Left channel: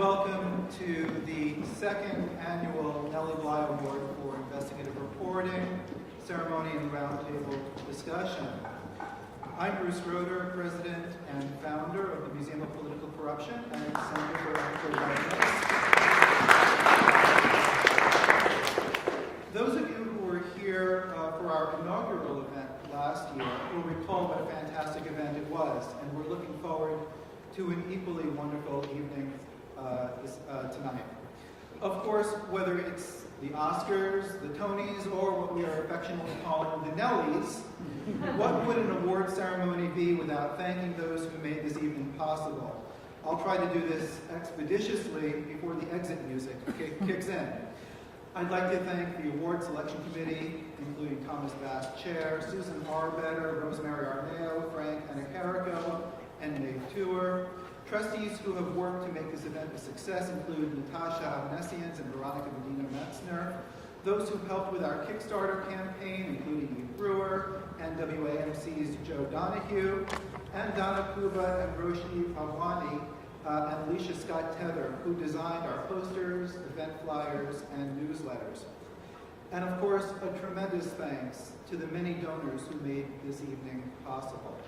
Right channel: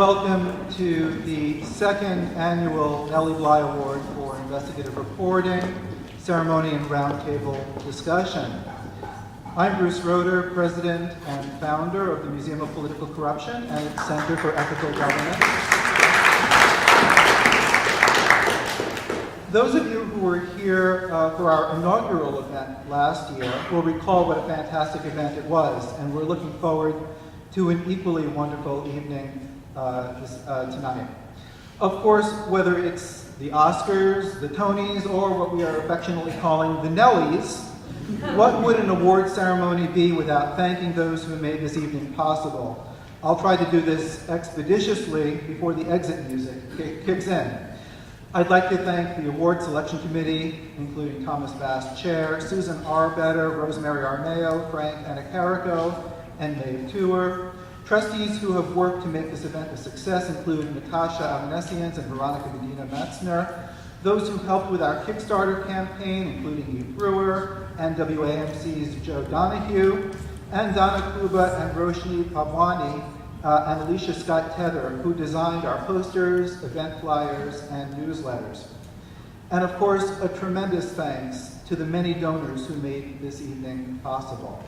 Welcome to the second annual Nelly Bly Award for Investigative Reporting, Ceremony and Roundtable Discussion. I'm Bruce Roeder, President and founder of the Museum of Political Corruption and its Center for Ethical Governance. Those of you who were here for our inaugural event last year will recall what a fantastic event it was, and we're looking forward to an equally wonderful evening tonight. Of course, whether it's the Oscars, the Tonys, or what we are affectionately calling the Nellies, what would an award ceremony be without thanking those who made this evening possible? I'll try to do this expeditiously before the exit music kicks in. I'd like to thank the award selection committee, including Thomas Bass, Chair, Susan Arbetter, Rosemary Arneo, Frank Anacarico, and May Tour. Trustees who have worked to make this event a success include Natasha Amnesians and Veronica Medina Metzner. Those who helped with our Kickstarter campaign, including Eve Brewer and WAMC's Joe Donahue, and Donna Kuba and Roshni Pabwani and Alicia Scott Tether, who designed our posters, event flyers, and newsletters. And of course, a tremendous thanks to the many donors who made this evening possible.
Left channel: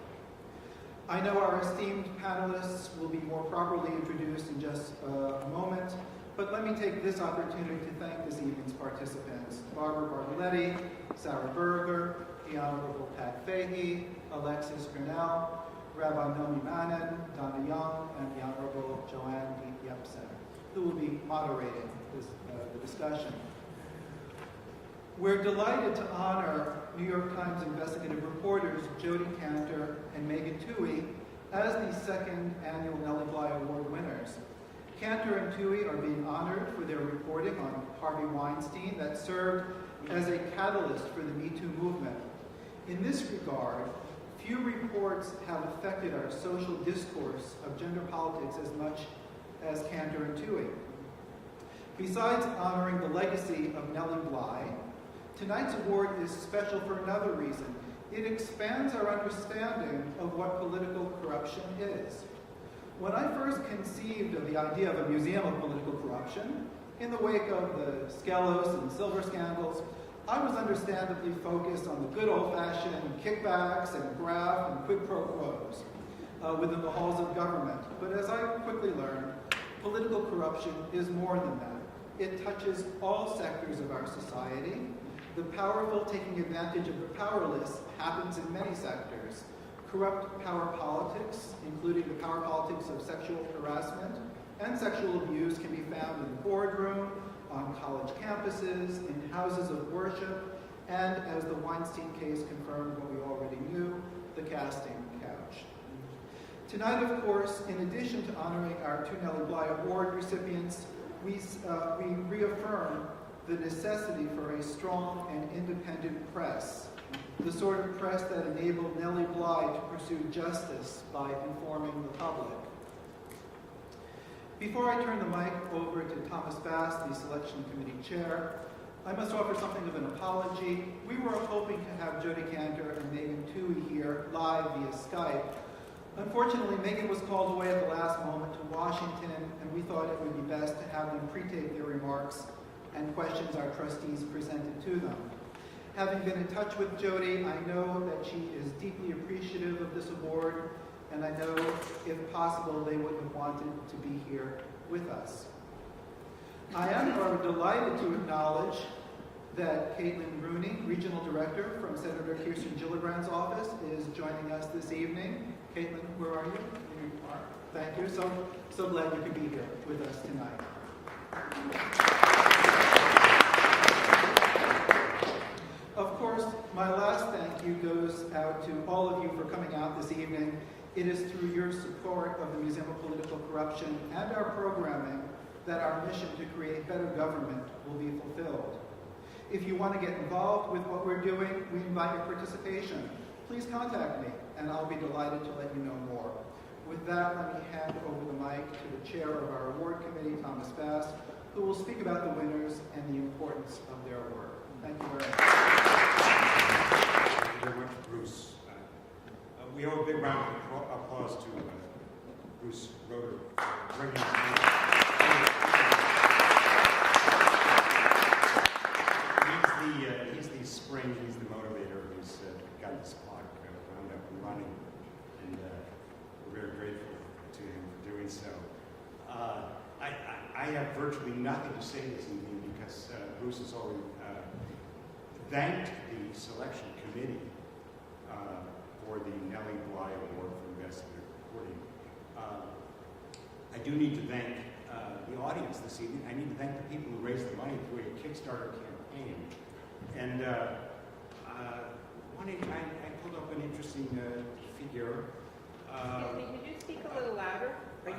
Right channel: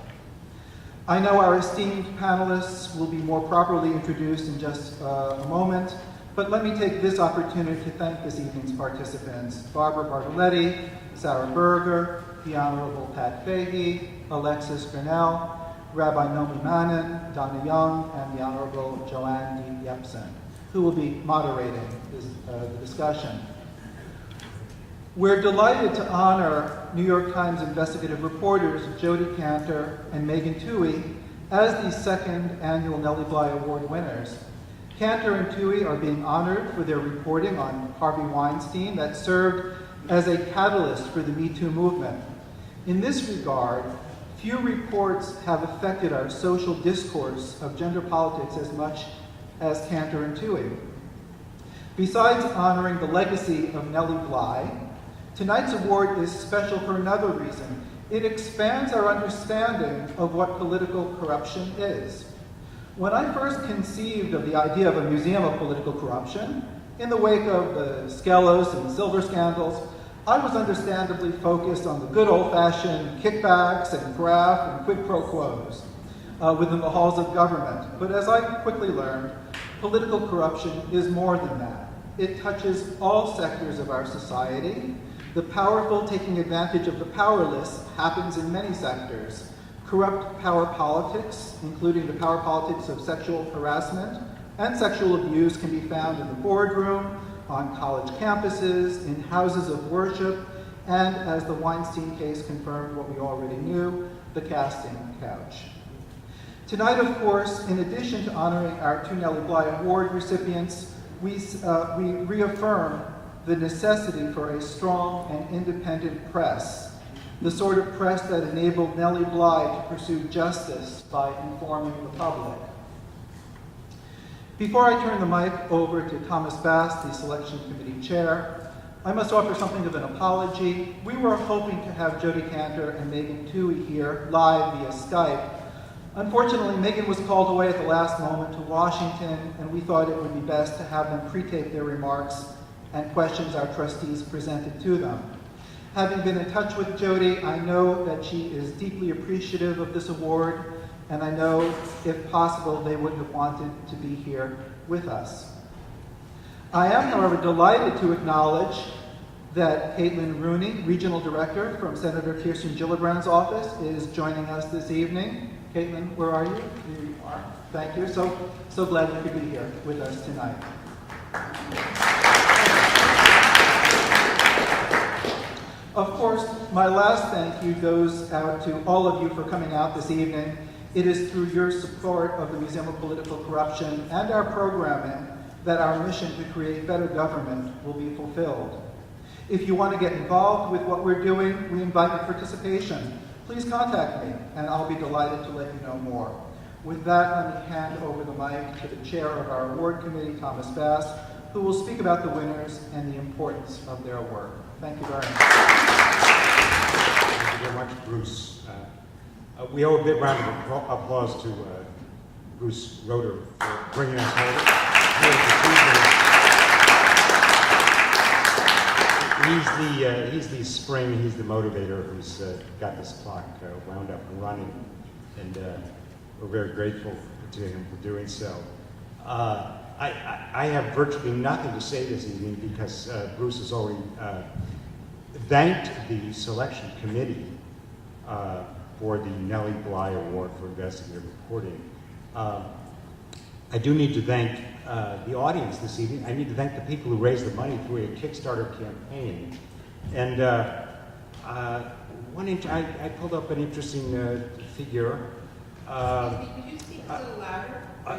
I know our esteemed panelists will be more properly introduced in just a moment, but let me take this opportunity to thank this evening's participants: Barbara Bartoletti, Sarah Berger, the Honorable Pat Fahey, Alexis Grinnell, Rabbi Nomi Manin, Donna Young, and the Honorable Joanne D. Yepsen, who will be moderating the discussion. We're delighted to honor New York Times investigative reporters Jodi Kantor and Megan Twohey as the second annual Nelly Bly Award winners. Kantor and Twohey are being honored for their reporting on Harvey Weinstein that served as a catalyst for the Me Too movement. In this regard, few reports have affected our social discourse of gender politics as much as Kantor and Twohey. Besides honoring the legacy of Nelly Bly, tonight's award is special for another reason. It expands our understanding of what political corruption is. When I first conceived of the idea of a museum of political corruption, in the wake of the Skelos and the Silver scandals, I was understandably focused on the good old-fashioned kickbacks and graft and quid pro quos within the halls of government. But as I quickly learned, political corruption is more than that. It touches all sectors of our society. The powerful taking advantage of the powerless happens in many sectors. Corrupt power politics, including the power politics of sexual harassment and sexual abuse, can be found in the boardroom, on college campuses, in houses of worship, and, as the Weinstein case confirmed what we already knew, the casting couch. Tonight, of course, in addition to honoring our two Nelly Bly Award recipients, we reaffirm the necessity for a strong and independent press, the sort of press that enabled Nelly Bly to pursue justice by informing the public. Before I turn the mic over to Thomas Bass, the selection committee chair, I must offer something of an apology. We were hoping to have Jodi Kantor and Megan Twohey here live via Skype. Unfortunately, Megan was called away at the last moment to Washington, and we thought it would be best to have them pre-tape their remarks and questions our trustees presented to them. Having been in touch with Jodi, I know that she is deeply appreciative of this award, and I know, if possible, they would have wanted to be here with us. I am, however, delighted to acknowledge that Caitlin Rooney, Regional Director from Senator Kirsten Gillibrand's office, is joining us this evening. Caitlin, where are you? Here you are. Thank you. So glad you could be here with us tonight. Of course, my last thank you goes out to all of you for coming out this evening. It is through your support of the Museum of Political Corruption and our programming that our mission to create better government will be fulfilled. If you want to get involved with what we're doing, we invite your participation. Please contact me, and I'll be delighted to let you know more. With that, let me hand over the mic to the chair of our award committee, Thomas Bass, who will speak about the winners and the importance of their work. Thank you very much. Thank you very much, Bruce. We owe a big round of applause to Bruce Roeder for bringing us home. he's the spring, he's the motivator who's got this clock wound up and running, and we're very grateful to him for doing so. I have virtually nothing to say this evening because Bruce has already thanked the selection committee for the Nelly Bly Award for Investigative Reporting. I do need to thank the audience this evening. I need to thank the people who raised the money through a Kickstarter campaign. And I pulled up an interesting figure. Could you speak a little louder?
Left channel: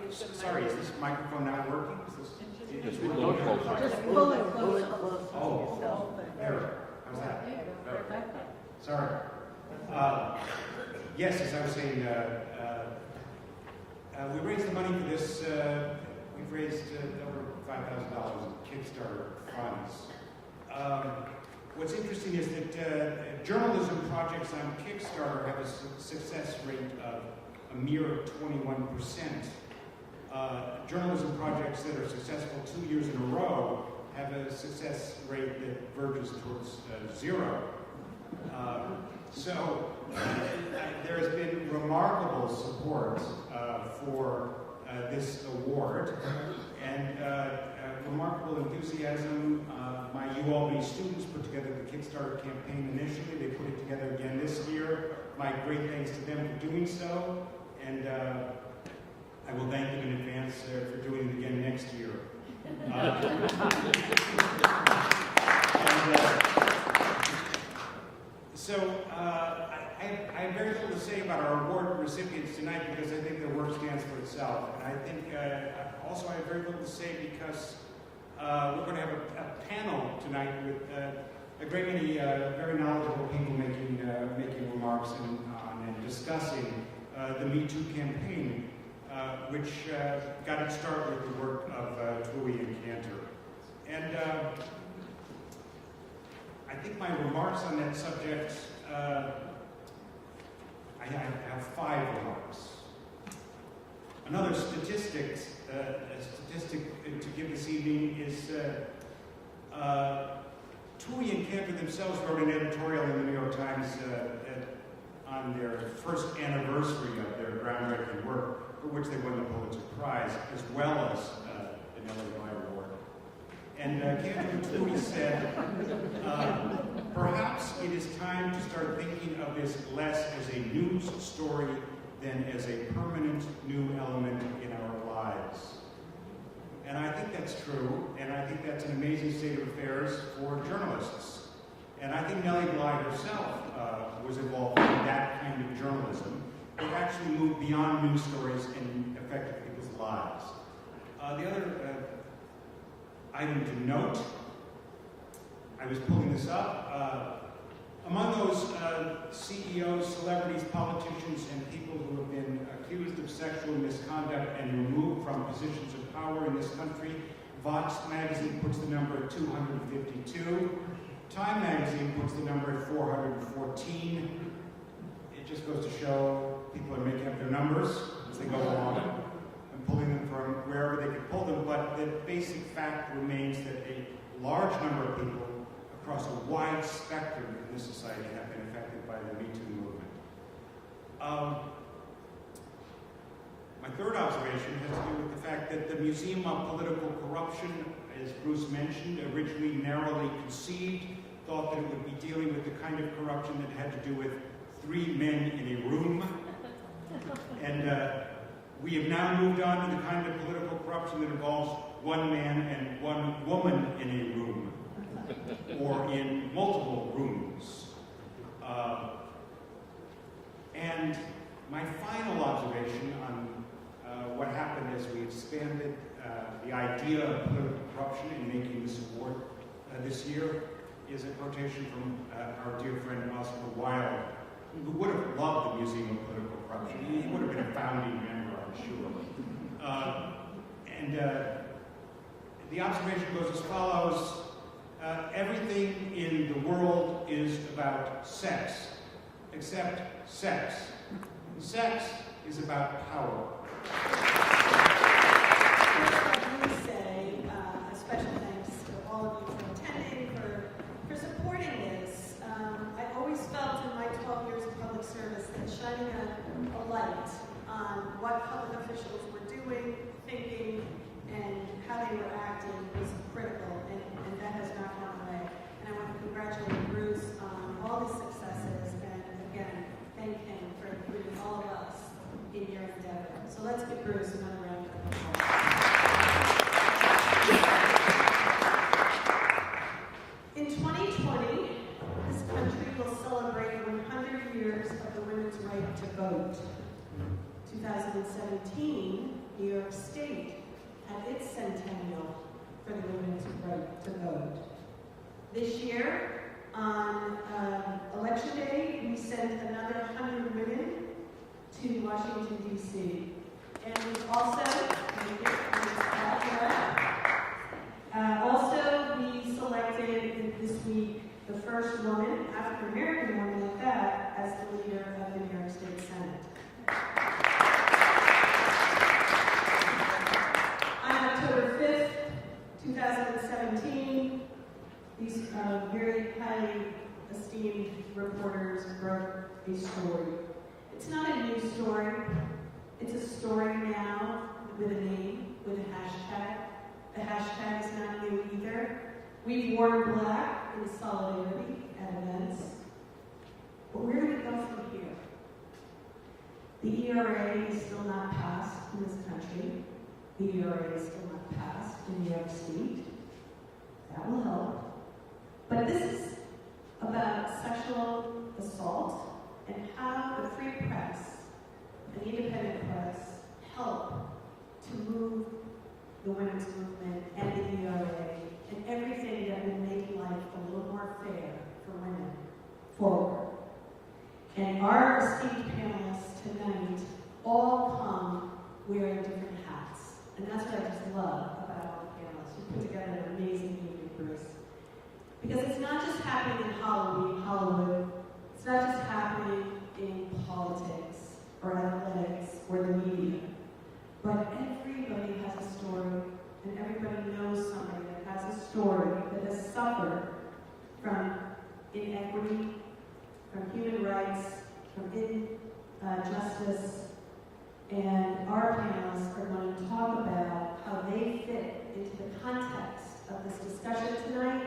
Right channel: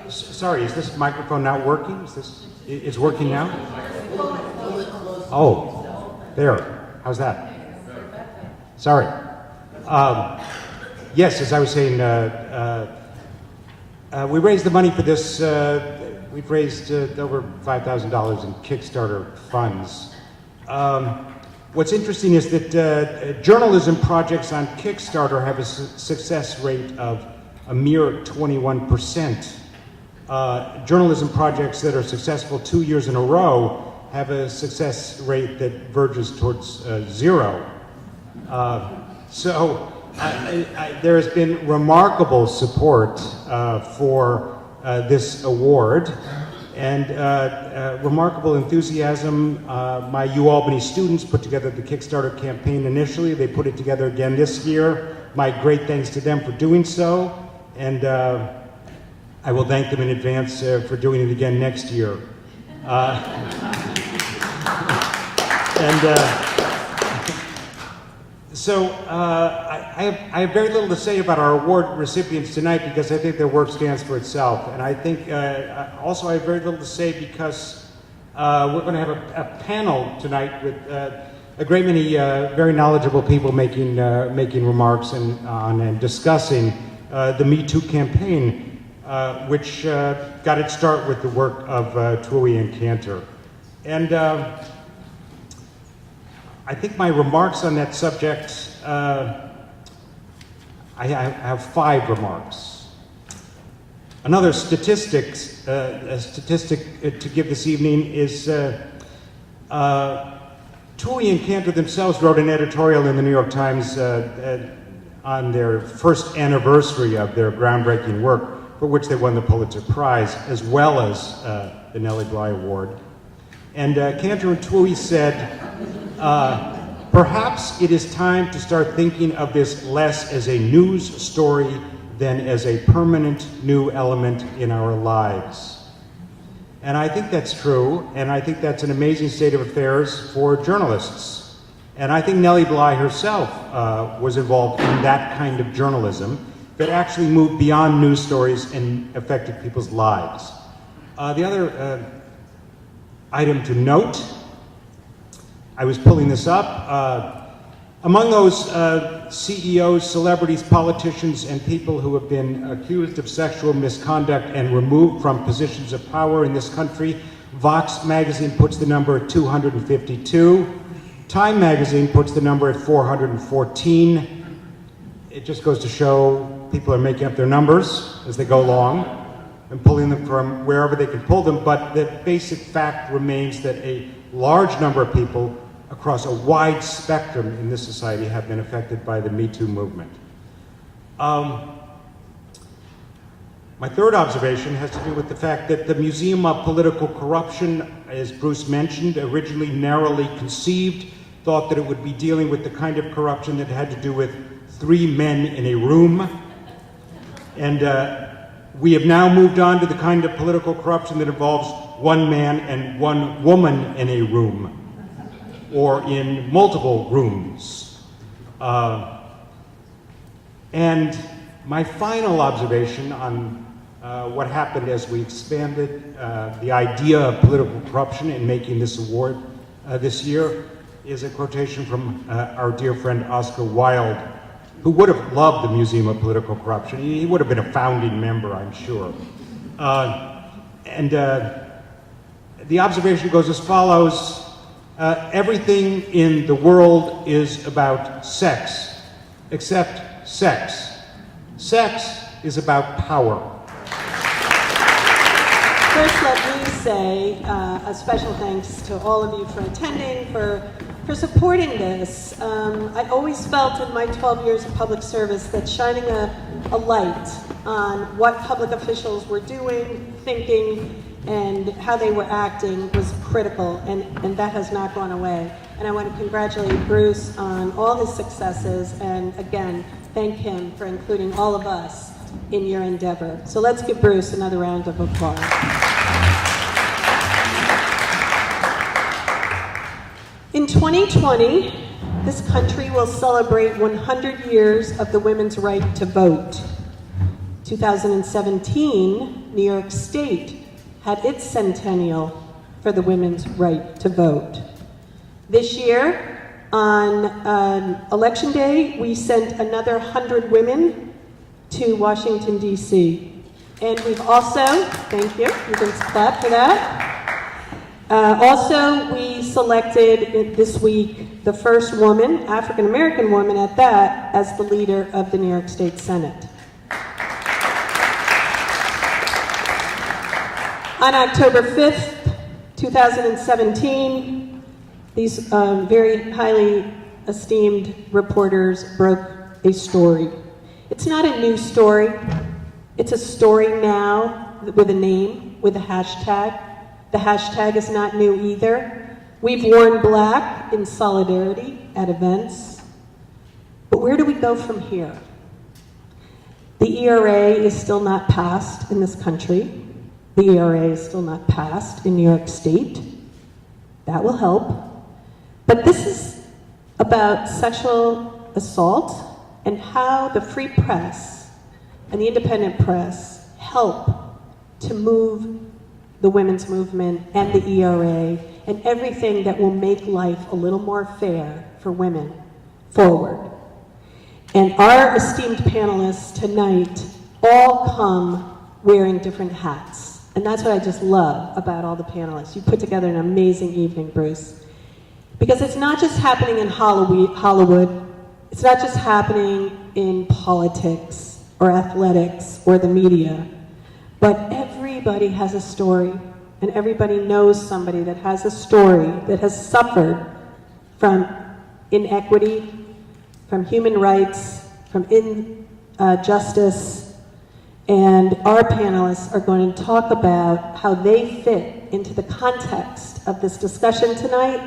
Sorry, is this microphone not working? It's working now? Oh, there. How's that? Sorry. Yes, as I was saying, we raised the money for this. We've raised over $5,000 in Kickstarter funds. What's interesting is that journalism projects on Kickstarter have a success rate of a mere 21%. Journalism projects that are successful 2 years in a row have a success rate that verges towards 0. So there has been remarkable support for this award and remarkable enthusiasm. My UAlbany students put together the Kickstarter campaign initially. They put it together again this year. My great thanks to them for doing so. And I will thank them in advance for doing it again next year. So I have very little to say about our award recipients tonight because I think their work stands for itself. And I think also I have very little to say because we're going to have a panel tonight with a great many very knowledgeable people making remarks and discussing the Me Too campaign, which got its start with the work of Twohy and Cantor. And I think my remarks on that subject, I have 5 remarks. Another statistic to give this evening is Twohy and Cantor themselves wrote an editorial in the New York Times on their first anniversary of their groundbreaking work, for which they won the Pulitzer Prize, as well as the Nelly Bly Award. And Cantor and Twohy said, perhaps it is time to start thinking of this less as a news story than as a permanent new element in our lives. And I think that's true, and I think that's an amazing state of affairs for journalists. And I think Nelly Bly herself was involved in that kind of journalism that actually moved beyond news stories and affected people's lives. The other item to note, I was pulling this up, among those CEOs, celebrities, politicians, and people who have been accused of sexual misconduct and removed from positions of power in this country, Vox magazine puts the number at 252. Time magazine puts the number at 414. It just goes to show people are making up their numbers as they go along and pulling them from wherever they can pull them, but the basic fact remains that a large number of people across a wide spectrum in this society have been affected by the Me Too movement. My third observation has to do with the fact that the Museum of Political Corruption, as Bruce mentioned, originally narrowly conceived, thought that it would be dealing with the kind of corruption that had to do with 3 men in a room. And we have now moved on to the kind of political corruption that involves 1 man and 1 woman in a room, or in multiple rooms. And my final observation on what happened as we expanded the idea of political corruption in making this award this year is a quotation from our dear friend Oscar Wilde, who would have loved the Museum of Political Corruption. He would have been a founding member, I'm sure. The observation goes as follows. Everything in the world is about sex, except sex. Sex is about power. First, let me say a special thanks to all of you for attending, for supporting this. I always felt in my 12 years of public service that shining a light on what public officials were doing, thinking, and how they were acting was critical, and that has not gone away. And I want to congratulate Bruce on all his successes, and again, thank him for including all of us in your endeavor. So let's give Bruce another round of applause. In 2020, this country will celebrate 100 years of the women's right to vote. 2017, New York State had its centennial for the women's right to vote. This year, on Election Day, we sent another 100 women to Washington, D.C. And we've also, thank you can clap for that. Also, we selected this week the first woman, African-American woman at that, as the leader of the New York State Senate. On October 5th, 2017, these very highly esteemed reporters broke a story. It's not a new story. It's a story now with a name, with a hashtag. The hashtag is not new either. We've worn black in solidarity at events. But where do we go from here? The ERA is still not passed in this country. The ERA is still not passed in New York State. That will help. But this is about sexual assault and how the free press and the independent press help to move the women's movement and the ERA and everything that will make life a little more fair for women forward. And our esteemed panelists tonight all come wearing different hats. And that's what I just love about all the panelists. You put together an amazing evening, Bruce. Because it's not just happening in Hollywood, it's not just happening in politics or athletics or the media, but everybody has a story, and everybody knows somebody that has a story that has suffered from inequity, from human rights, from injustice, and our panelists are going to talk about how they fit into the context of this discussion tonight,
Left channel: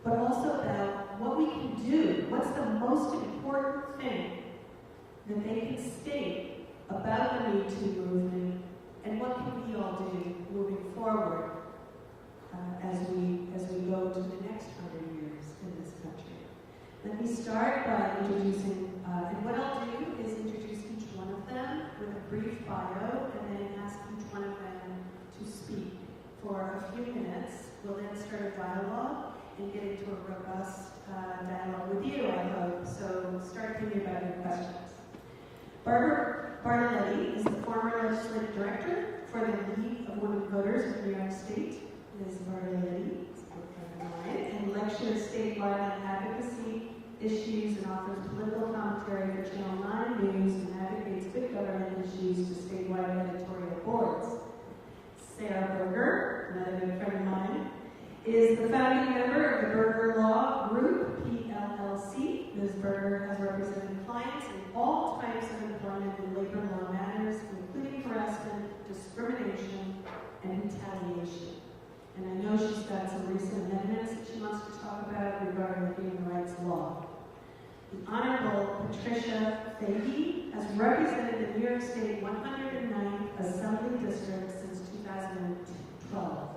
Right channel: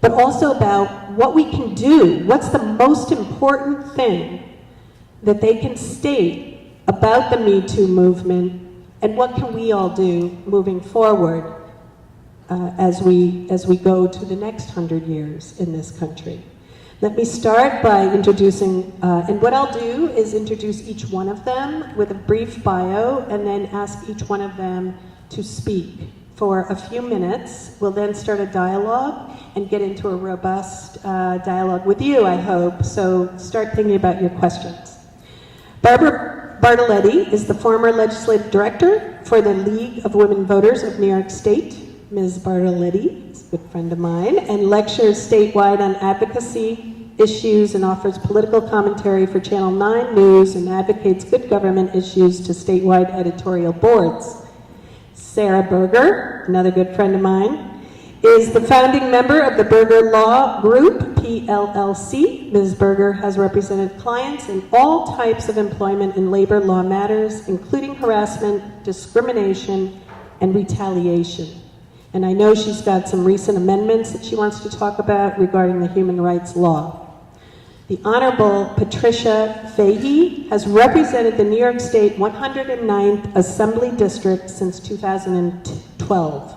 but also about what we can do, what's the most important thing that they can state about the Me Too movement, and what can we all do moving forward as we go to the next 100 years in this country. Let me start by introducing, and what I'll do is introduce each one of them with a brief bio and then ask each one of them to speak for a few minutes. We'll then start a dialogue and get into a robust dialogue with you, I hope, so start thinking about your questions. Barbara Bartoletti is the former legislative director for the League of Women Voters of New York State. Ms. Bartoletti is a good friend of mine and lectures statewide on advocacy issues and offers political commentary for Channel 9 News and advocates good government issues to statewide editorial boards. Sarah Berger, another good friend of mine, is the founding member of the Berger Law Group, PLLC. Ms. Berger has represented clients in all types of employment and labor law matters, including harassment, discrimination, and retaliation. And I know she's got some recent amendments that she wants to talk about regarding the human rights law. The Honorable Patricia Fahey has represented the New York State 109th Assembly District since 2012.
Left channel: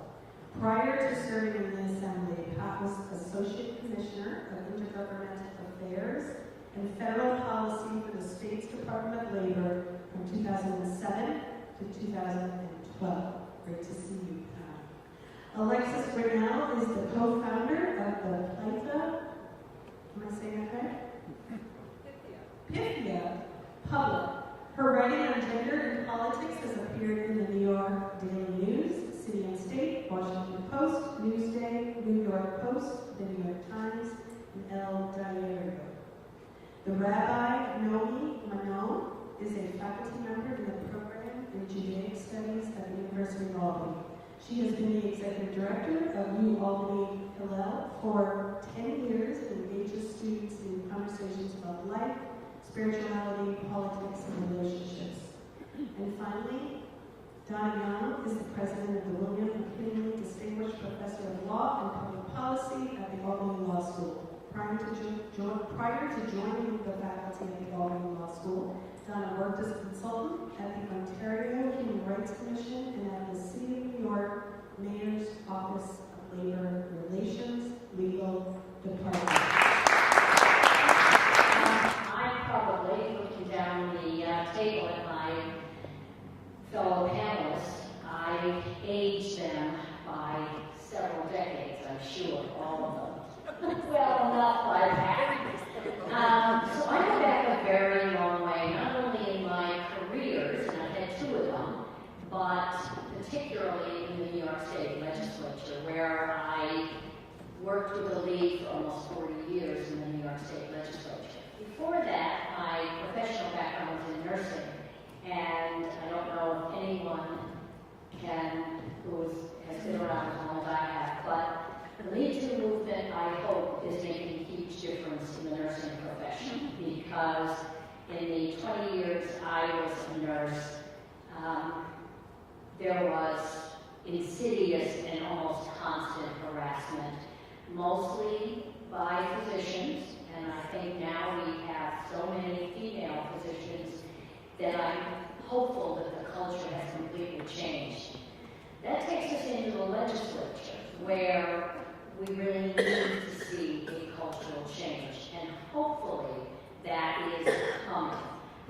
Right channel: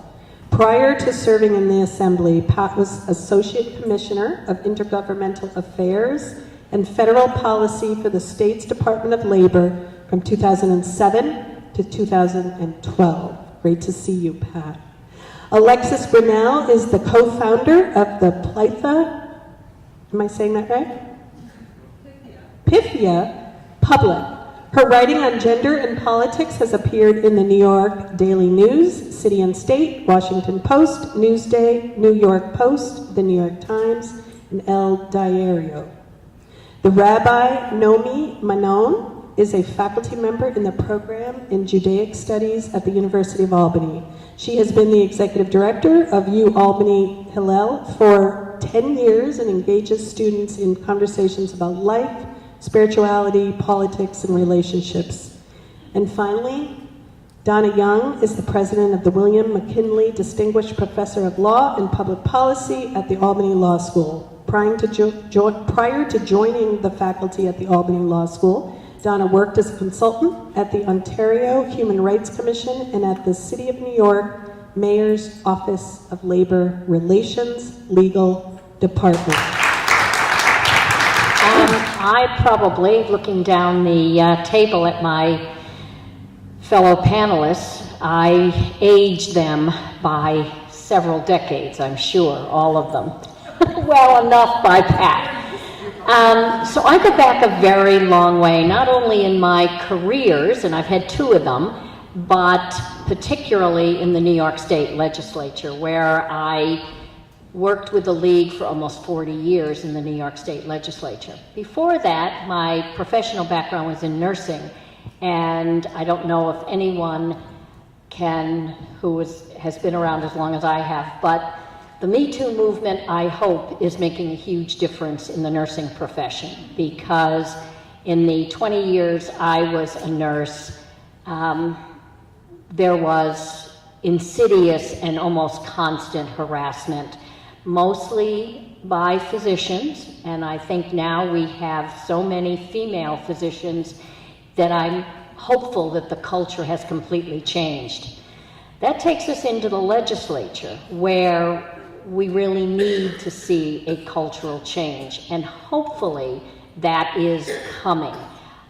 Prior to serving in the Assembly, Pat was Associate Commissioner of Intergovernmental Affairs and Federal Policy for the state's Department of Labor from 2007 to 2012. Great to see you, Pat. Alexis Grinnell is the co-founder of the Pythia, am I saying that right? Pythia Public. Her writing on gender and politics has appeared in the New York Daily News, City and State, Washington Post, Newsday, New York Post, the New York Times, and El Diario. The Rabbi Nomi Manon is a faculty member in the program in Judaic Studies at the University of Albany. She has been the executive director of UAlbany Hillel for 10 years and engages students in conversations about life, spirituality, politics, and relationships. And finally, Donna Young is the president of the William McKinley Distinguished Professor of Law and Public Policy at the Albany Law School. Prior to joining the faculty at the Albany Law School, Donna worked as a consultant at the Ontario Human Rights Commission and at the City of New York Mayor's Office of Labor Relations Legal Department. I probably, looking down the table at my fellow panelists, I aged them by several decades, I'm sure, all of them. Well enough by Pat. So I go back a very long way, not only in my careers, and I've had 2 of them, but particularly in the New York State Legislature, where I worked with the League for almost 40 years in the New York State Legislature. Before that, my professional background was in nursing, and I don't know if anyone has been around as long as I have, but the Me Too movement, I hope, is making a huge difference in the nursing profession, because in the 20 years I was a nurse, there was insidious and almost constant harassment, mostly by physicians, and I think now we have so many female physicians that I'm hopeful that the culture has completely changed. That takes us into the legislature, where we really need to see a cultural change, and hopefully that is coming.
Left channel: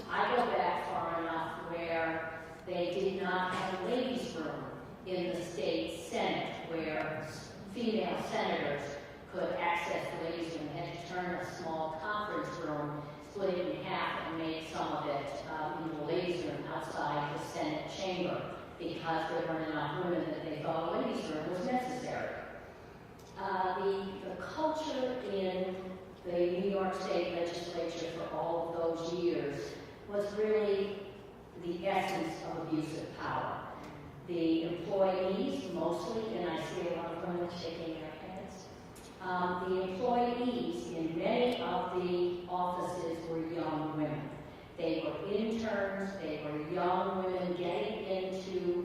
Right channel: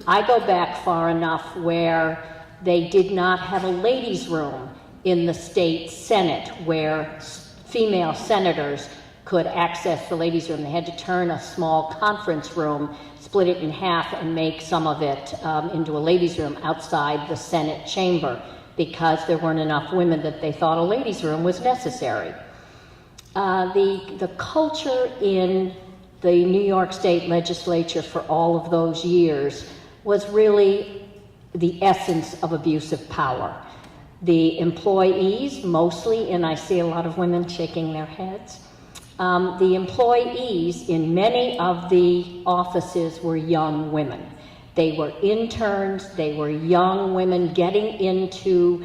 I go back far enough where they did not have a ladies' room in the state Senate where female senators could access the ladies' room. They had to turn a small conference room, split it in half, and make some of it into a ladies' room outside the Senate chamber, because there weren't enough women that they thought a ladies' room was necessary. The culture in the New York State Legislature for all of those years was really the essence of abuse of power. The employees, mostly, and I see a lot of women shaking their heads, the employees in many of the offices were young women. They were interns, they were young women getting into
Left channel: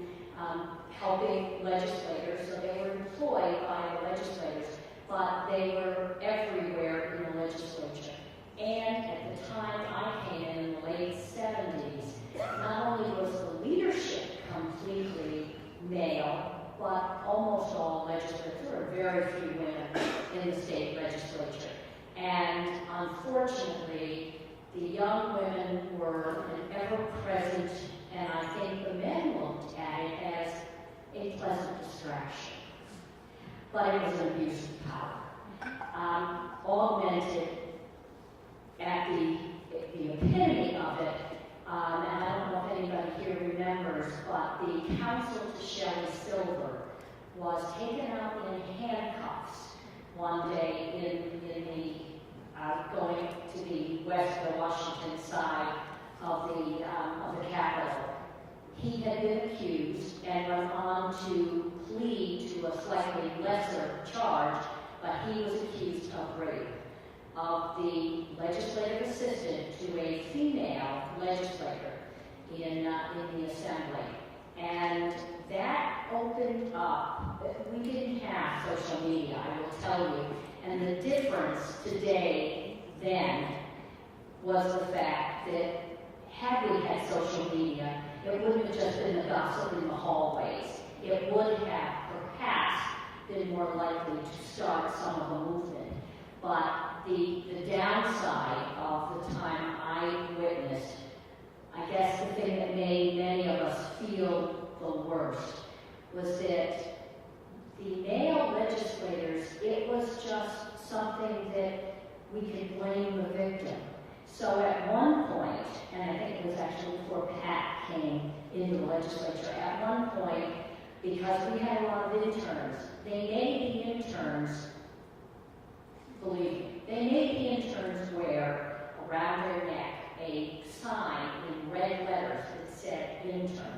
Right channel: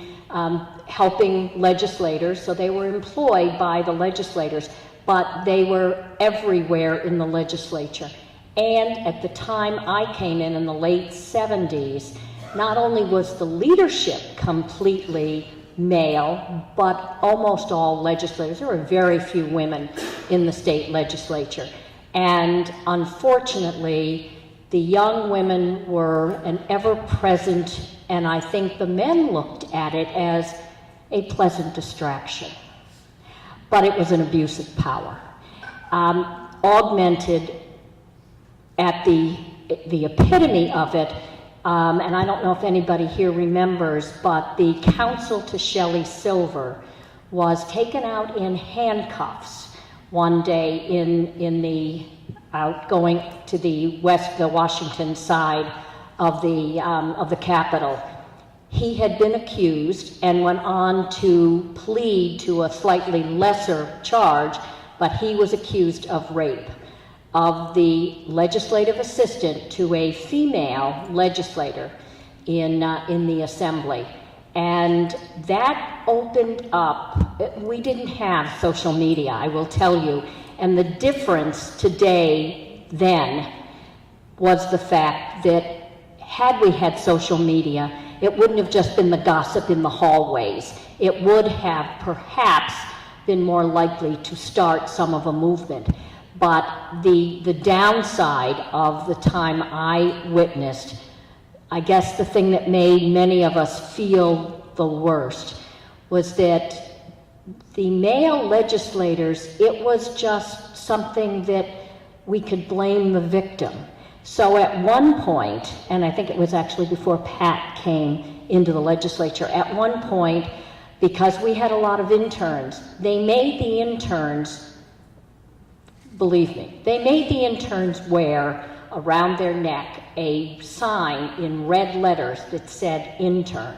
helping legislators, so they were employed by the legislators, but they were everywhere in the legislature. And at the time I came in the late 70s, not only was the leadership completely male, but almost all legislators. There were very few women in the state legislature. And unfortunately, the young women were an ever-present, and I think the men looked at it as a pleasant distraction. But it was an abuse of power, augmented at the epitome of it. And I don't know if anybody here remembers, but the counsel to Shelley Silver was taken out in handcuffs one day in the going to the Washington side of the Capitol. He had been accused and went on to plead to a slightly lesser charge, but he was accused of rape of the legislative assistant to a female legislator in the assembly. And that opened up, we didn't have social media, I will tell you, and the difference today then was the fact that had we had social media, it wouldn't have just been the gossip in the hallways. It would have perhaps been more likely to start some of a movement. But the downside of the time I witnessed, I guess the thing that made many of us feel the worst, was that the male legislators, it was just something that we could blame the victim. So at one point, and I think it was actually before Pat came into the legislature, at one point, because we had a lot of interns, they made the interns, believe me, they made the interns wear around their neck a sign in red letters that said intern.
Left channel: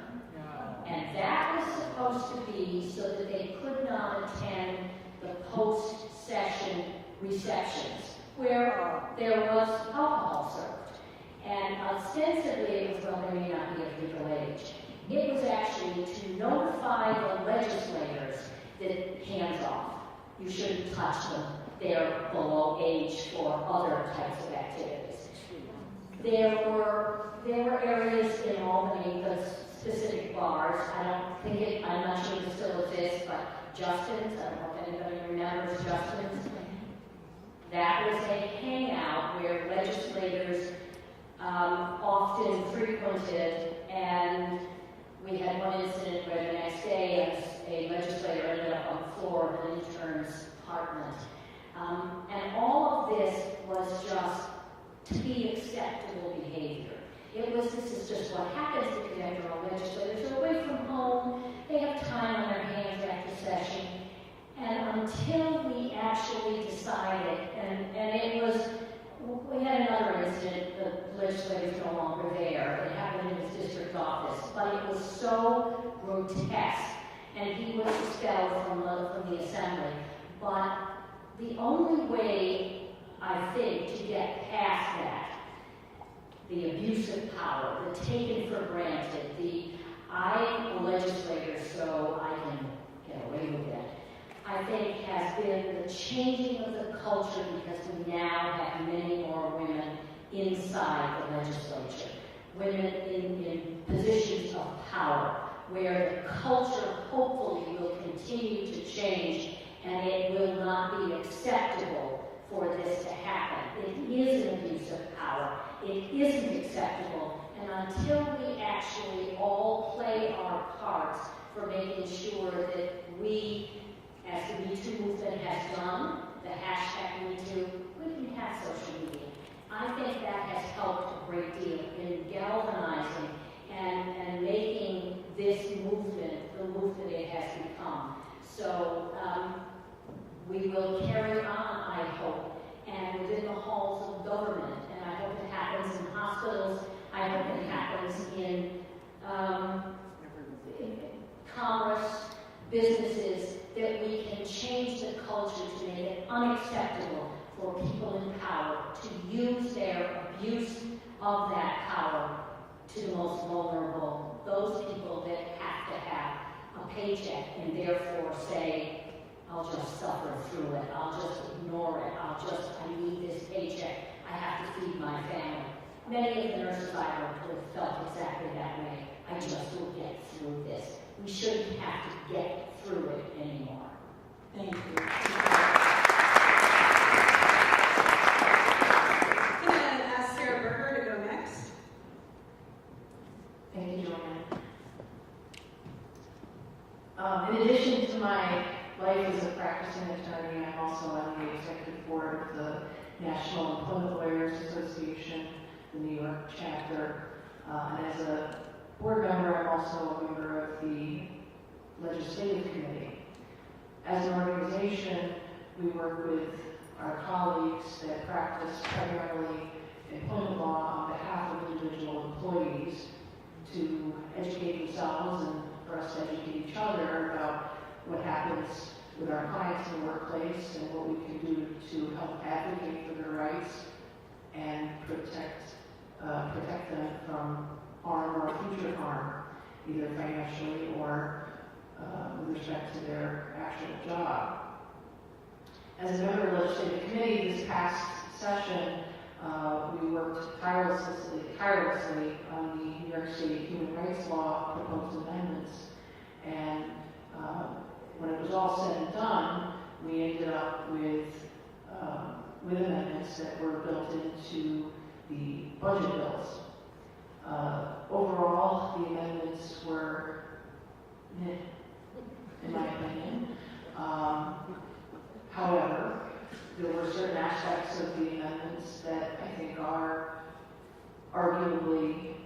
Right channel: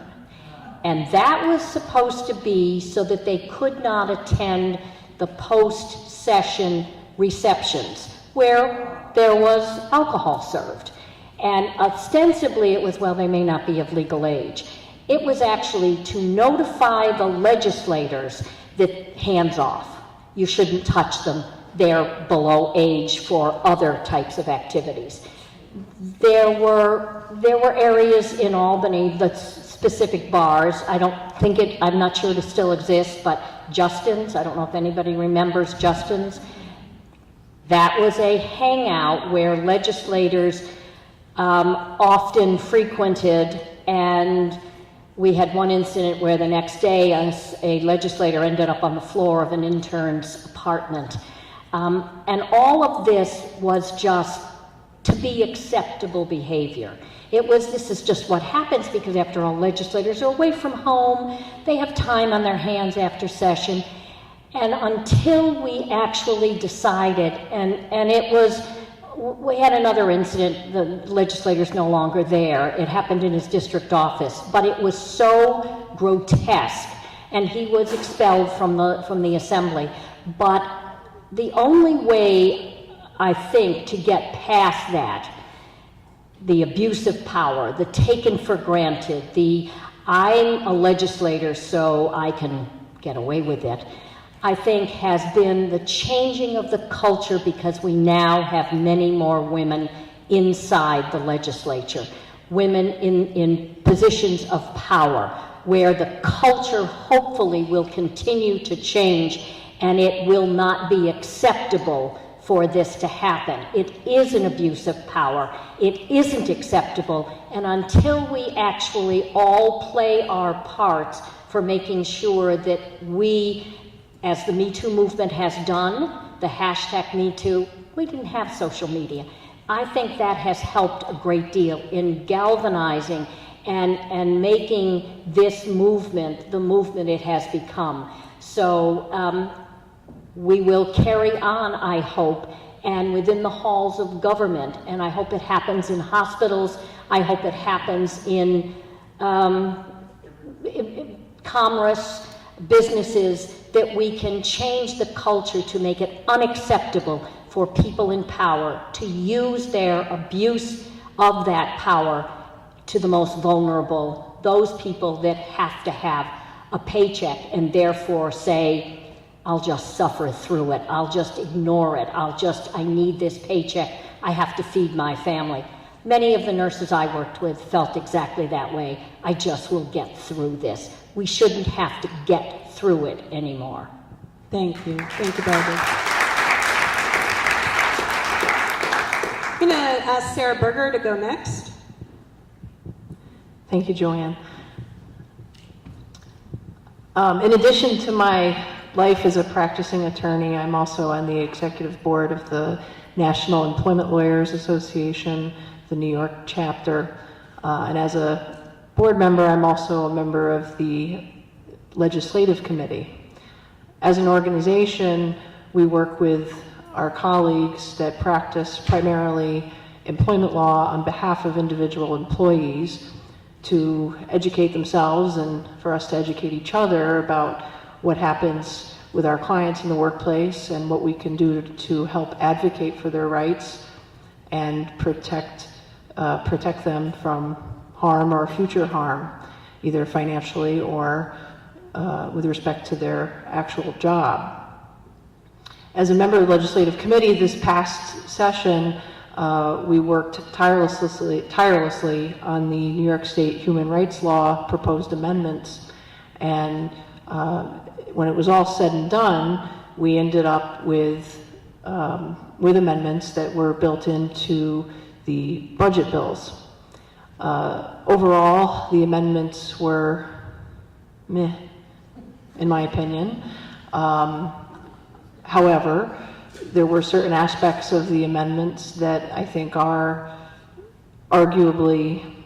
And that was supposed to be so that they could not attend the post-session receptions where there was alcohol served. And ostensibly it was, well, they may not be of legal age. It was actually to notify the legislators that hands off. You shouldn't touch them. They're below age for other types of activities. There were areas in Albany, the specific bars. I'm not sure it still exists, but Justin's, I don't know if anybody remembers Justin's. That was a hangout where legislators often frequented, and we had one incident where the next day a legislator ended up on the floor of an intern's apartment. And all of this was just to be acceptable behavior. This is just what happens because after all, legislators are away from home, they have time on their hands after session. And until we actually decided, and it was, we had another incident, the legislator's no longer there. It happened in his district office, but it was so grotesque, and he was expelled from the assembly. But the only way, I think, to get past that, the abuse of power, the taken for granted, I'm a legislator so I can get away with it, I think has been the changing of the culture because we now have many more women inside the legislature, women in positions of power, where the culture hopefully will continue to change and it will not be acceptable for this to happen. It is an abuse of power. It isn't acceptable. And until we actually all play our parts for making sure that we, as the Me Too movement has done, the hashtag MeToo, we didn't have social media. I think that has helped a great deal in galvanizing and making this movement the movement it has become. So we will carry on, I hope, and within the halls of government, and I hope it happens in hospitals, I hope it happens in commerce, businesses, that we can change the culture to make it unacceptable for people in power to use their abuse of that power to the most vulnerable, those people that have to have a paycheck and therefore say, I'll just suffer through it, I'll just ignore it, I need this paycheck, I have to feed my family. Many of the nurses I worked with felt exactly that way. I just will get through this. We shouldn't have to get through it anymore. Thank you. Thank you, Barbara. I'm going to ask Sarah Berger to go next. Thank you, Joanne. In addition to my life as a practicing attorney, I'm also on the executive board of the National Employment Lawyers Association, the New York chapter. And as a board member, I'm also a member of the legislative committee. As an organization, we work with our colleagues that practice primarily employment law on behalf of individual employees to educate themselves and for us to educate each other about what happens with our clients in the workplace and what we can do to help advocate for their rights and protect them from harm or future harm, either financially or with respect to their actual job. As a member of the legislative committee this past session, we worked tirelessly on the New York State human rights law proposed amendments, and when it was all said and done, we ended up with amendments that were built into the budget bills. Overall, the amendments were meh, in my opinion. However, there were certain aspects of the amendments that I think are arguably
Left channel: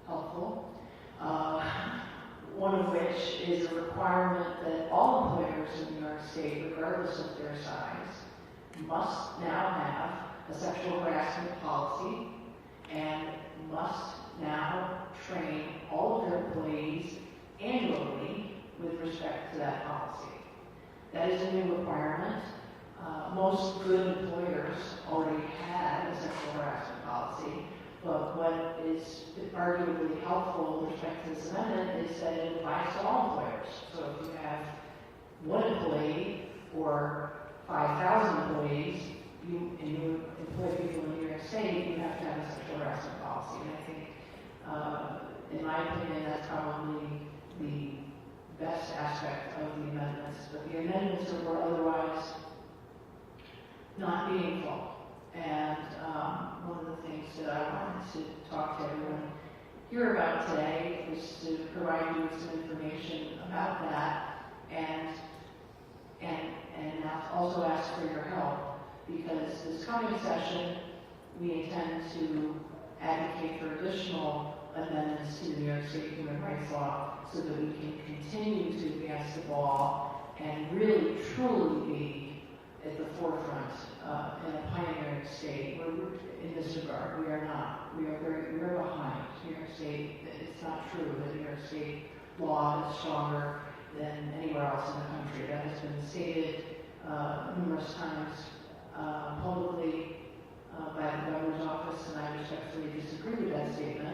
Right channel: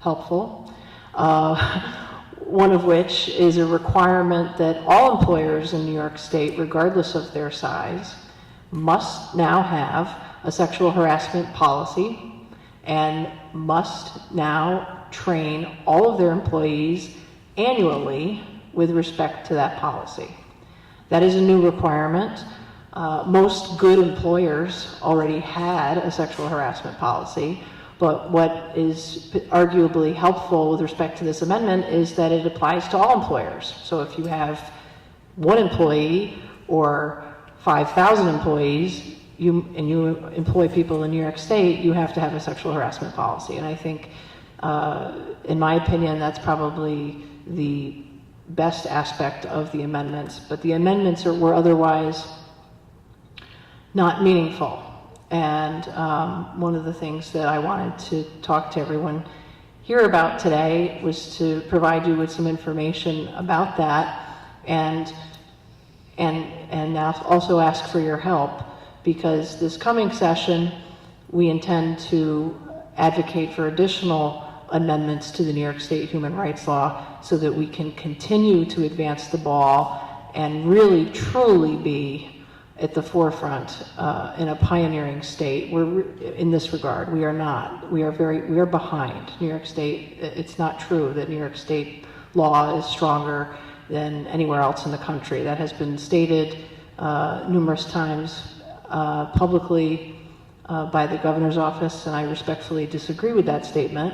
helpful. One of which is a requirement that all employers in New York State, regardless of their size, must now have a sexual harassment policy and must now train all of their employees annually with respect to that policy. That is a new requirement. Most good employers already had a sexual harassment policy, but what is arguably helpful with respect to this amendment is that it applies to all employers. So if you have one employee or 5,000 employees, you employ people in New York State, you have to have a sexual harassment policy. And I think, in my opinion, that's probably the best aspect of the amendments. But the amendments were otherwise not meaningful. And one of the things that I wanted to talk to everyone here about today was to provide you with some information about that, and also ask for your help, because this coming session we intend to advocate for additional amendments to the New York State human rights law so that we can continue to advance the ball and really truly be at the forefront in a pioneering state. We're in this regard. We are not. We are behind New York State. It's not true that New York State law is stronger than anywhere else in the country. That has been stated numerous times publicly by the governor's office, and I respectfully disagree with that statement.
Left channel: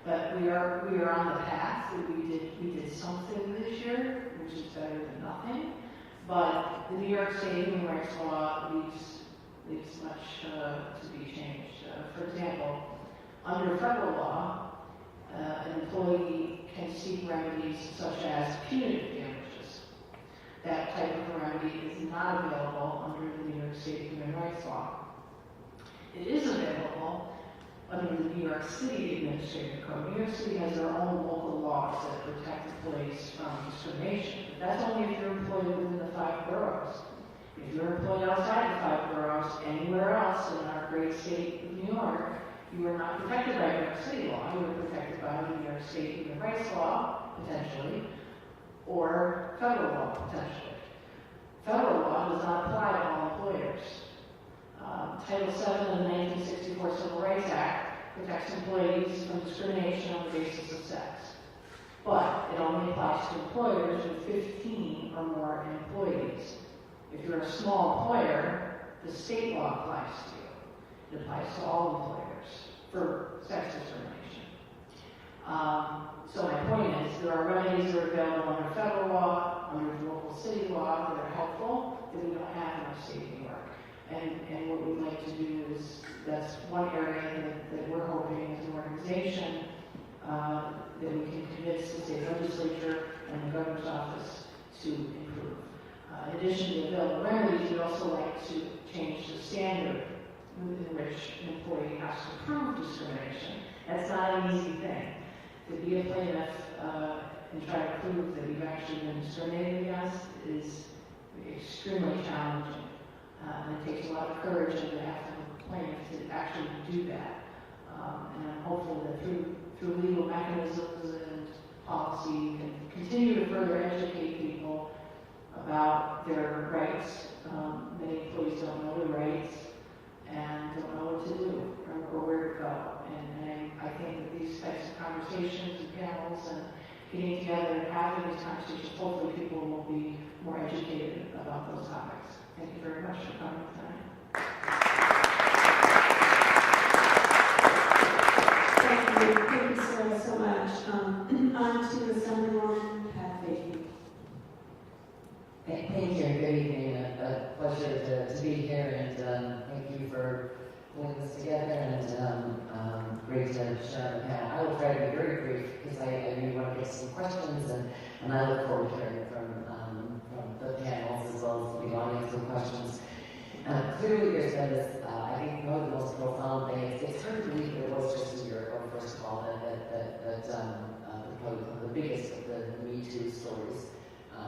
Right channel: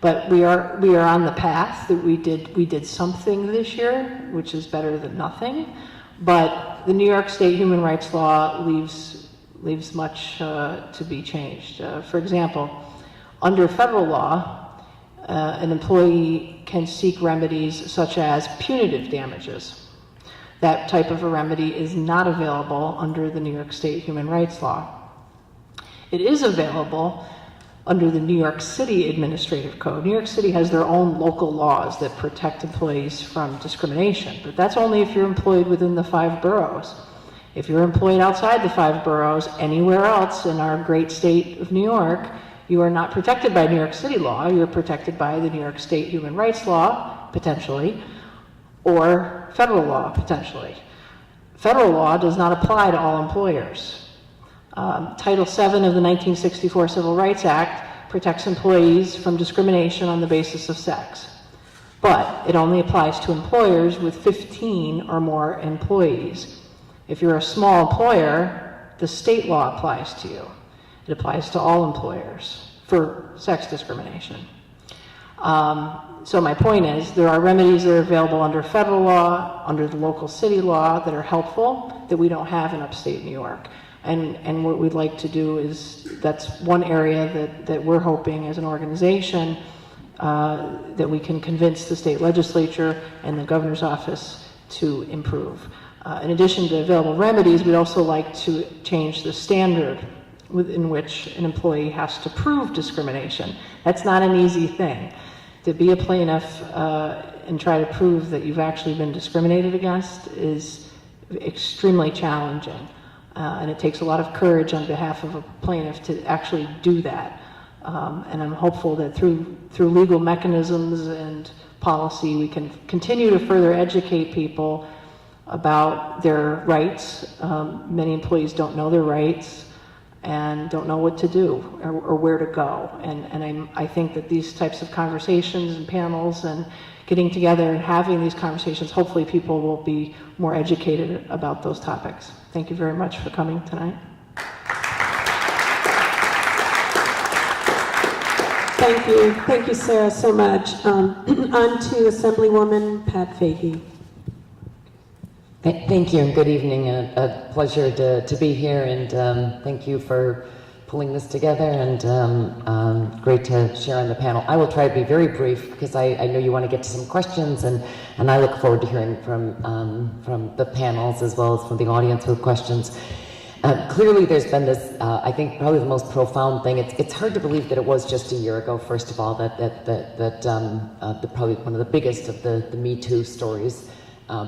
But we are on the path that we did something this year, which is better than nothing. But the New York State human rights law leaves much to be changed. For example, under federal law, an employee can seek remedies such as punitive damages. That type of a remedy is not available under the New York State human rights law. It is available under the New York City Administrative Code. New York City has their own local laws that protect employees from discrimination, but that's only if you're employed within the 5 boroughs. If you're employed outside the 5 boroughs, anywhere else in our great state of New York, you are not protected by New York City law. You're protected by the New York State human rights law, potentially, or federal law, potentially. Federal law does not apply to all employers. Title VII of the 1964 Civil Rights Act protects employees from discrimination on the basis of sex. But it only applies to employers with 15 or more employees. If you're a small employer, the state law applies to you. It applies to all employers for sex discrimination. So my point is, there are remedies that are available under federal law, under the local city law, that are helpful, that we don't have in upstate New York. And what we'd like to do is, that's one area that we're hoping as an organization that we can convince the state legislature and the governor's office to improve. In addition to available remedies, we'd also like to change the standard within which an employee has to prove discrimination. That's not an easy thing. To be a plaintiff and try to prove that you've actually been discriminated against is extremely challenging. And it takes a lot of courage on behalf of a plaintiff to actually do that. And I'm hopeful that through legal mechanisms and policy, we can continue to further educate people about their rights. Many employees don't know their rights and don't know what to do or where to go. And I think that these types of conversations and panels and getting together and having these conversations, hopefully people will be more educated about those topics. Thank you very much for coming tonight. Thank you, Sarah, so much. On to Assemblywoman Pat Fahey. Thank you and good evening. A pleasure to be here, and thank you for pulling this together, and great to share on the panel. I will try to be very brief because I know you want to get to some questions, and I look forward to hearing from the panels as well as from the audience with questions. Clearly there's been this, I think probably the most profound thing. It's hard to believe that it was just a year ago, first of all, that probably one of the biggest of the Me Too stories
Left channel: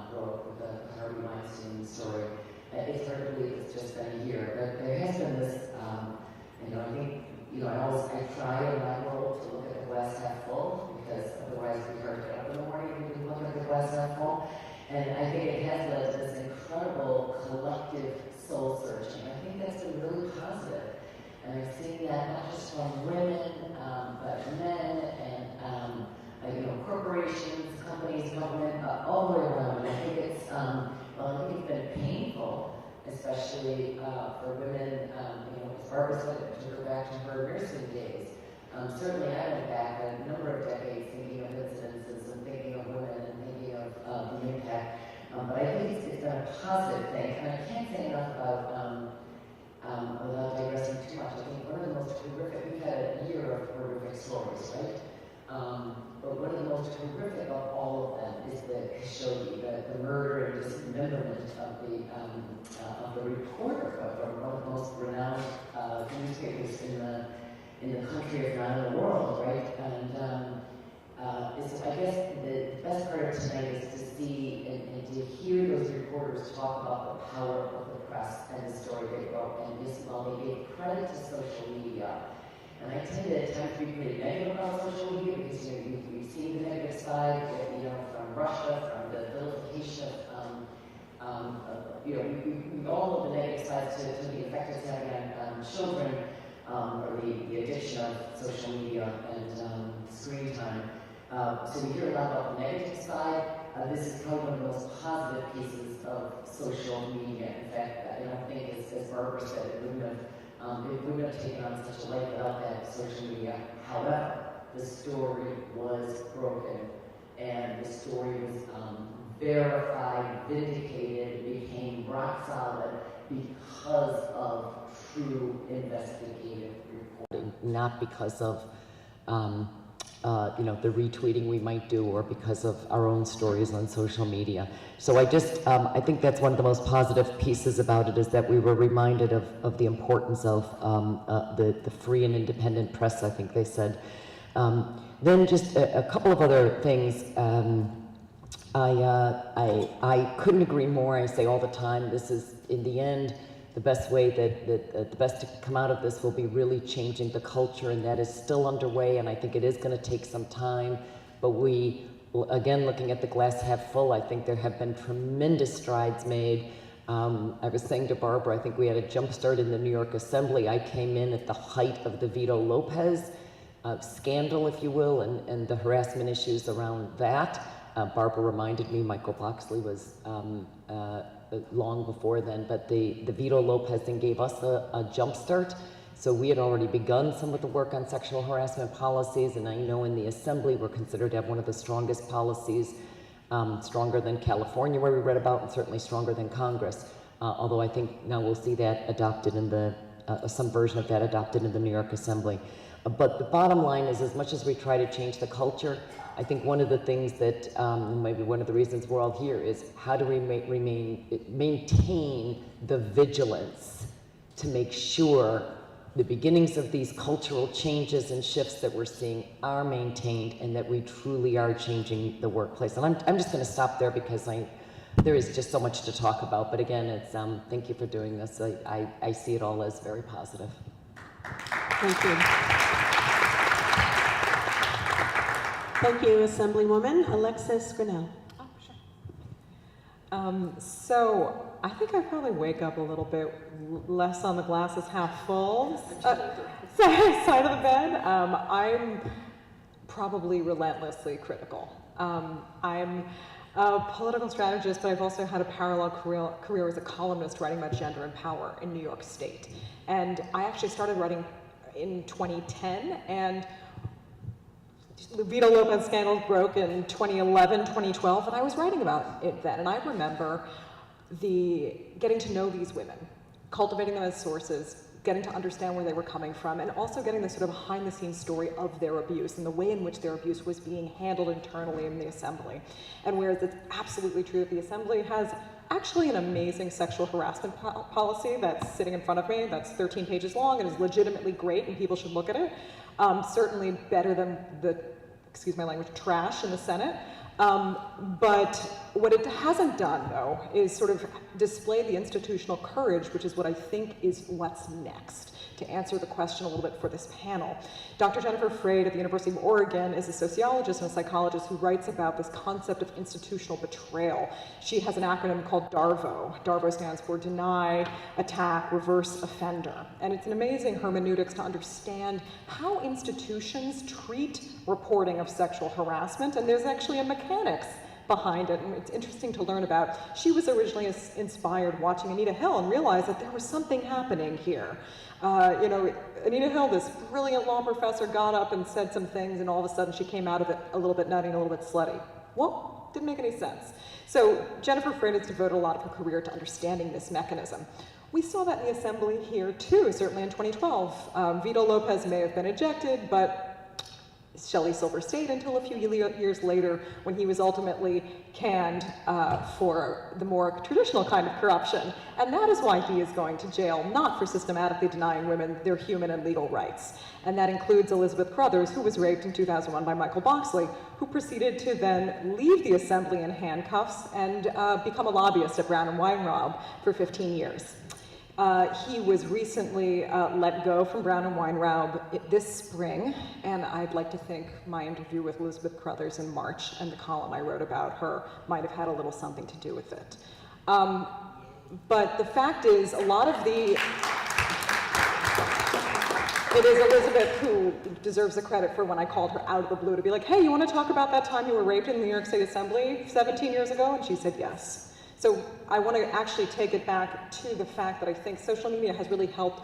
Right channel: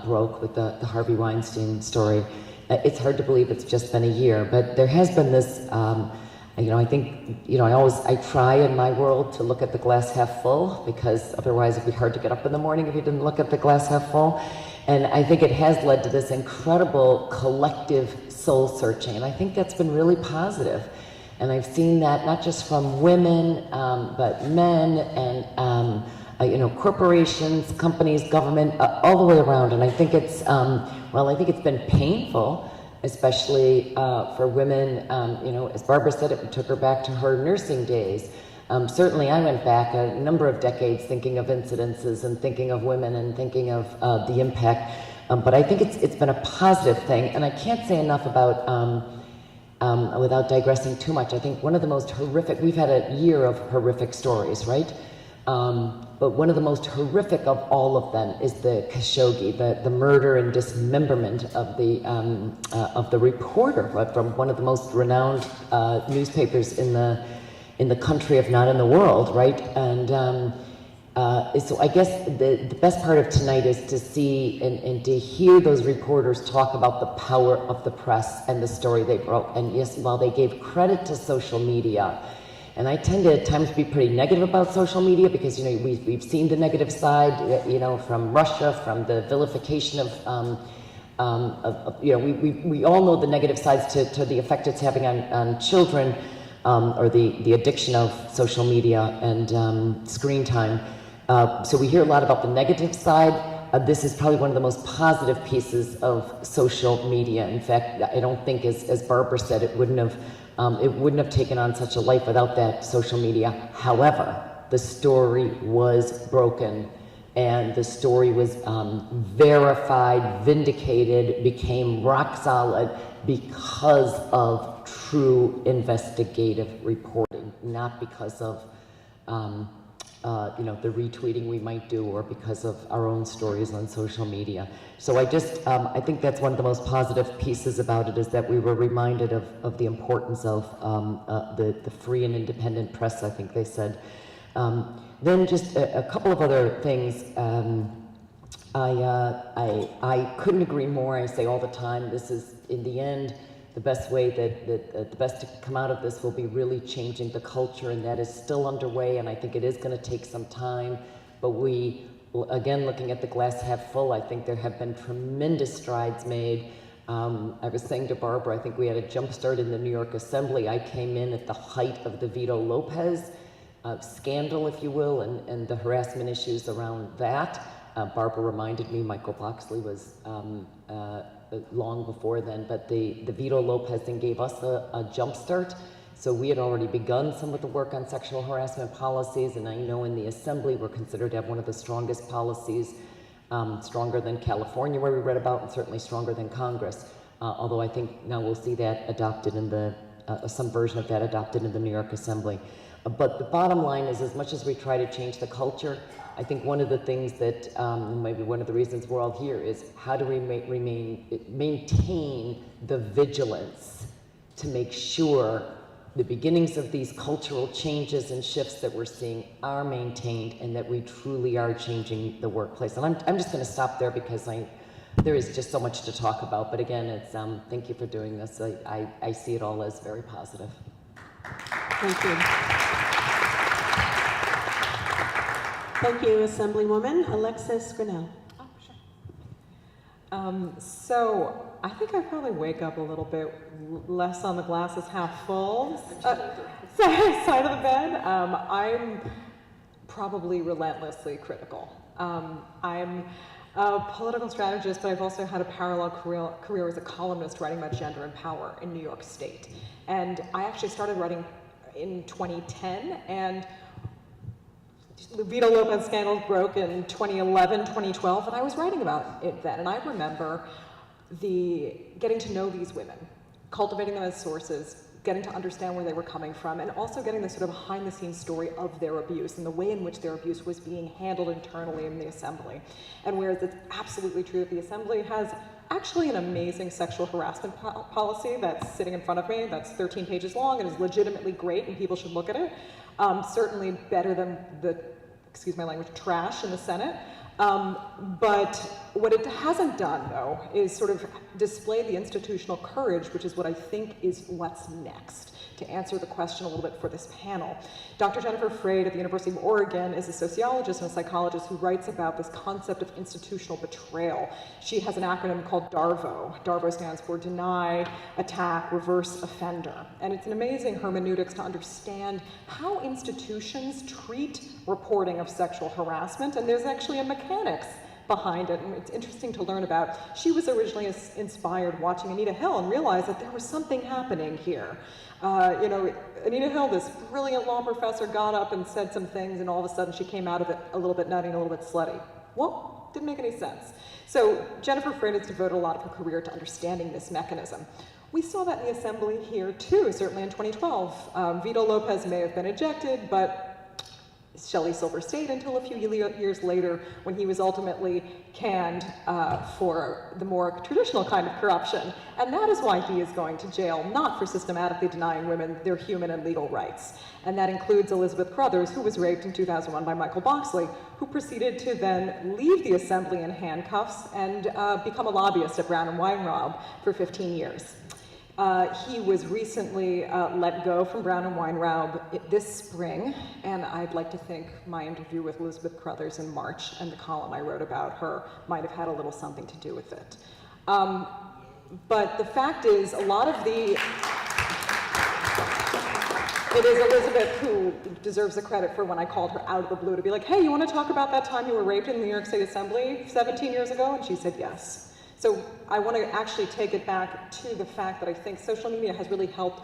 broke with the Harvey Weinstein story. It's hard to believe it's just been a year, but there has been this, I think, I try in my world to look at the glass half full, because otherwise it'd be hard to get up in the morning if you didn't look at the glass half full. And I think it has led to this incredible collective soul searching, and I think that's been really positive. And I've seen that not just from women, but men and corporations, companies, government, all the way around. And I think it's, I think it's been painful, especially for women. As Barbara said, it took her back to her nursing days. Certainly I went back a number of decades thinking of incidences and thinking of women and thinking of the impact. But I think it's been a positive thing. And I can't say enough about, without digressing too much, I think one of the most horrific, we've had a year of horrific stories, right? But one of the most horrific of all of them is the Khashoggi, the murder and dismemberment of the reporter from one of the most renowned newspapers in the country, if not in the world, right? And so I guess the best part of tonight is to see and to hear those reporters talk about the power of the press and the story they broke. And yes, while they gave credit to social media, and I tend to at times be pretty negative about social media because we've seen the negative side, from Russia, from the vilification we all know the negative sides to the effect it's having on children, or the addiction of social media and screen time. So we hear a lot about the negative side. This is probably one of the most positive pieces of social media. In fact, I don't think, as Barbara said, it wouldn't have taken on such a life without that social media. However, the story was broken, and the story was verified, vindicated, became rock solid because of true investigative reporting, not because of the retweeting we might do or because of our own stories on social media. So I think that's one of the most positive pieces about it, is that we were reminded of the importance of the free and independent press, I think they said. Then just a couple of other things. I couldn't agree more. I say all the time, this is, in the end, the best way that the best to come out of this will be really changing the culture, and that is still underway, and I think it is going to take some time. But we, again, looking at the glass half full, I think there have been tremendous strides made. I was saying to Barbara, I think we had a jump start in the New York Assembly. I came in at the height of the Vito Lopez scandal, if you will, and the harassment issues around that. Barbara reminded me Michael Boxley was long before then, but the Vito Lopez thing gave us a jump start. So we had already begun some of the work on sexual harassment policies, and I know in the Assembly we're considered to have one of the strongest policies, stronger than California, where we read about, and certainly stronger than Congress. Although I think now we'll see that adopted in some version of that adopted in the New York Assembly. But the bottom line is, as much as we try to change the culture, I think one of the things that, maybe one of the reasons we're all here, is how do we maintain the vigilance to make sure the beginnings of these cultural changes and shifts that we're seeing are maintained, and that we truly are changing the workplace. And I'm just going to stop there because there is just so much to talk about. But again, it's thank you for doing this. I see it all as very positive. Thank you. Thank you, Assemblywoman Alexis Grinnell. Oh, sure. So I think I probably wake up a little bit less on the glasses half full side of the bed. I'm probably relentlessly critical. I'm a political strategist, but I've also had a parallel career as a columnist writing about gender and power in New York State. And I actually started writing in 2010, and the Vito Lopez scandal broke in 2011, 2012, and I was writing about it then. And I remember getting to know these women, cultivating them as sources, getting to understand where they were coming from, and also getting the sort of behind-the-scenes story of their abuse and the way in which their abuse was being handled internally in the Assembly. And whereas it's absolutely true that the Assembly has actually an amazing sexual harassment policy that's sitting in front of me, that's 13 pages long and is legitimately great, and people should look at it, certainly better than the, excuse my language, trash in the Senate. But what it hasn't done, though, is sort of display the institutional courage, which is what I think is what's next, to answer the question a little bit for this panel. Dr. Jennifer Freyd at the University of Oregon is a sociologist and a psychologist who writes about this concept of institutional betrayal. She has an acronym called DARVO. DARVO stands for Deny, Attack, Reverse, Offender. And it's an amazing hermeneutics to understand how institutions treat reporting of sexual harassment, and there's actually a mechanics behind it, and it's interesting to learn about. She was originally inspired watching Anita Hill and realized that there was something happening here. You know, Anita Hill, this brilliant law professor, got up and said some things, and all of a sudden she came out of it a little bit nutty and a little bit slutty. Well, didn't make any sense. So Jennifer Freyd has devoted a lot of her career to understanding this mechanism. We saw that in the assembly here too, certainly in 2012. Vito Lopez may have been ejected, but Shelley Silver stayed until a few years later, when he was ultimately canned for the more traditional kind of corruption. And that is why he is going to jail, not for systematically denying women their human and legal rights. And that includes Elizabeth Crothers, who was raped in 2001 by Michael Boxley, who proceeded to then leave the assembly in handcuffs and become a lobbyist at Brown and Weintraub for 15 years. He was recently let go from Brown and Weintraub this spring, and I'd like to think my interview with Elizabeth Crothers in March and the column I wrote about her might have had a little something to do with it. But the fact is, a lot of the... It is Elizabeth who deserves the credit for when I called her out of the blue to be like, hey, you want to talk about that time you were raped in the New York State Assembly 17 years ago? And she said yes. So I want to actually take it back to the fact that I think social media has really helped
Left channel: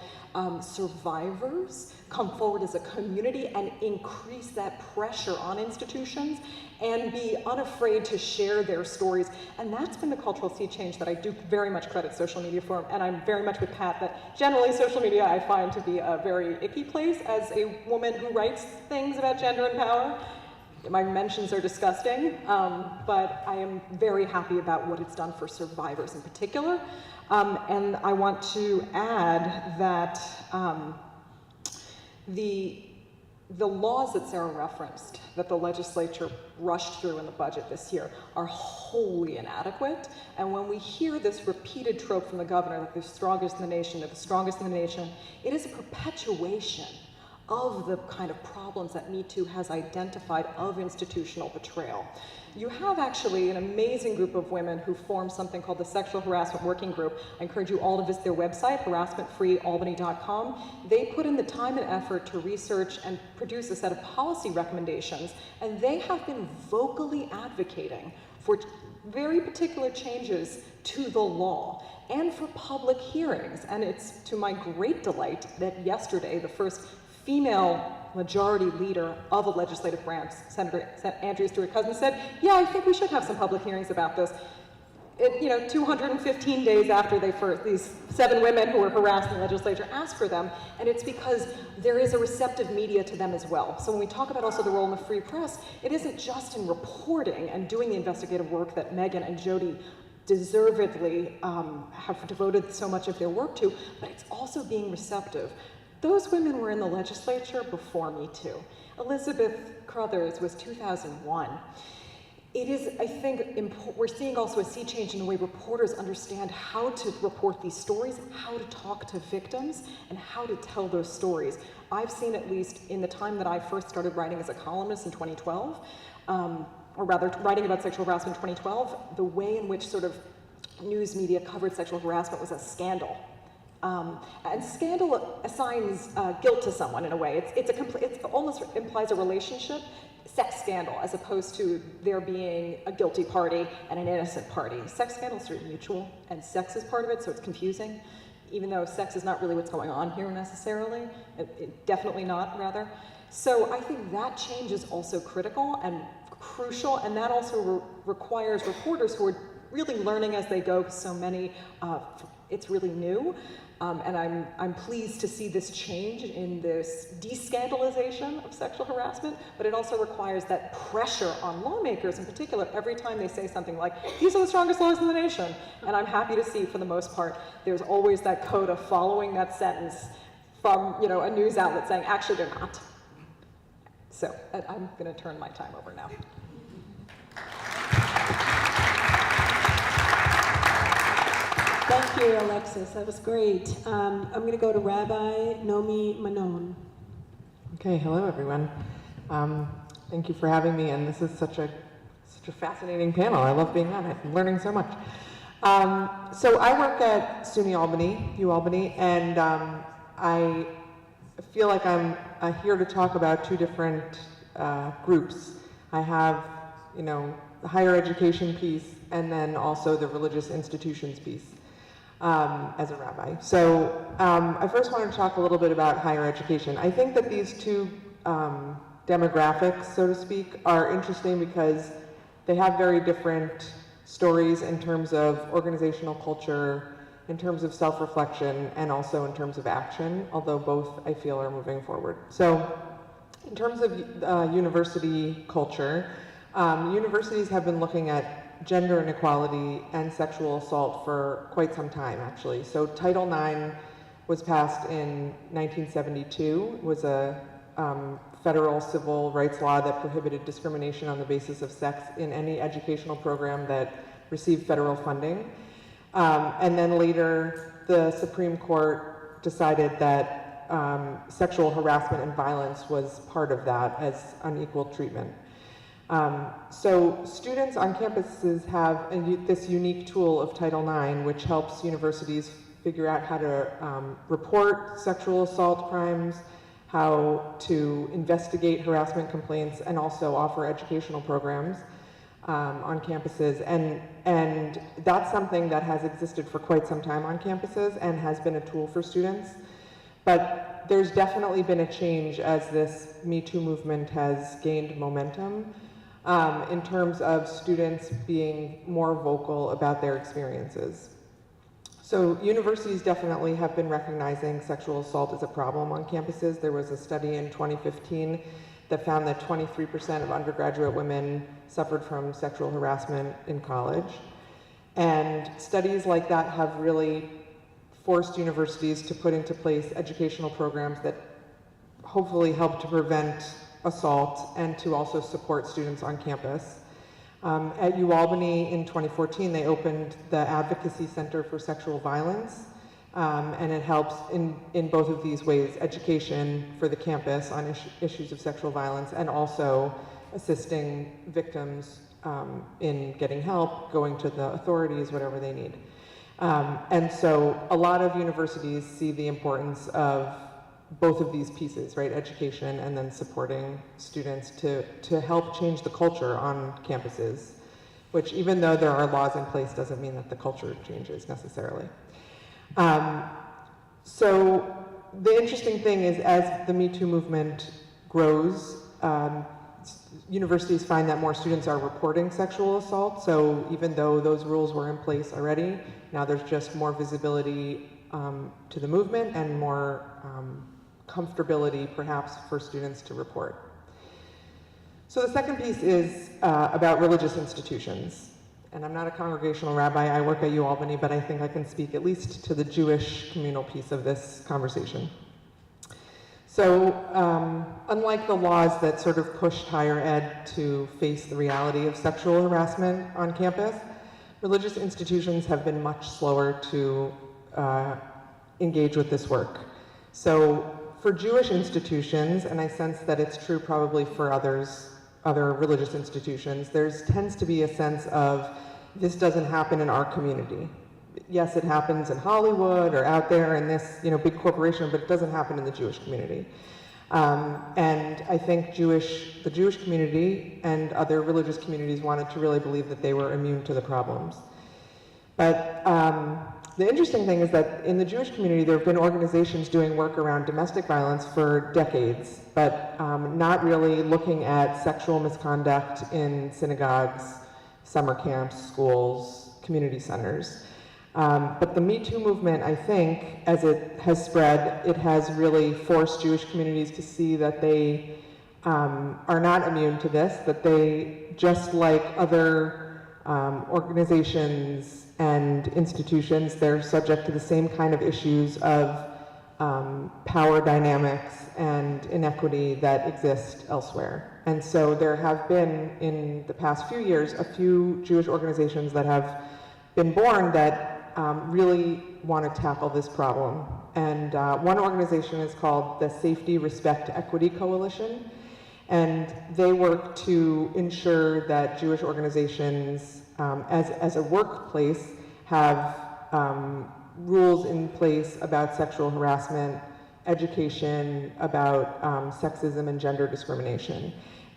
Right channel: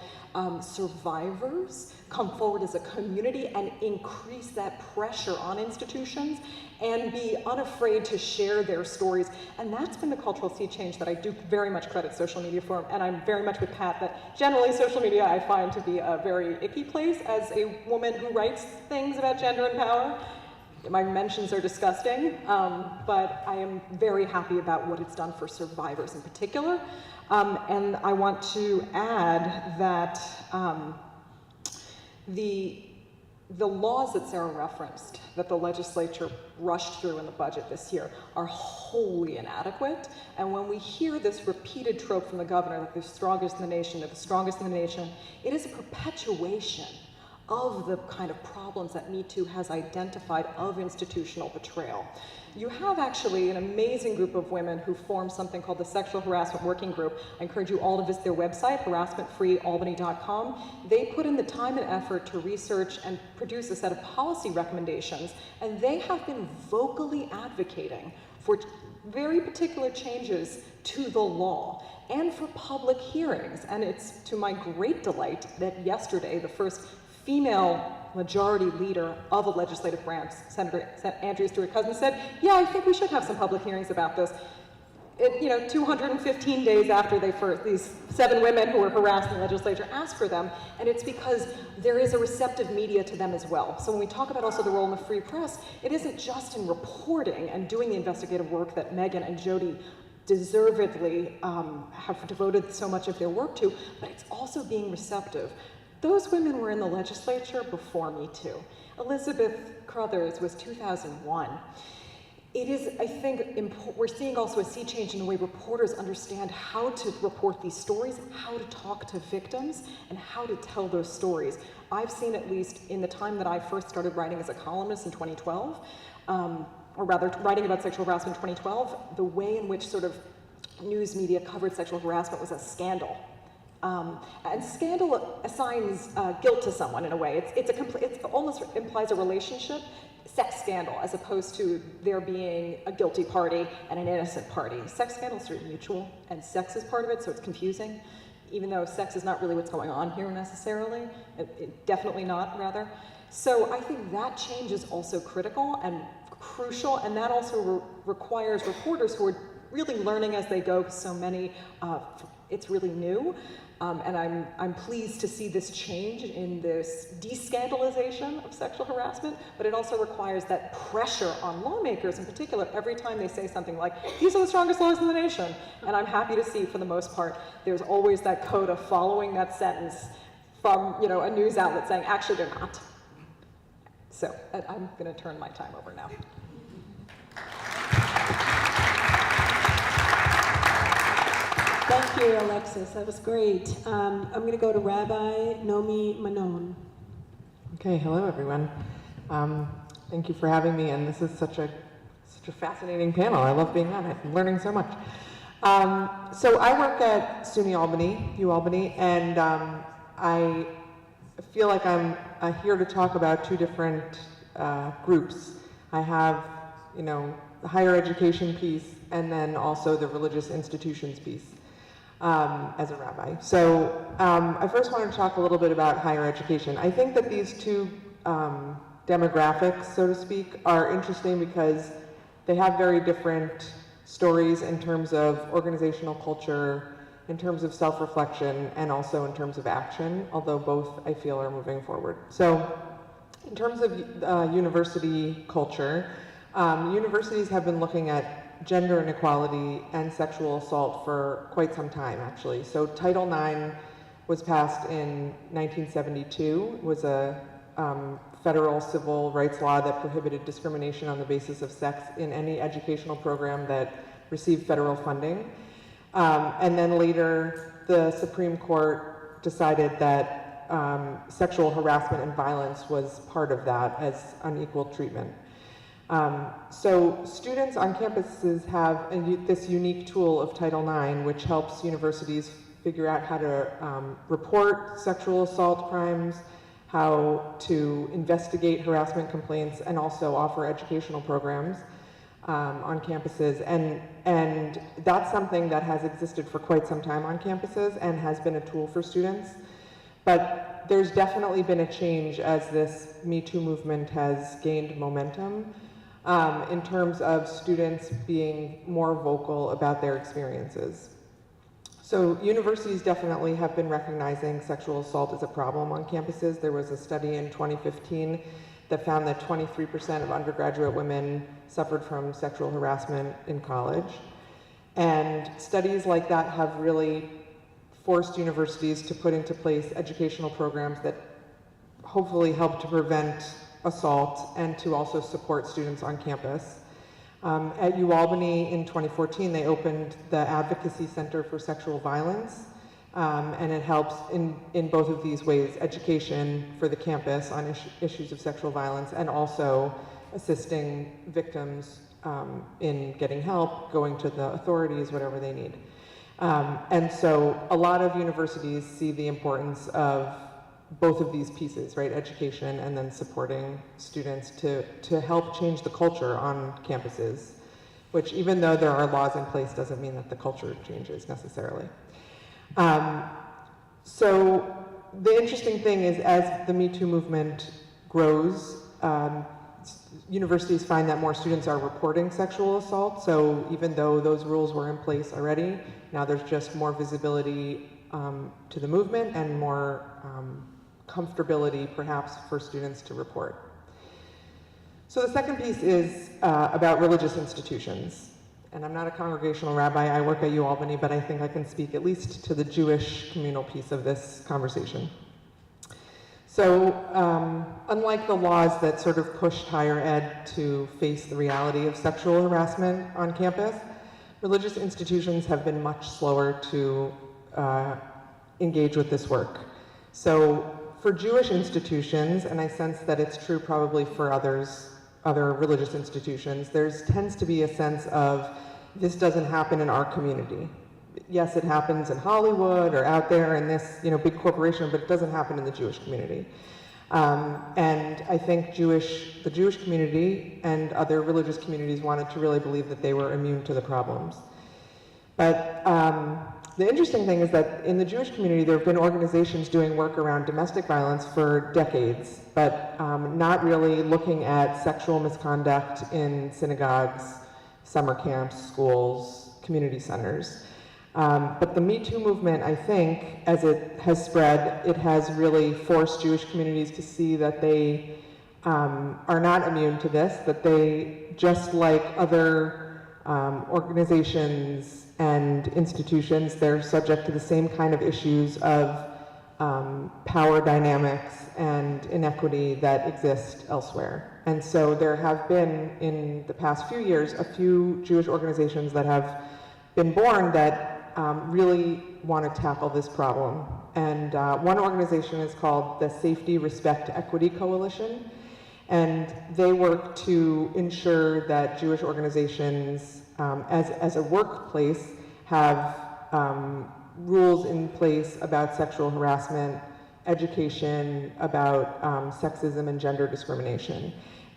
survivors come forward as a community and increase that pressure on institutions and be unafraid to share their stories. And that's been the cultural sea change that I do very much credit social media for. And I'm very much with Pat that generally social media I find to be a very icky place as a woman who writes things about gender and power. My mentions are disgusting, but I am very happy about what it's done for survivors in particular. And I want to add that the laws that Sarah referenced, that the legislature rushed through in the budget this year, are wholly inadequate. And when we hear this repeated trope from the governor that they're strongest in the nation, they're the strongest in the nation, it is a perpetuation of the kind of problems that Me Too has identified of institutional betrayal. You have actually an amazing group of women who formed something called the Sexual Harassment Working Group. I encourage you all to visit their website, harassmentfreealbany.com. They put in the time and effort to research and produce a set of policy recommendations, and they have been vocally advocating for very particular changes to the law and for public hearings. And it's to my great delight that yesterday, the first female majority leader of a legislative branch, Senator Andrea Stewart-Cousins, said, yeah, I think we should have some public hearings about this. 215 days after these 7 women who were harassed in the legislature asked for them, and it's because there is a receptive media to them as well. So when we talk about also the role in the free press, it isn't just in reporting and doing the investigative work that Megan and Jody deservedly have devoted so much of their work to, but it's also being receptive. Those women were in the legislature before Me Too. Elizabeth Crothers was 2001. It is, I think, we're seeing also a sea change in the way reporters understand how to report these stories, how to talk to victims, and how to tell those stories. I've seen, at least in the time that I first started writing as a columnist in 2012, or rather writing about sexual harassment in 2012, the way in which sort of news media covered sexual harassment was a scandal. And scandal assigns guilt to someone in a way. It almost implies a relationship, sex scandal, as opposed to there being a guilty party and an innocent party. Sex scandals are mutual, and sex is part of it, so it's confusing. Even though sex is not really what's going on here necessarily, definitely not, rather. So I think that change is also critical and crucial, and that also requires reporters who are really learning as they go, because so many, it's really new. And I'm pleased to see this change in this descandalization of sexual harassment, but it also requires that pressure on lawmakers in particular every time they say something like, these are the strongest laws in the nation. And I'm happy to see, for the most part, there's always that coda following that sentence from a news outlet saying, actually they're not. So I'm going to turn my time over now. Thank you, Alexis. That was great. I'm going to go to Rabbi Nomi Manon. Okay, hello everyone. Thank you for having me, and this is such a fascinating panel. I love being on it. I'm learning so much. So I work at SUNY Albany, UAlbany, and I feel like I'm here to talk about two different groups. I have, the higher education piece, and then also the religious institutions piece as a rabbi. So I first want to talk a little bit about higher education. I think that these two demographics, so to speak, are interesting because they have very different stories in terms of organizational culture, in terms of self-reflection, and also in terms of action, although both I feel are moving forward. So in terms of university culture, universities have been looking at gender inequality and sexual assault for quite some time, actually. So Title IX was passed in 1972. It was a federal civil rights law that prohibited discrimination on the basis of sex in any educational program that received federal funding. And then later, the Supreme Court decided that sexual harassment and violence was part of that as unequal treatment. So students on campuses have this unique tool of Title IX, which helps universities figure out how to report sexual assault crimes, how to investigate harassment complaints, and also offer educational programs on campuses. And that's something that has existed for quite some time on campuses and has been a tool for students. But there's definitely been a change as this Me Too movement has gained momentum in terms of students being more vocal about their experiences. So universities definitely have been recognizing sexual assault as a problem on campuses. There was a study in 2015 that found that 23% of undergraduate women suffered from sexual harassment in college. And studies like that have really forced universities to put into place educational programs that hopefully help to prevent assault and to also support students on campus. At UAlbany in 2014, they opened the Advocacy Center for Sexual Violence, and it helps in both of these ways, education for the campus on issues of sexual violence, and also assisting victims in getting help, going to the authorities, whatever they need. And so a lot of universities see the importance of both of these pieces, right? Education and then supporting students to help change the culture on campuses, which even though there are laws in place doesn't mean that the culture changes necessarily. So the interesting thing is as the Me Too movement grows, universities find that more students are reporting sexual assault. So even though those rules were in place already, now there's just more visibility to the movement and more comfortability perhaps for students to report. So the second piece is about religious institutions. And I'm not a congregational rabbi, I work at UAlbany, but I think I can speak at least to the Jewish communal piece of this conversation. So unlike the laws that sort of pushed higher ed to face the reality of sexual harassment on campus, religious institutions have been much slower to engage with this work. So for Jewish institutions, and I sense that it's true probably for other religious institutions, there tends to be a sense of this doesn't happen in our community. Yes, it happens in Hollywood or out there in this big corporation, but it doesn't happen in the Jewish community. And I think the Jewish community and other religious communities wanted to really believe that they were immune to the problems. But the interesting thing is that in the Jewish community, there have been organizations doing work around domestic violence for decades, but not really looking at sexual misconduct in synagogues, summer camps, schools, community centers. But the Me Too movement, I think, as it has spread, it has really forced Jewish communities to see that they are not immune to this, that they, just like other organizations and institutions, they're subject to the same kind of issues of power dynamics and inequity that exist elsewhere. And so there have been, in the past few years, a few Jewish organizations that have been born that really want to tackle this problem. And one organization is called the Safety, Respect, Equity Coalition. And they work to ensure that Jewish organizations, as a workplace, have rules in place about sexual harassment, education, about sexism and gender discrimination.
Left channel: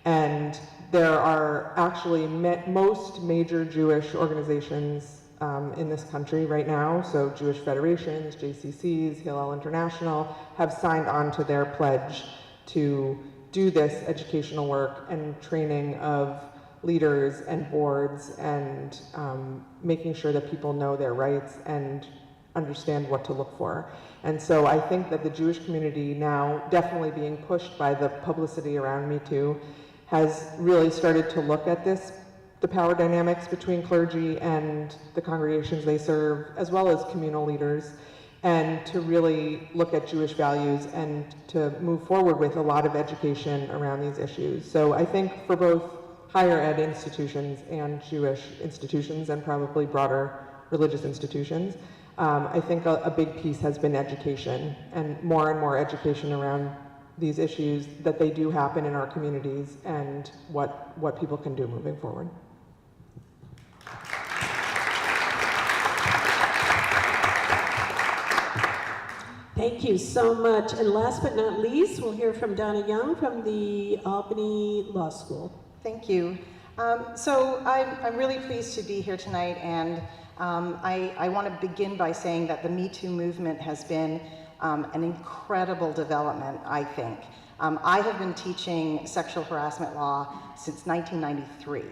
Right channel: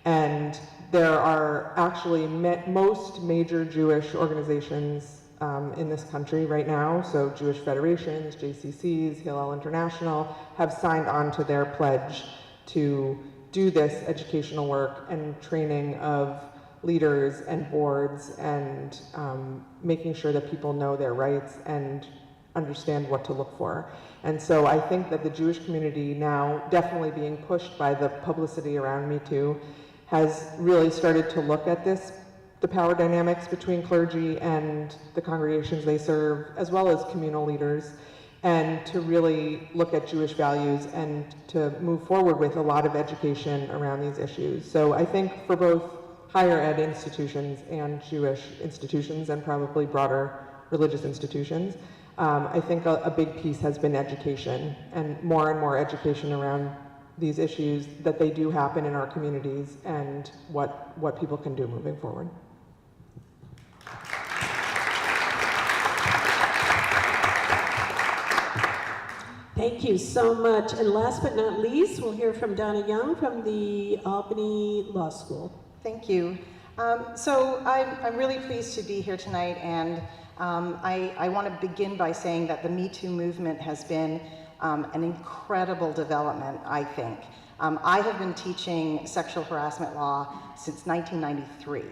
And there are actually most major Jewish organizations in this country right now, so Jewish federations, JCCs, Hillel International, have signed on to their pledge to do this educational work and training of leaders and boards and making sure that people know their rights and understand what to look for. And so I think that the Jewish community now, definitely being pushed by the publicity around Me Too, has really started to look at this, the power dynamics between clergy and the congregations they serve, as well as communal leaders, and to really look at Jewish values and to move forward with a lot of education around these issues. So I think for both higher ed institutions and Jewish institutions, and probably broader religious institutions, I think a big piece has been education, and more education around these issues, that they do happen in our communities, and what people can do moving forward. Thank you so much. And last but not least, we'll hear from Donna Young from the Albany Law School. Thank you. So I'm really pleased to be here tonight, and I want to begin by saying that the Me Too movement has been an incredible development, I think. I have been teaching sexual harassment law since 1993.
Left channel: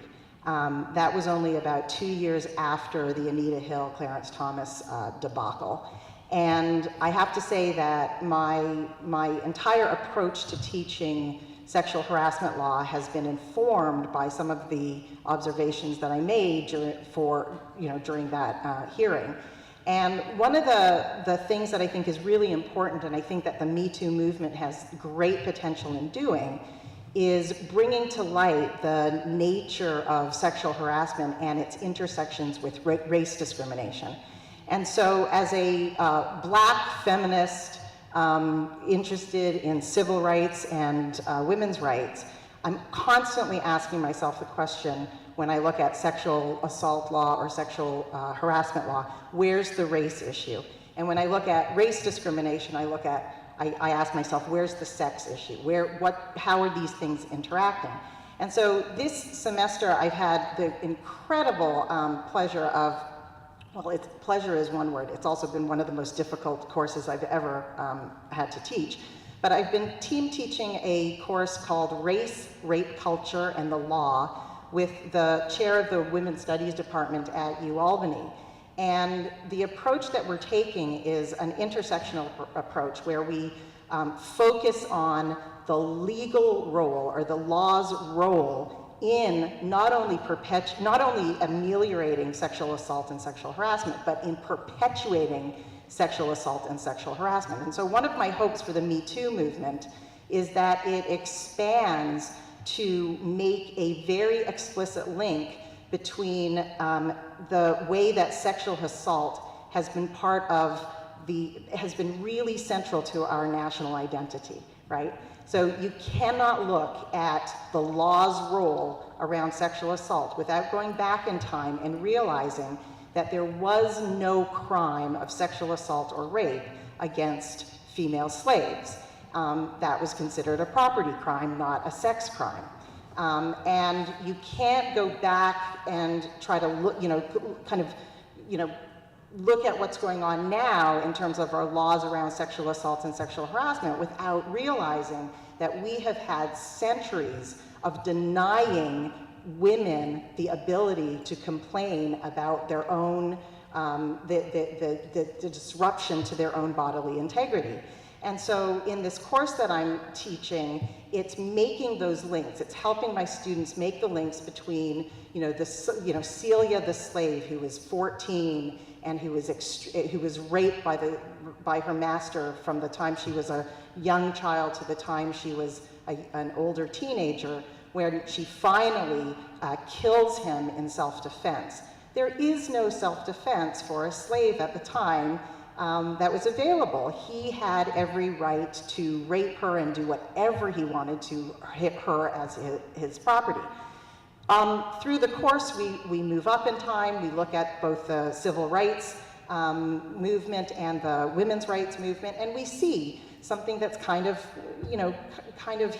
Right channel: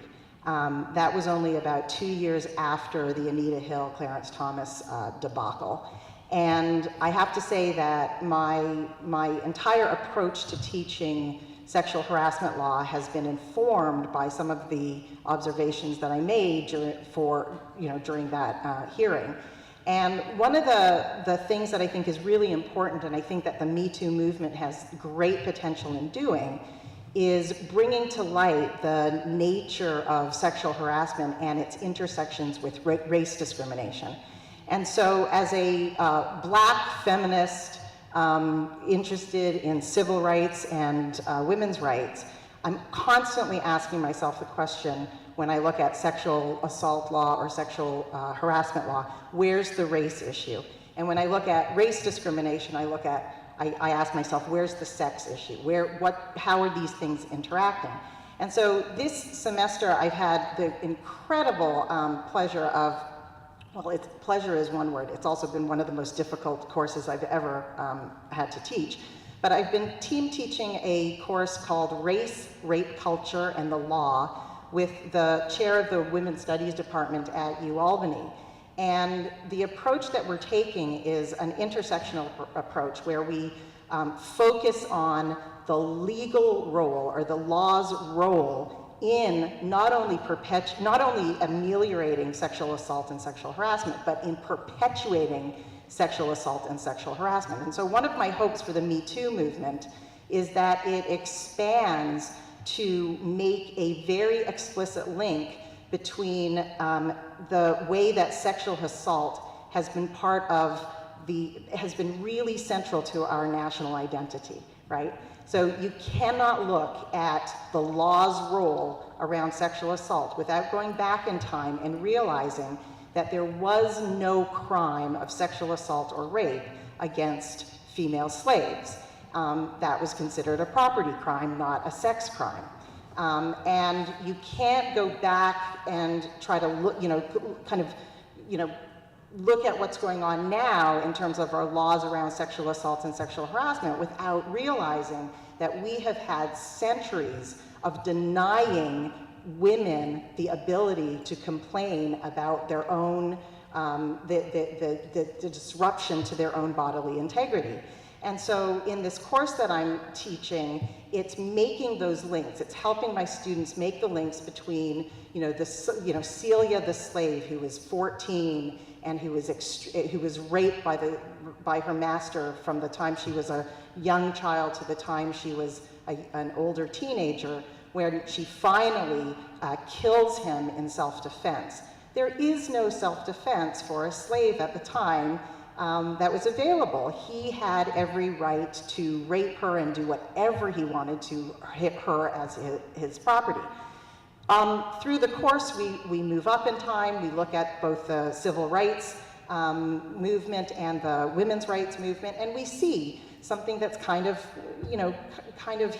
That was only about 2 years after the Anita Hill, Clarence Thomas debacle. And I have to say that my entire approach to teaching sexual harassment law has been informed by some of the observations that I made during that hearing. And one of the things that I think is really important, and I think that the Me Too movement has great potential in doing, is bringing to light the nature of sexual harassment and its intersections with race discrimination. And so as a Black feminist interested in civil rights and women's rights, I'm constantly asking myself the question, when I look at sexual assault law or sexual harassment law, where's the race issue? And when I look at race discrimination, I ask myself, where's the sex issue? How are these things interacting? And so this semester, I've had the incredible pleasure of, well, pleasure is one word. It's also been one of the most difficult courses I've ever had to teach. But I've been team teaching a course called Race, Rape Culture, and the Law with the chair of the Women's Studies Department at UAlbany. And the approach that we're taking is an intersectional approach where we focus on the legal role, or the law's role, in not only ameliorating sexual assault and sexual harassment, but in perpetuating sexual assault and sexual harassment. And so one of my hopes for the Me Too movement is that it expands to make a very explicit link between the way that sexual assault has been has been really central to our national identity, right? So you cannot look at the law's role around sexual assault without going back in time and realizing that there was no crime of sexual assault or rape against female slaves. That was considered a property crime, not a sex crime. And you can't go back and try to look, look at what's going on now in terms of our laws around sexual assaults and sexual harassment without realizing that we have had centuries of denying women the ability to complain about their own, the disruption to their own bodily integrity. And so in this course that I'm teaching, it's making those links. It's helping my students make the links between, Celia the slave, who was 14 and who was raped by her master from the time she was a young child to the time she was an older teenager, where she finally kills him in self-defense. There is no self-defense for a slave at the time that was available. He had every right to rape her and do whatever he wanted to hit her as his property. Through the course, we move up in time. We look at both the civil rights movement and the women's rights movement, and we see something that's kind of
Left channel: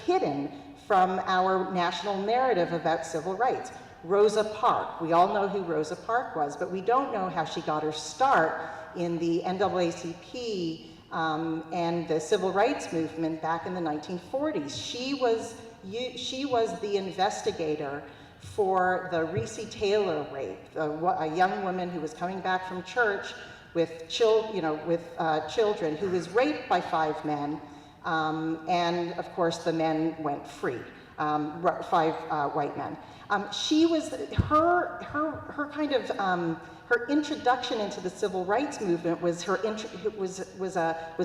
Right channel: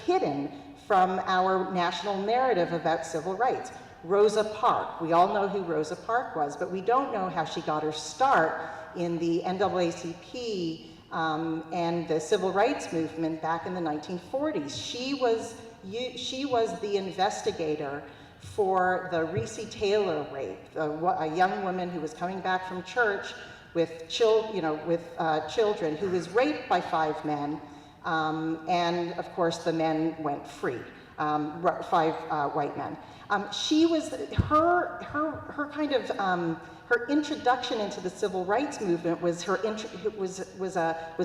hidden from our national narrative about civil rights. Rosa Parks. We all know who Rosa Parks was, but we don't know how she got her start in the NAACP and the civil rights movement back in the 1940s. She was the investigator for the Reese Taylor rape, a young woman who was coming back from church with children, who was raped by 5 men, and of course the men went free, 5 white men. She was her introduction into the civil rights movement was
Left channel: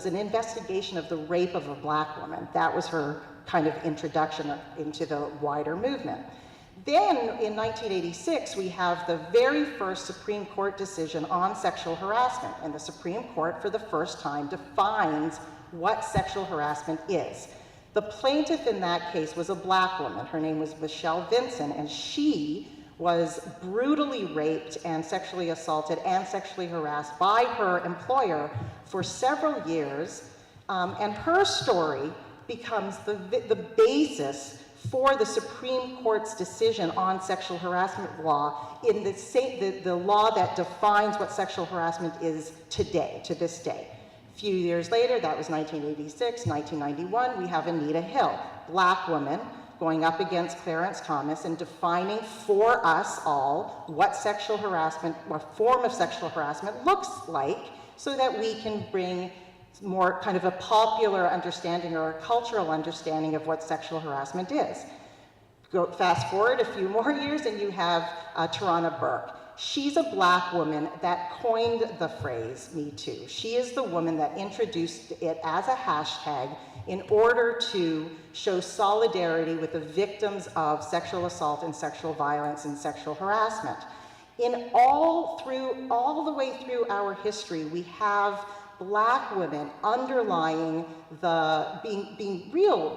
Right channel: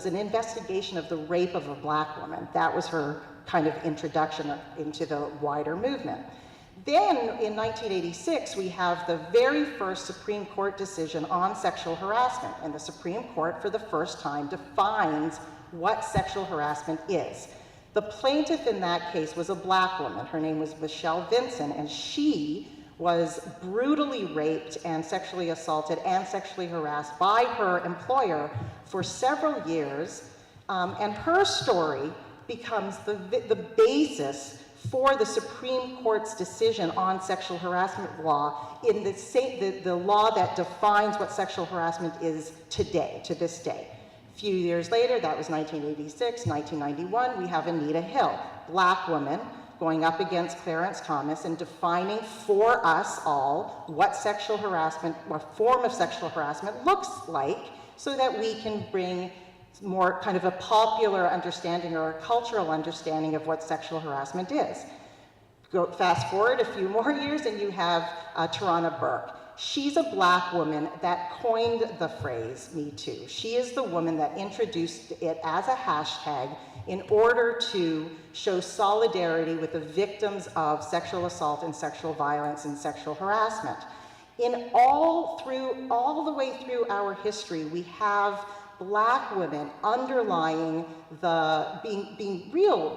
an investigation of the rape of a black woman. That was her kind of introduction into the wider movement. Then in 1986, we have the very first Supreme Court decision on sexual harassment, and the Supreme Court for the first time defines what sexual harassment is. The plaintiff in that case was a black woman. Her name was Michelle Vinson, and she was brutally raped and sexually assaulted and sexually harassed by her employer for several years, and her story becomes the basis for the Supreme Court's decision on sexual harassment law in the law that defines what sexual harassment is today, to this day. A few years later, that was 1986, 1991, we have Anita Hill, black woman, going up against Clarence Thomas and defining for us all what sexual harassment, what form of sexual harassment looks like, so that we can bring more kind of a popular understanding or a cultural understanding of what sexual harassment is. Fast forward a few more years and you have Tarana Burke. She's a black woman that coined the phrase Me Too. She is the woman that introduced it as a hashtag in order to show solidarity with the victims of sexual assault and sexual violence and sexual harassment. All the way through our history, we have black women underlying being real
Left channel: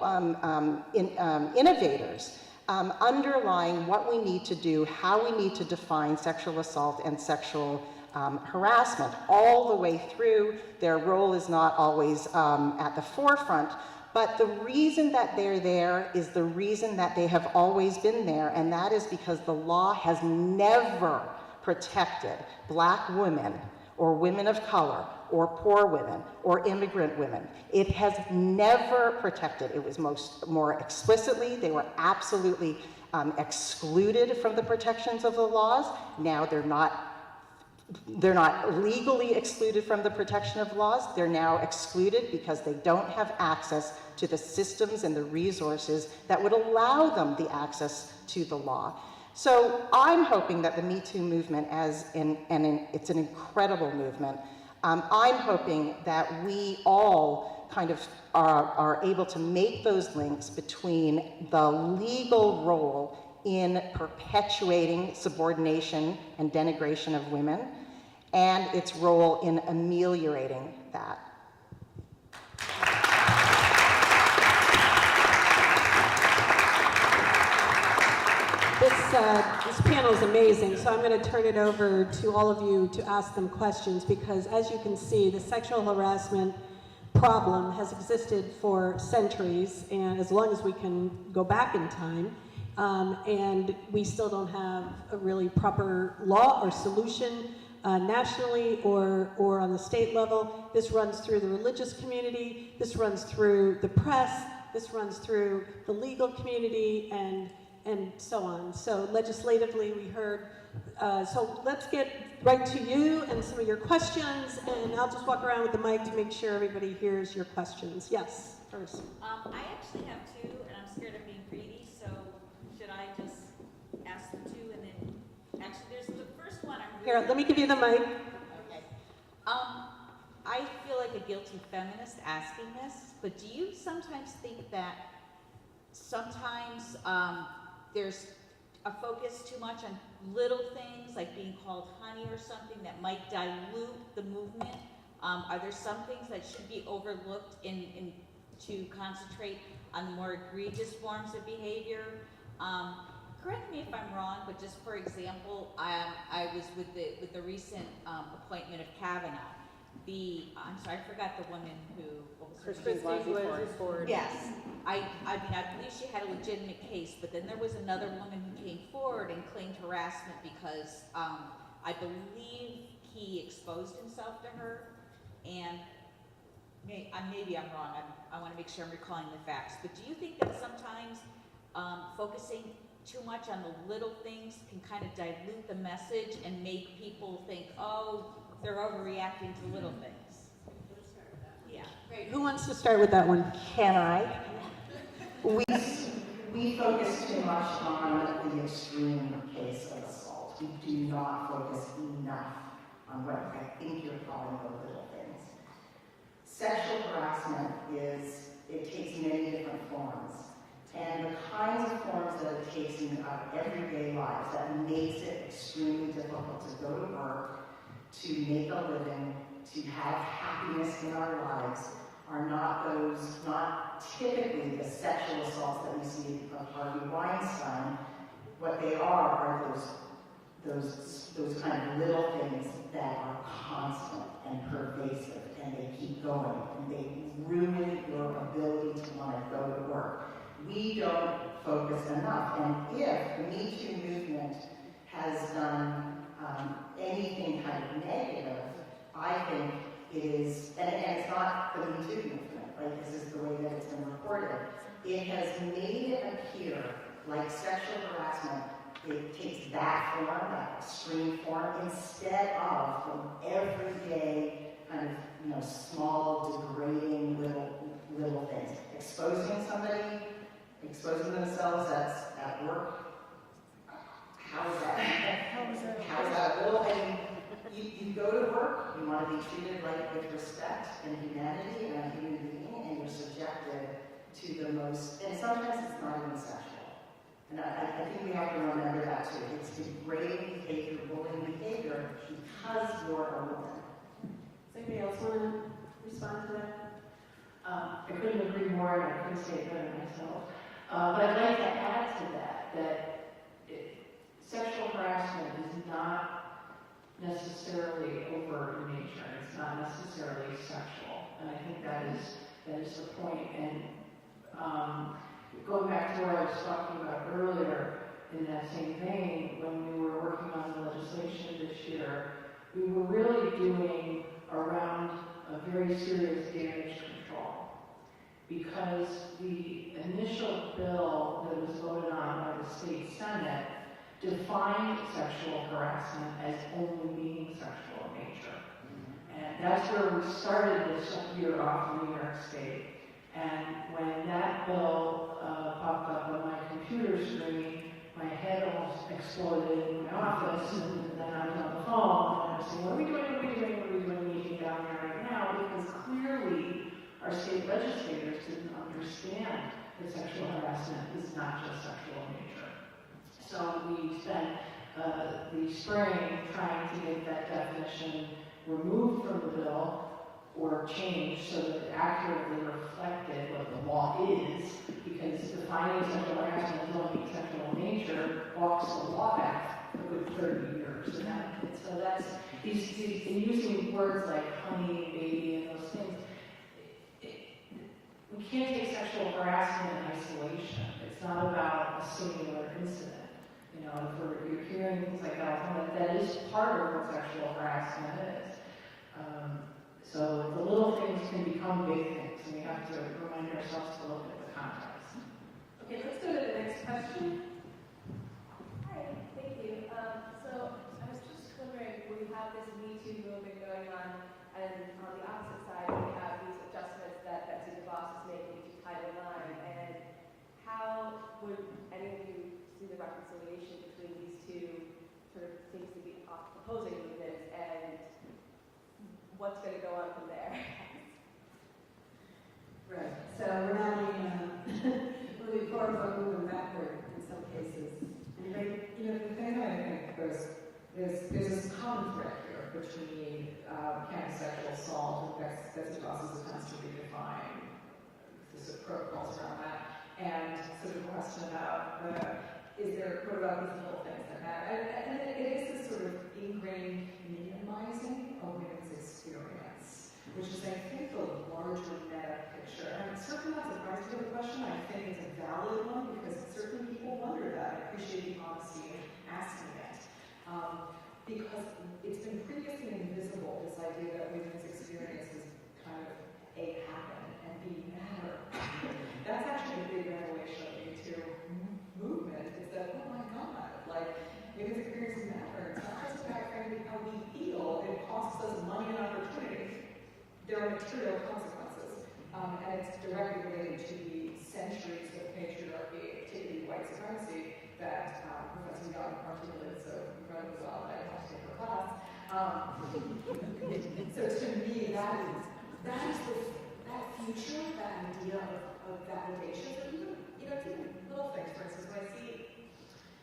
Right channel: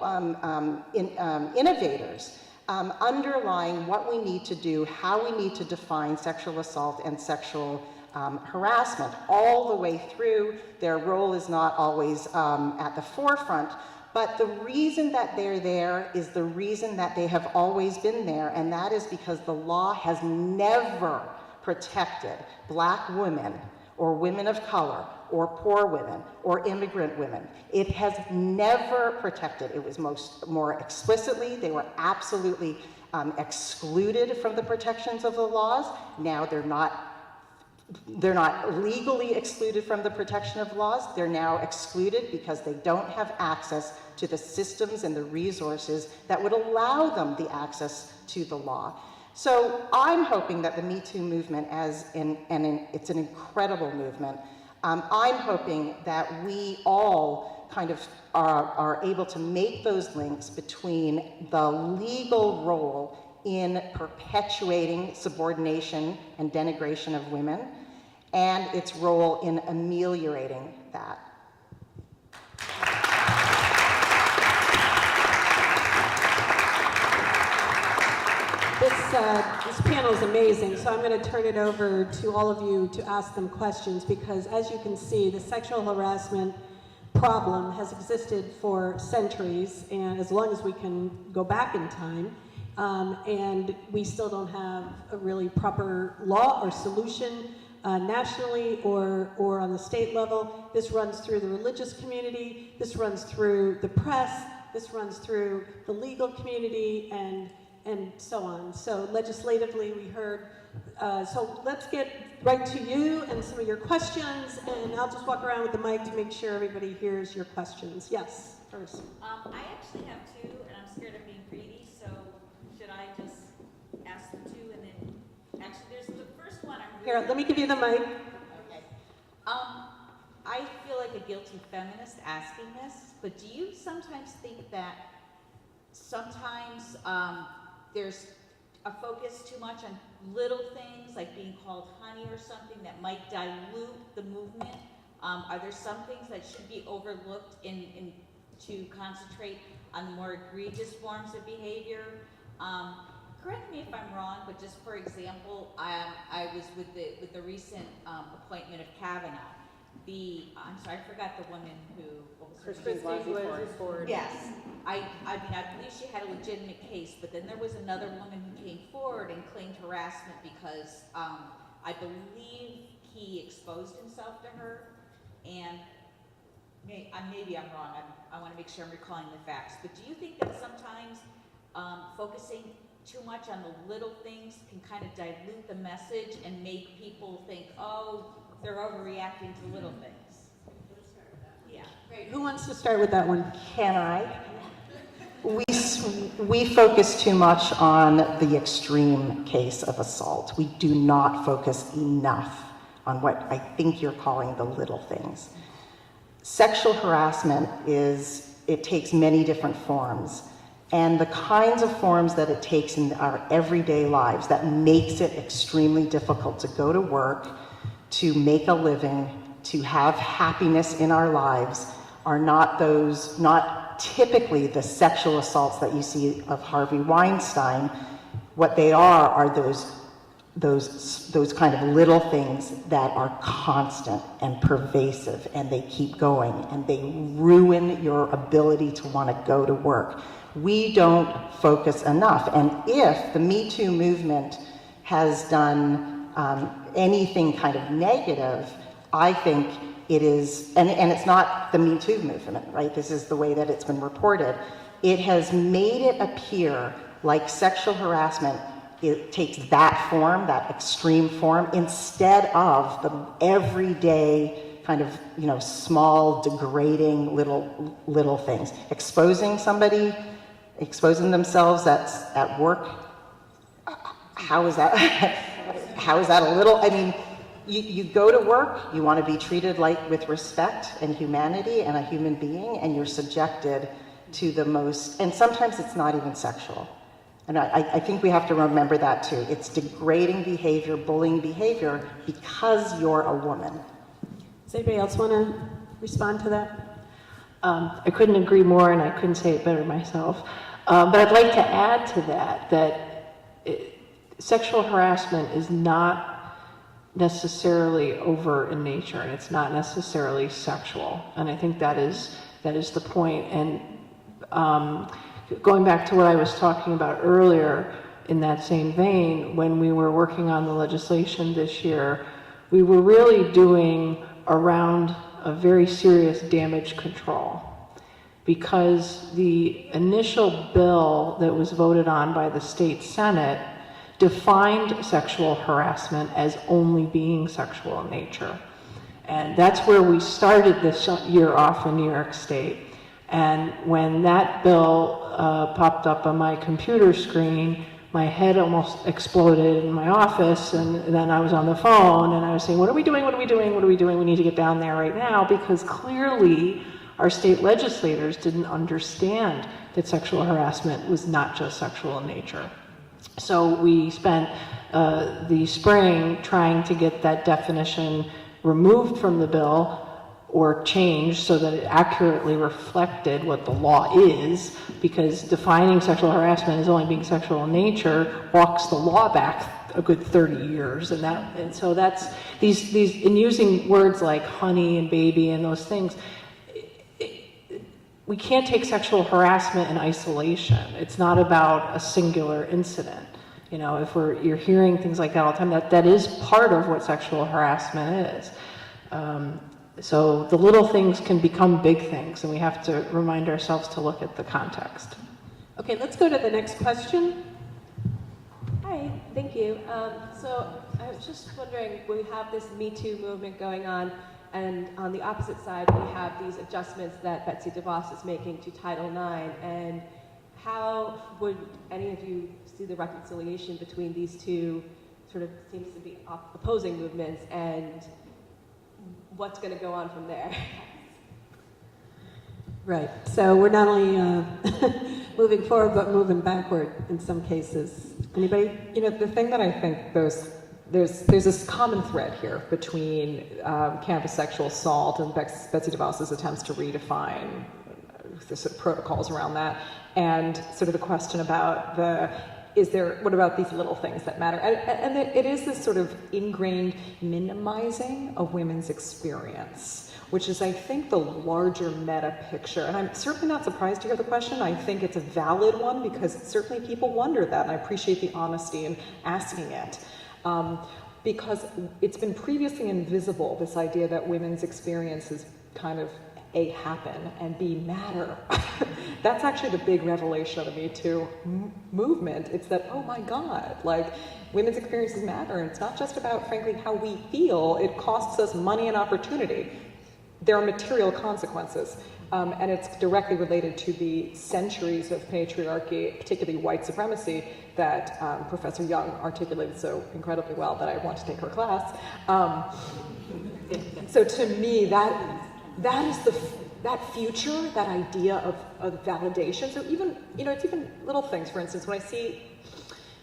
innovators, underlying what we need to do, how we need to define sexual assault and sexual harassment. All the way through, their role is not always at the forefront, but the reason that they're there is the reason that they have always been there, and that is because the law has never protected black women or women of color or poor women or immigrant women. It has never protected. It was more explicitly, they were absolutely excluded from the protections of the laws. Now they're not legally excluded from the protection of laws. They're now excluded because they don't have access to the systems and the resources that would allow them the access to the law. So I'm hoping that the Me Too movement, it's an incredible movement, I'm hoping that we all kind of are able to make those links between the legal role in perpetuating subordination and denigration of women and its role in ameliorating that. This panel is amazing, so I'm going to turn it over to all of you to ask them questions, because as you can see, the sexual harassment problem has existed for centuries, and as long as we can go back in time, and we still don't have a really proper law or solution nationally or on the state level. This runs through the religious community, this runs through the press, this runs through the legal community, and so on. So legislatively, we heard, so let's get right to you and some of your questions, and I'll just walk around with the mic to make sure everybody hears your questions. Yes, first. I actually have 2, and I'm scared of being greedy, so should I just ask the 2 and then, actually there's the first one I'm really... Here, let me give you the mic. Okay. I feel like a guilty feminist asking this, but do you sometimes think that sometimes there's a focus too much on little things like being called honey or something that might dilute the movement? Are there some things that should be overlooked to concentrate on the more egregious forms of behavior? Correct me if I'm wrong, but just for example, I was with the recent appointment of Kavanaugh. I'm sorry, I forgot the woman who, what was her name? Christine Blasey Ford. Yes, I believe she had a legitimate case, but then there was another woman who came forward and claimed harassment because I believe he exposed himself to her, and maybe I'm wrong. I want to make sure I'm recalling the facts. But do you think that sometimes focusing too much on the little things can kind of dilute the message and make people think, oh, they're overreacting to little things? Yeah. Great. Who wants to start with that one? Can I? We focus too much on the extreme case of assault. We do not focus enough on what I think you're calling the little things. Sexual harassment it takes many different forms. And the kinds of forms that it takes in our everyday lives that makes it extremely difficult to go to work, to make a living, to have happiness in our lives are not typically the sexual assaults that you see of Harvey Weinstein. What they are those kind of little things that are constant and pervasive, and they keep going, and they ruin your ability to want to go to work. We don't focus enough. And if the Me Too movement has done anything kind of negative, I think it is, and it's not the Me Too movement, right? This is the way that it's been reported. It has made it appear like sexual harassment, it takes that form, that extreme form, instead of the everyday kind of, small, degrading little things. Exposing somebody, exposing themselves at work, how is that a little, I mean, you go to work, you want to be treated with respect and humanity and a human being, and you're subjected to the most, and sometimes it's not even sexual. And I think we have to remember that too. It's degrading behavior, bullying behavior, because you're a woman. Does anybody else want to respond to that? I couldn't agree more, and I couldn't say it better myself. But I'd like to add to that sexual harassment is not necessarily overt in nature, and it's not necessarily sexual. And I think that is the point. And going back to what I was talking about earlier, in that same vein, when we were working on the legislation this year, we were really doing around a very serious damage control, because the initial bill that was voted on by the state Senate defined sexual harassment as only being sexual in nature. And that's where we started this year off in New York State. And when that bill popped up on my computer screen, my head almost exploded in my office, and then I was on the phone and I was saying, what are we doing? What are we doing? What are we doing? We need to get down there right now, because clearly our state legislators didn't understand that sexual harassment was not just sexual in nature. So we spent the spring trying to get that definition removed from the bill or changed so that it accurately reflected what the law is, because defining sexual harassment as only being sexual in nature walks the law back a good 30 years. And so that's these in using words like honey and baby and those things, we can't take sexual harassment in isolation. It's not about a singular incident. If you're hearing things like that all the time, that is part of what sexual harassment is. So the little things can become big things, and we have to remind ourselves to look at the context. Okay, let's go to the next question. Hi, thank you. So I was just wondering, we have this Me Too movement going on, and on the opposite side, we have these adjustments that Betsy DeVos is making to Title IX, and how would any of you see the reconciliation between these two sort of seems to be opposing movements, and what's going to go on from there? Right. So we're not only moving forward, but moving backward in some cases. Anybody? You know, the thing that I think there's this common thread here between campus sexual assault and Betsy DeVos's attempts to redefine the sort of protocols around that, and sort of the question about what about these little things that matter? And it is this sort of ingrained minimizing of women's experience, which is, I think, the larger meta picture. And I'm certainly not surprised to hear the question. I think it's a valid one because certainly people wonder that, and I appreciate the honesty in asking it. Because it's been previously invisible, this idea that women's experiences kind of A, happen, and B, matter. That's actually the big revelation of the Me Too movement. It's that, oh my God, like, women's experiences matter, and it's not just about, frankly, how we feel. It costs us money and opportunity. There are material consequences, and it's directly related to the centuries of patriarchy, particularly white supremacy, that Professor Young articulated so incredibly well that I want to take her class. So to me, that is that future, that idea of validation. So even, it's even little things. For instance, when I see,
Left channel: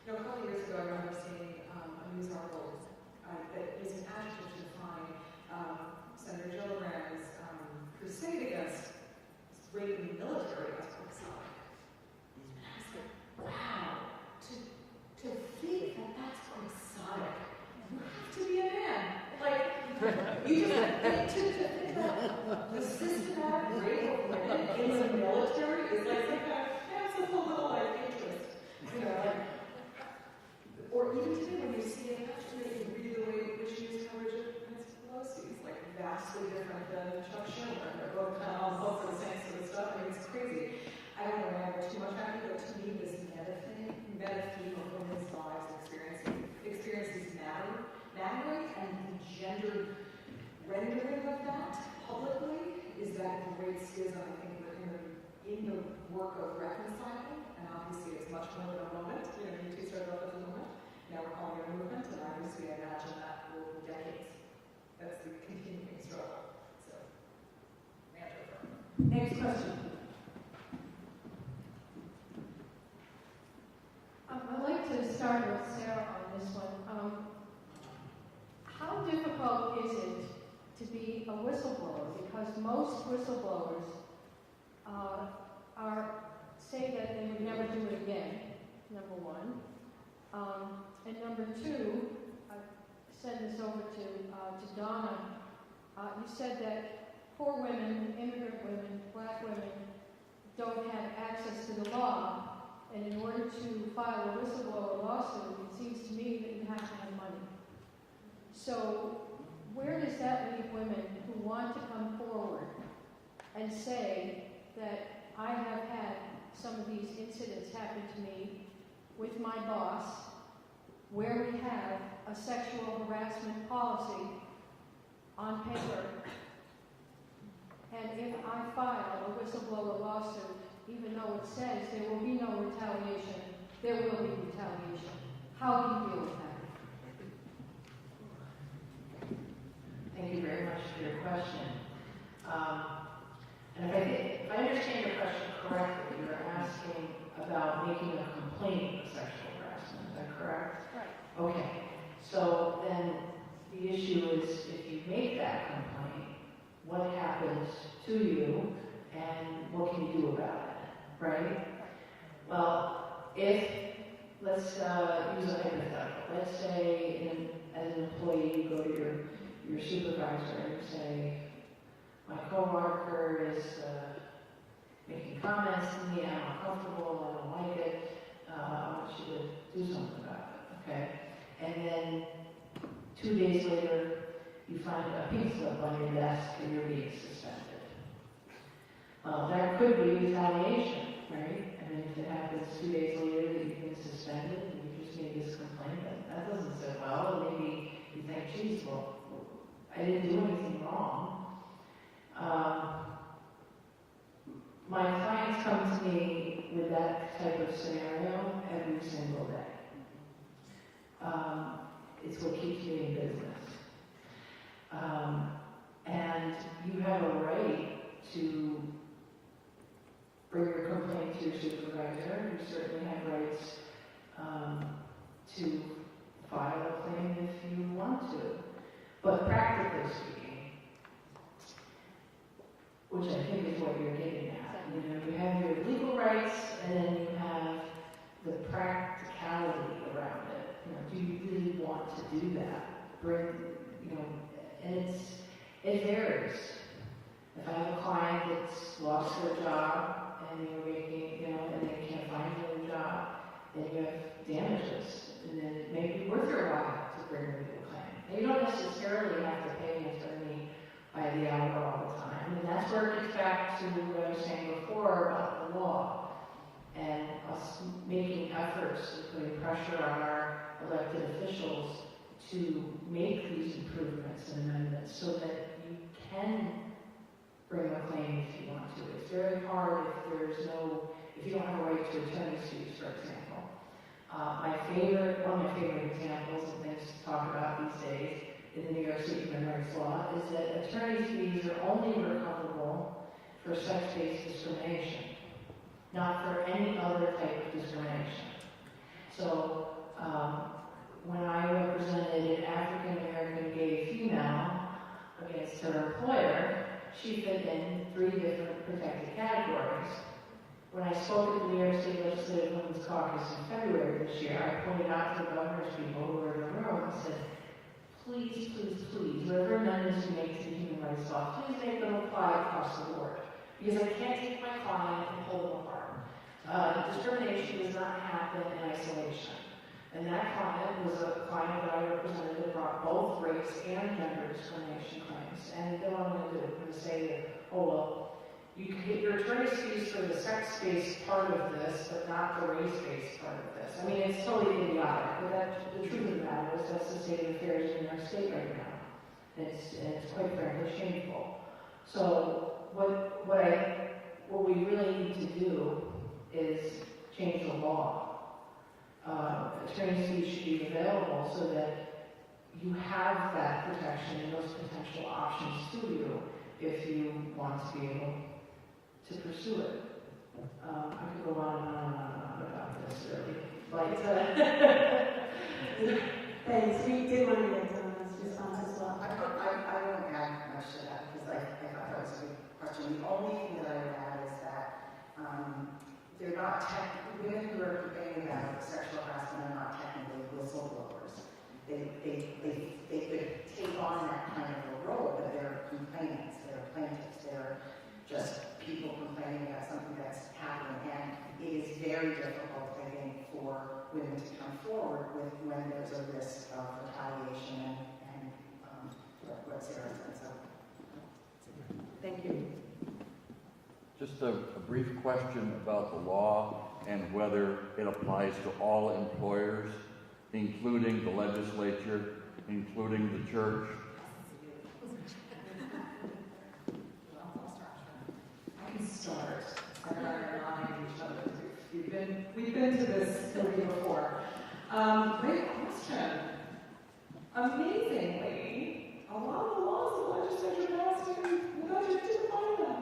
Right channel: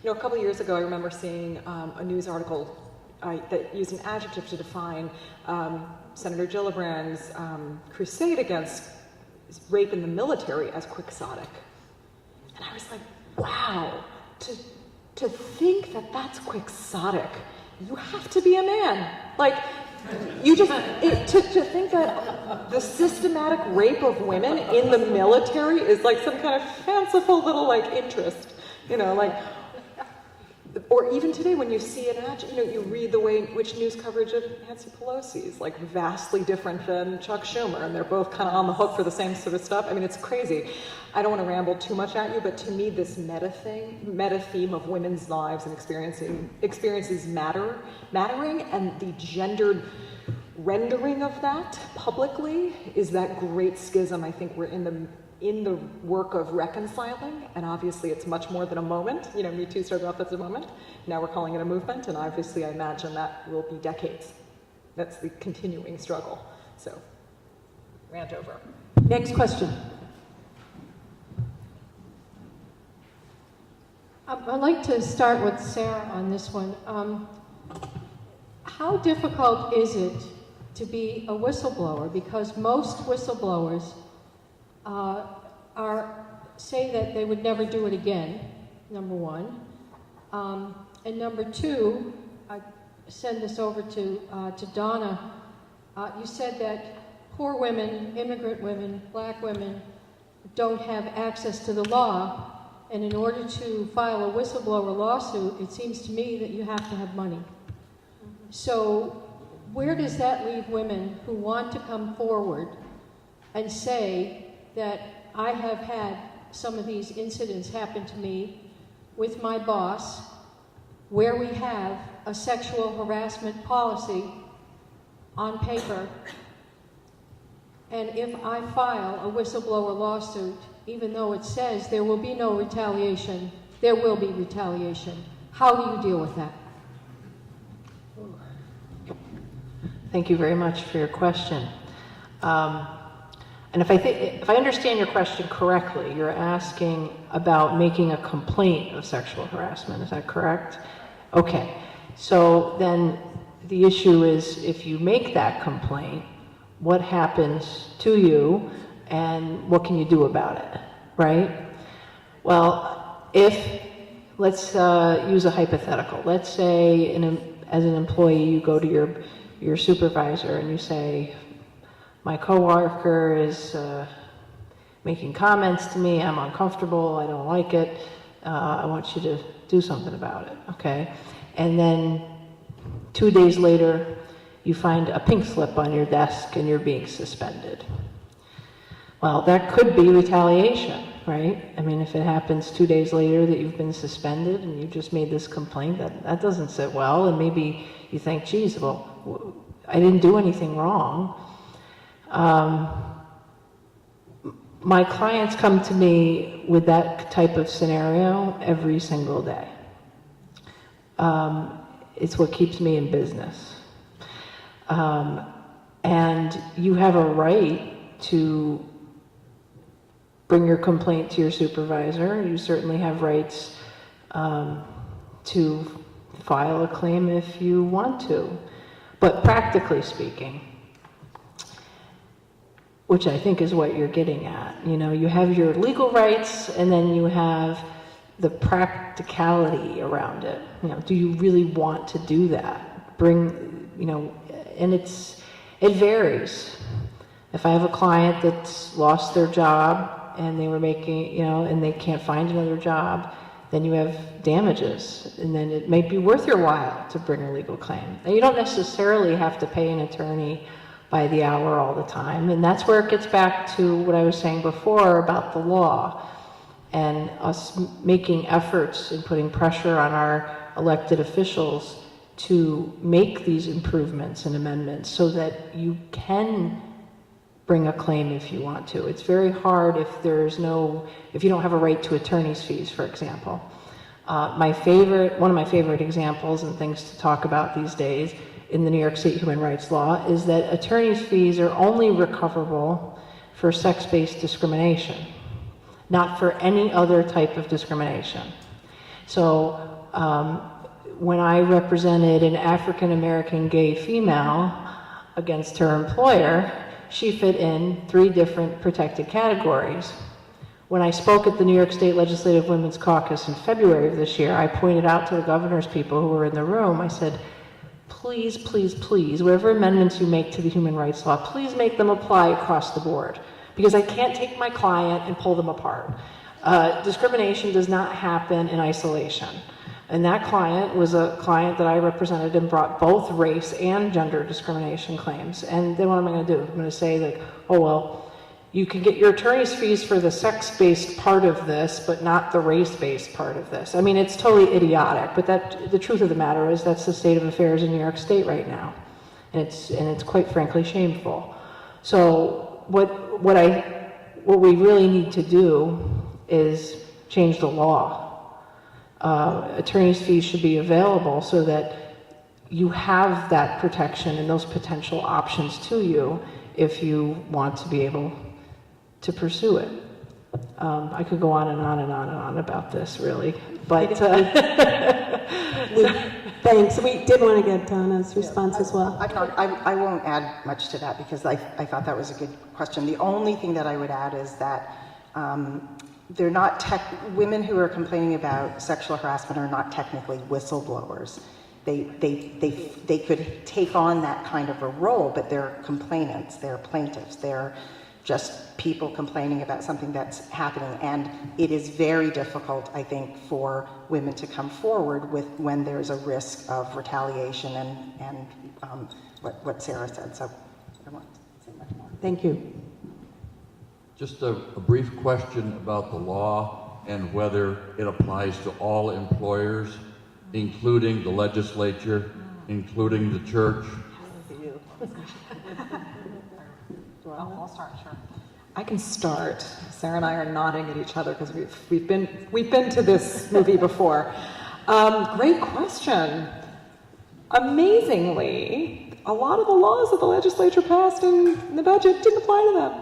a couple of years ago, I remember seeing a news article that used an adjective to define Senator Gillibrand's crusade against rape in the military as quixotic. And I was like, wow, to think that that's quixotic, you have to be a man. Like, you just, to think that the systematic rape of women in the military is like some kind of fanciful little interest, or even today when you see an ad, you read the way in which news coverage of Nancy Pelosi is like vastly different than Chuck Schumer, and they're both kind of on the hook for the same sort of stuff. I mean, it's crazy. I don't want to ramble too much at you, but to me, this meta theme of women's lives and experiences mattering, and the gendered rendering of that publicly is that great schism. I think we're in the work of reconciling, and obviously it's much more than a moment. Me Too started off as a moment. Now we're calling it a movement, and obviously I imagine that will be decades. That's the continuing struggle. So, rant over. Next question. I'd like to start with Sarah on this one. How difficult is it to be a whistleblower? Because most whistleblowers say that they would never do it again, number one. And number two, I send this over to Donna. You said that poor women, immigrant women, black women, don't have access to the law. And in order to file a whistleblower lawsuit, it seems to me that you have to have money. So where does that leave women who want to come forward and say that I have had some of these incidents happen to me with my boss, where we have a sexual harassment policy on paper, and if I file a whistleblower lawsuit, even though it says there will be no retaliation, there will be retaliation. How do you deal with that? Thank you very much for your question. And if I understand your question correctly, you're asking about making a complaint of sexual harassment. Is that correct? Okay. So then the issue is, if you make that complaint, what happens to you and what can you do about it, right? Well, let's use a hypothetical. Let's say as an employee, you go to your supervisor and you say, my coworker is making comments to me, I'm uncomfortable, I don't like it, I want you to do something about it, okay? And then 2 days later, you find a pink slip on your desk and you're being suspended. Well, that could be retaliation, right? I mean, if it happens 2 days later that you've been suspended and you just made this complaint, that doesn't sit well, and maybe you think, geez, well, I didn't do anything wrong. My clients come to me with that type of scenario every single day. It's what keeps me in business. And you have a right to bring your complaint to your supervisor. You certainly have rights to file a claim if you want to. But practically speaking, which I think is what you're getting at, you know, you have your legal rights and then you have the practicality around it. You know, do you really want to do that? Bring, you know, and it varies. If I have a client that's lost their job and they were making, you know, and they can't find another job, then you have damages, and then it may be worth your while to bring a legal claim. And you don't necessarily have to pay an attorney by the hour all the time, and that's where it gets back to what I was saying before about the law and us making efforts and putting pressure on our elected officials to make these improvements and amendments so that you can bring a claim if you want to. It's very hard if you don't have a right to attorney's fees, for example. One of my favorite examples and things to talk about these days in the New York State human rights law is that attorney's fees are only recoverable for sex-based discrimination, not for any other type of discrimination. So when I represented an African-American gay female against her employer, she fit in 3 different protected categories. When I spoke at the New York State Legislative Women's Caucus in February of this year, I pointed out to the governor's people who were in the room, I said, please, please, please, whatever amendments you make to the human rights law, please make them apply across the board, because I can't take my client and pull them apart. Discrimination does not happen in isolation. And that client was a client that I represented and brought both race and gender discrimination claims. And then what am I going to do? I'm going to say, like, oh, well, you can get your attorney's fees for the sex-based part of this, but not the race-based part of this. I mean, it's totally idiotic, but the truth of the matter is that's the state of affairs in New York State right now. And it's quite frankly shameful. So what we really need to do is change the law. Attorney's fees should be available so that you have that protection and those potential options to you if you want to be able to pursue it. I could go on and on and on and on about this, really, but thanks. We did want to get Donna's response as well. I won't add much to that because I thought that was a good question. The only thing that I would add is that they're not women who are complaining about sexual harassment are not technically whistleblowers. They could take on that kind of a role, but they're complainants, they're plaintiffs, they're just people complaining about something that's happening. And it is very difficult, I think, for women to come forward when there's a risk of retaliation and what Sarah said. So I won't say much more. Thank you. Just a brief question about the law and whether it applies to all employers, including the legislature, including the church. I'll start, sure. I can start. Sarah and I are nodding at each other because we've been to this movie before. Great question. Amazingly, a lot of the laws that the legislature passed in the budget didn't apply to them.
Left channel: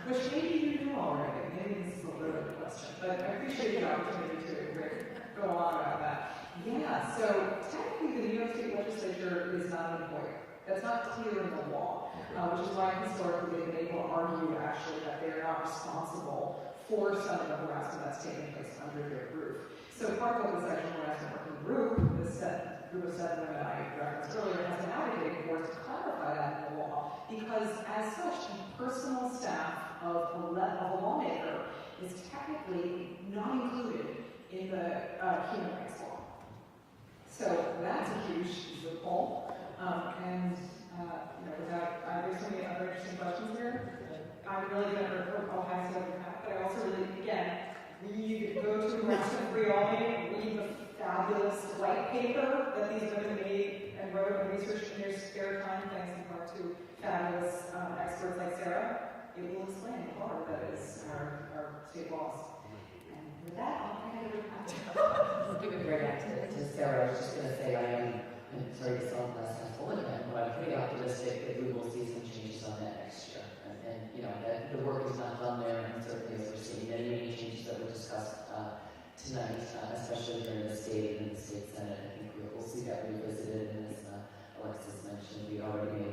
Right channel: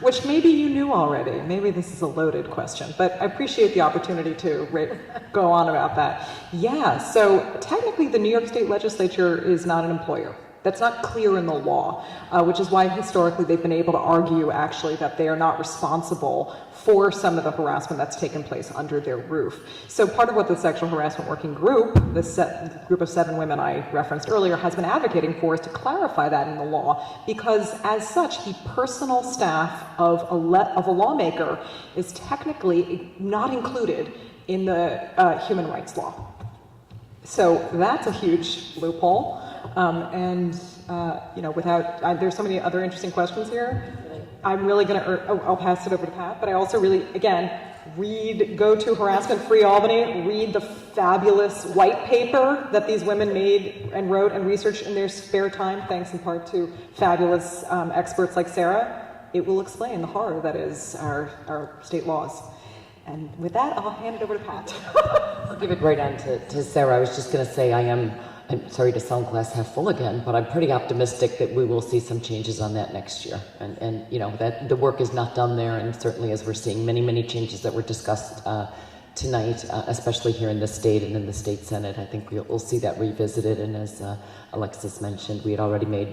Which maybe you knew already. Maybe this is a loaded question, but I appreciate the opportunity to go on about that. Yeah, so technically the New York State Legislature is not an employer. That's not clear in the law, which is why historically they've been able to argue actually that they are not responsible for some of the harassment that's taken place under their roof. So part of what the Sexual Harassment Working Group, the group of 7 women I referenced earlier, has been advocating for is to clarify that in the law, because as such, the personal staff of a lawmaker is technically not included in the human rights law. So that's a huge loophole. There's so many other interesting questions here. I'm really going to, I'll pass it over to Pat, but I also really, again, go to Harassment Free Albany, read the fabulous white paper that these women made and wrote and researched in their spare time, thanks in part to fabulous experts like Sarah. It will explain the horror that is our state laws. And with that, I'll hand it over to Pat. I'll give it right on to Sarah. I was just going to say I am I'm sorry to sound glass half full again, but I'm pretty optimistic that we will see some changes on that next year. And you know, that the work is not done there, and certainly as we're seeing many changes that were discussed tonight, especially here in the state and in the state Senate, I think we'll see that revisited. And as Alexis mentioned, we had already made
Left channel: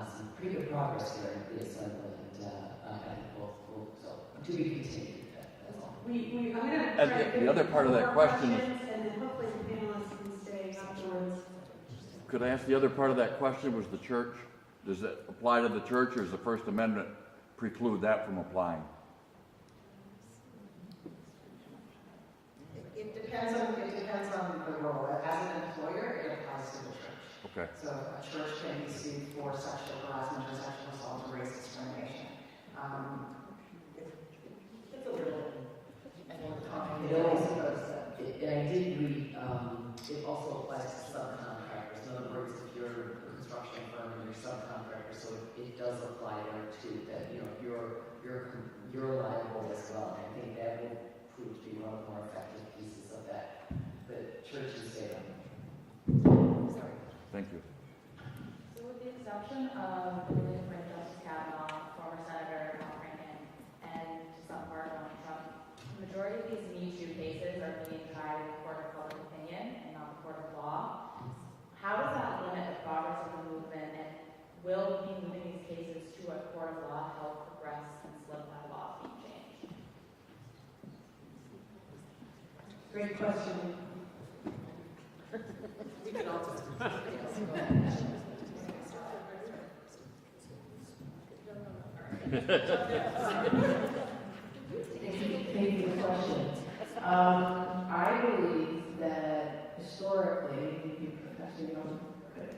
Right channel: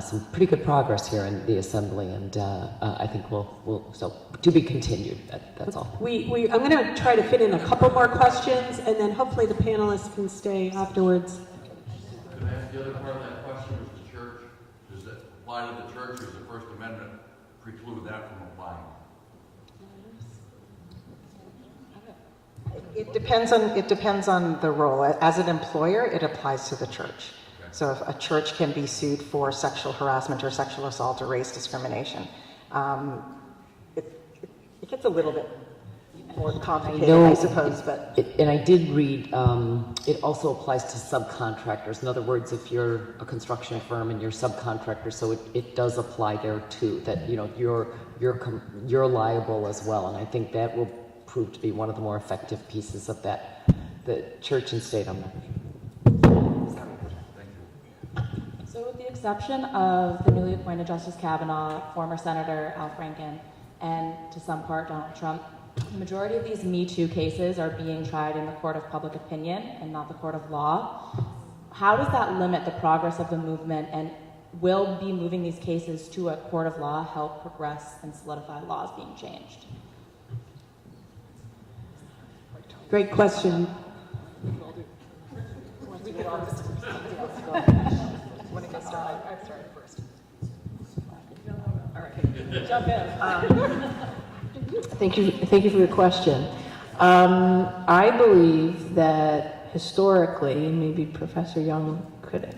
some pretty good progress here in the Assembly, and I think we'll so to be continued. That's all. I'm going to try to fit in a couple more questions, and then hopefully the panelists can stay afterwards. Could I ask the other part of that question was the church? Does it apply to the church, or does the First Amendment preclude that from applying? It depends on the role. As an employer, it applies to the church. Okay. So if a church can be sued for sexual harassment or sexual assault or race discrimination, it gets a little bit more complicated, I suppose. But And I did read, it also applies to subcontractors. In other words, if you're a construction firm and you're subcontractor, so it does apply there too. That you know you're liable as well, and I think that will prove to be one of the more effective pieces of that. The church and state. So with the exception of the newly appointed Justice Kavanaugh, former Senator Al Franken, and to some part Donald Trump, the majority of these Me Too cases are being tried in the court of public opinion and not the court of law. How does that limit the progress of the movement, and will be moving these cases to a court of law help progress and solidify laws being changed? Great question. Thank you for the question. I believe that historically, and maybe Professor Young could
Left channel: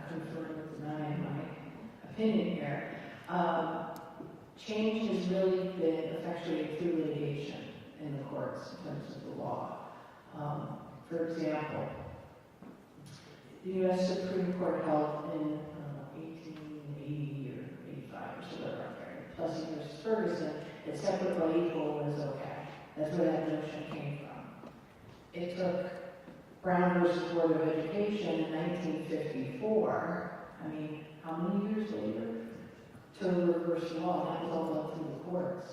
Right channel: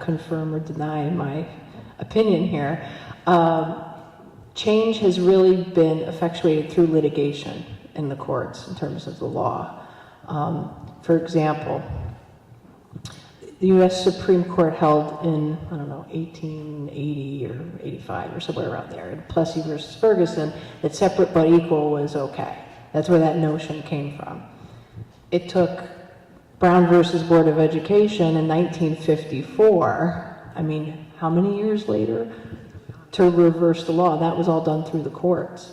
confirm or deny my opinion here, change has really been effectuated through litigation in the courts in terms of the law. For example, the U.S. Supreme Court held in, 1880 or 85 or somewhere around there, in Plessy versus Ferguson, that separate but equal was okay. That's where that notion came from. It took Brown versus Board of Education in 1954, how many years later, to reverse the law? That was all done through the courts.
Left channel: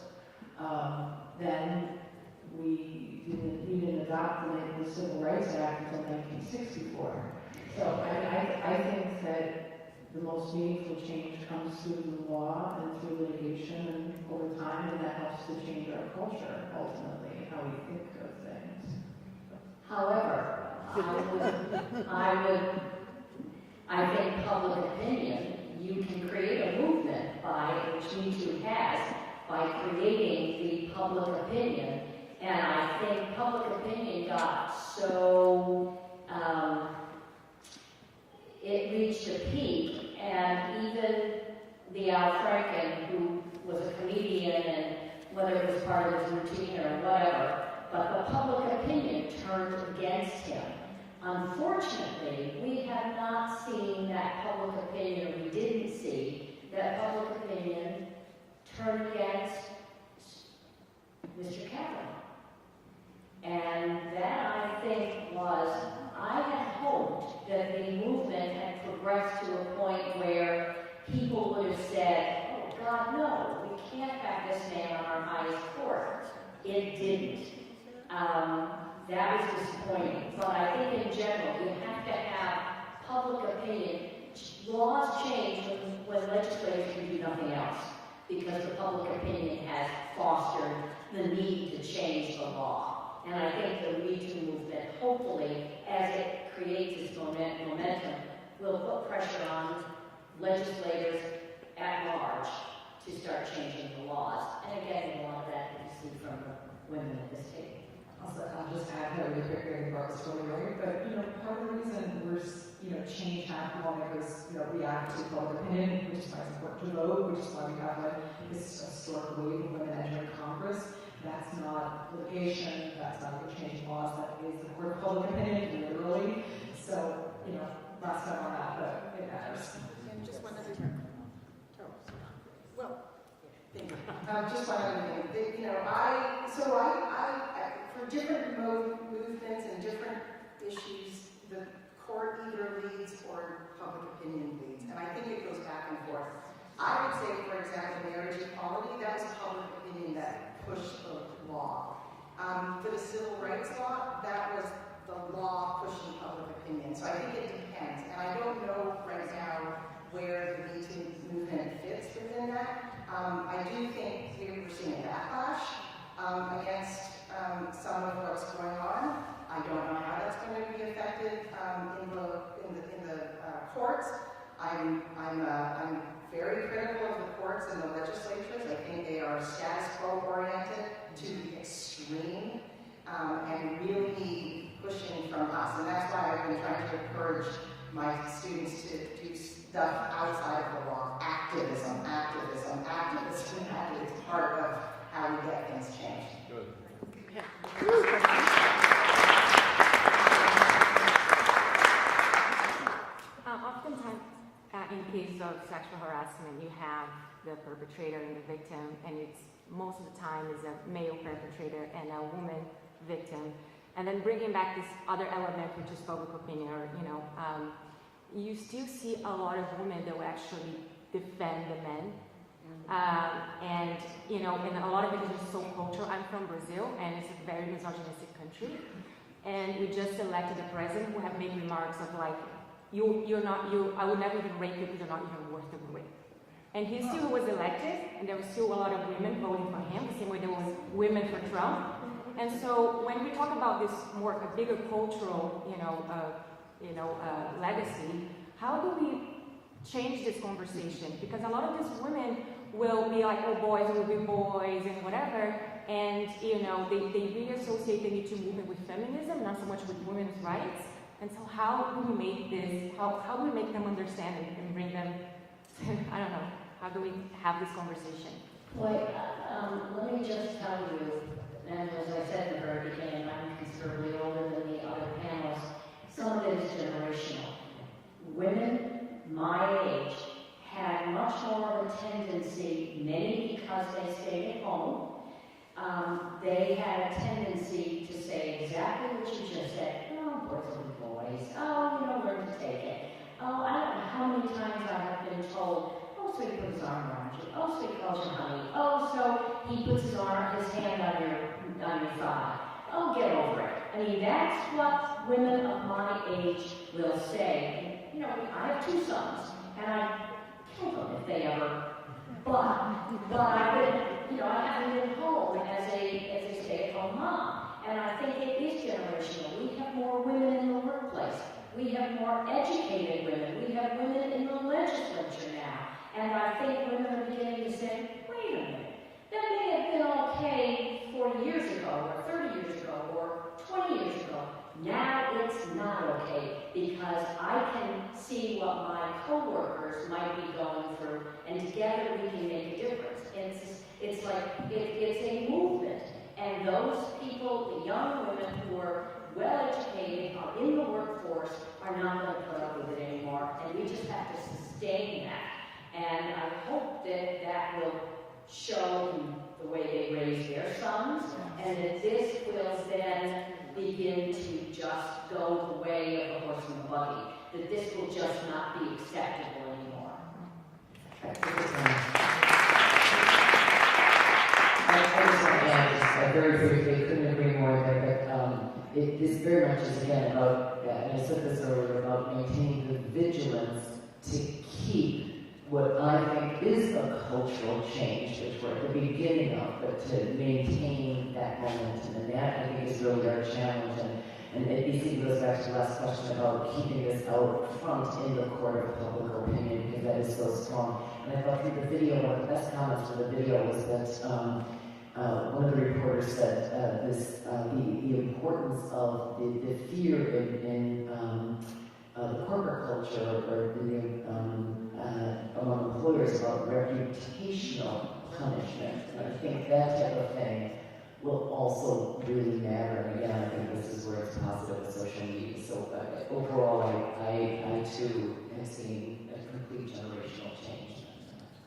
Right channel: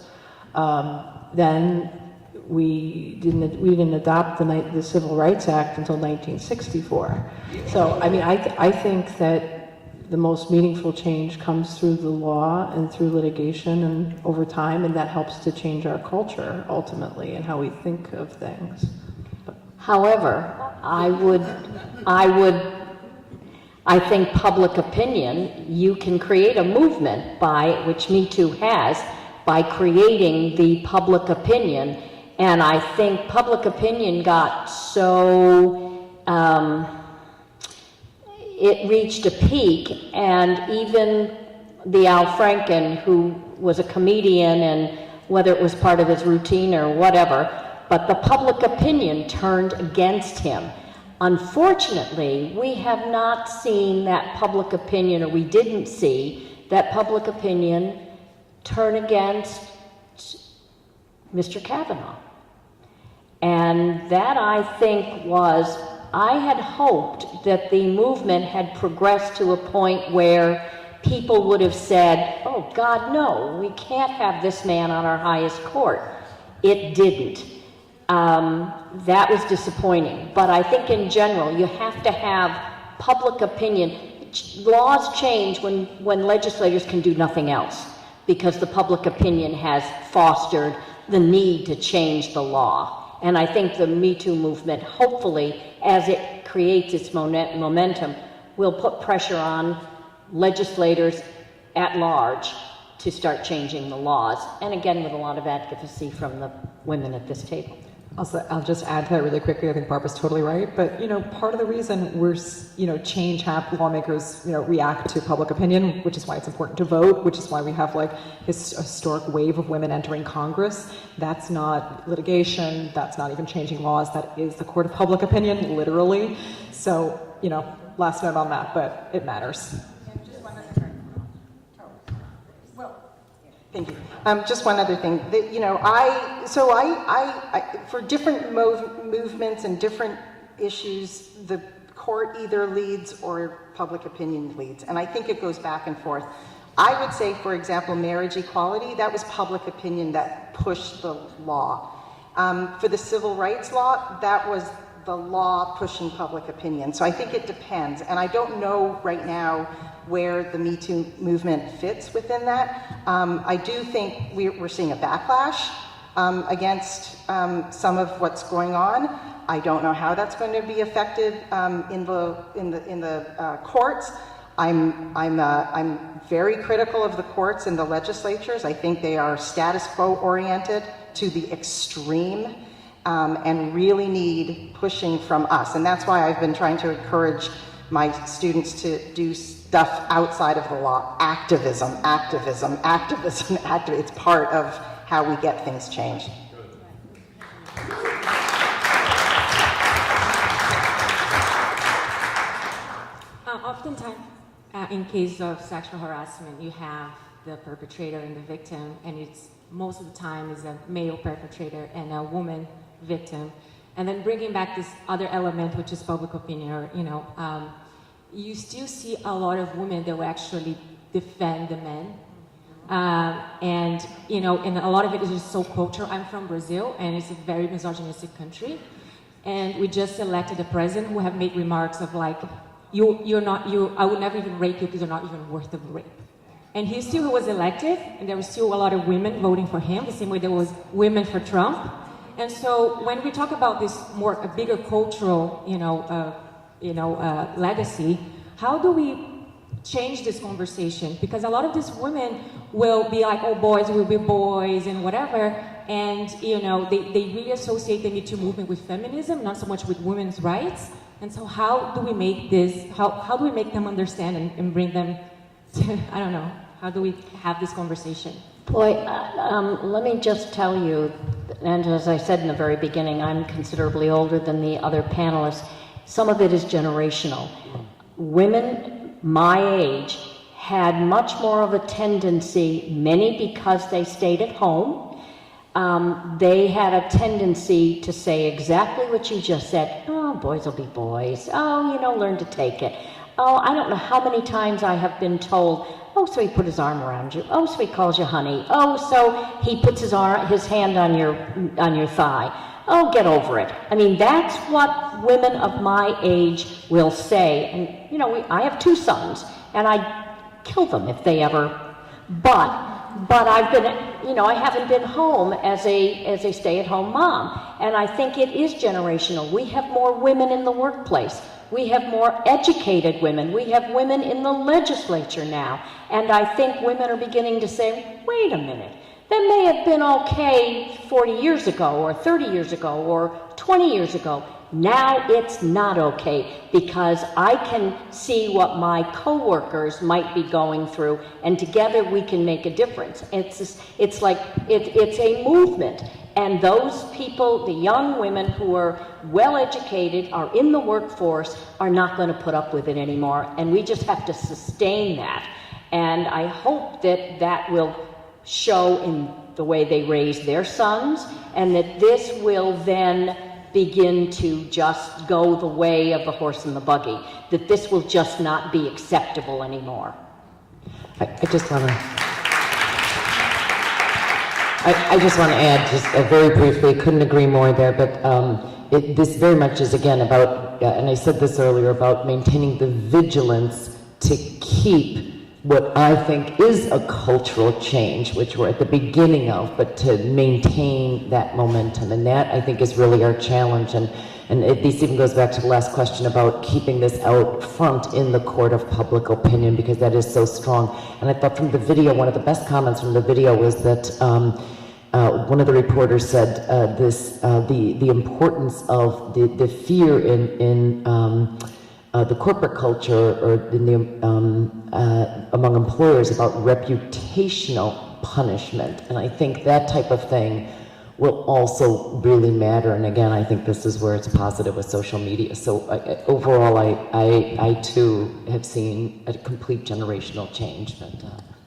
Then we didn't adopt the Civil Rights Act until 1964. So, I think that the most meaningful change comes through the law and through litigation and over time, and that helps to change our culture ultimately and how we think of things. However, I think public opinion, you can create a movement which Me Too has, by creating the public opinion. And I think public opinion got so, it reached a peak, and even the Al Franken, who was a comedian, and whether it was part of his routine or whatever, but the public opinion turned against him. Unfortunately, we have not seen that public opinion, or we didn't see that public opinion turn against Mr. Kavanaugh. And that, I think, I had hoped that the movement had progressed to a point where people would have said, oh God, no, we can't have this man on our highest court. It didn't. That was disappointing. But I think in general, you have to have public opinion. Laws change when legislators can do nothing else, because the public opinion has fostered the need to change the law. And I think the Me Too movement, hopefully, as it creates its momentum, will put pressure on legislators at large to start changing the laws. And again, with a lot of advocacy from the women at this table. I'll just add to that really quickly. I think Barbara's totally right. But, part of the reason lawmakers, react to public opinion, which is why it's important to vote, which is why we have this historic wave of women entering Congress. That's not litigation. That's not even changing laws. That is the court of public opinion, literally. So, last note on that, but it matters. Thank you. Just one other thing. For different movements and different issues, the court either leads or public opinion leads. And I think it goes back and forth. I would say, for example, marriage equality, that was public opinion that pushed the law. For the civil rights law, that was the law pushing public opinion. So I think it depends. And I don't know right now where the Me Too movement fits within that. I do think we're seeing a backlash against some of what's going on. I don't know how that's going to be affected in the courts. I'm very critical of the courts and the legislatures. I think they are status quo oriented to the extreme and really need pushing from us. And that's why I've been trying to encourage my students to do stuff outside of the law. Activism. It's part of how we get things changed. Oftentimes, in case of sexual harassment, you have the perpetrator and the victim, and it's most of the time is a male perpetrator and a woman victim. And then bringing back this other element, which is public opinion, or you still see a lot of women that will actually defend the men. And a lot of it is just so cultural. I'm from Brazil, and it's a very misogynistic country. And we just elected a president who have made remarks of like, I would never even rape you because you're not even worth the rape. And he still was elected, and there were still a lot of women voting for him, the same way there was women for Trump. And so when we talk about this a bigger cultural, legacy, how do we change this conversation? Because a lot of these women will be like, oh, boys will be boys and whatever, and they really associate the Me Too movement with feminism, not so much with women's rights. And so how do we make this, how do we make them understand and bring them to, I don't know, how do we have this conversation? Boy, let me just tell you, and as I said in the very beginning, I'm considerably older than the other panelists. Some of it is generational. Women my age had much more of a tendency, many because they stayed at home, they had a tendency to say exactly what you just said. Oh, boys will be boys. Oh, learn to take it. Oh, I don't know how many times I have been told, oh, so he put his arm around you. Oh, so he calls you honey. Oh, so he puts his hand on your thigh. Oh, get over it. I mean, that's what women of my age will say. And, I have 2 sons, and I'd kill them if they ever, but I've been, I haven't been home as a stay-at-home mom. And I think it is generational. We have more women in the workplace. We have more educated women. We have women in the legislature now. And I think women are beginning to say, wait a minute, that may have been okay 40 years ago, or 30 years ago, or 20 years ago. Now it's not okay, because I can see what my coworkers might be going through, and together we can make a difference. It's a movement. And those people, the young women who are well educated, are in the workforce, are not going to put up with it anymore. And we just have to sustain that. And I hope that will show in the way they raise their sons, and that this will then begin to just go the way of the horse and the buggy, that this will just not be acceptable anymore. I just want to add, just very briefly, couldn't agree more there, but this very much is, again, about, and I said this earlier, about maintaining the vigilance to keep what I think is a cultural change, which we're at the beginning of, but to maintain that momentum. And that, I think, is really our challenge. And this even goes back to the last question about keeping this out front in the court of public opinion, because that is so strong. And I thought from the video, one of the best comments from the video was that one of the reporters said the importance of the fear in the corporate culture, or in among employers, about reputational punishment. And I think that type of thing will also really matter. And again, I think this is where it's positive with social media. So overall, I too have seen a complete generational change. But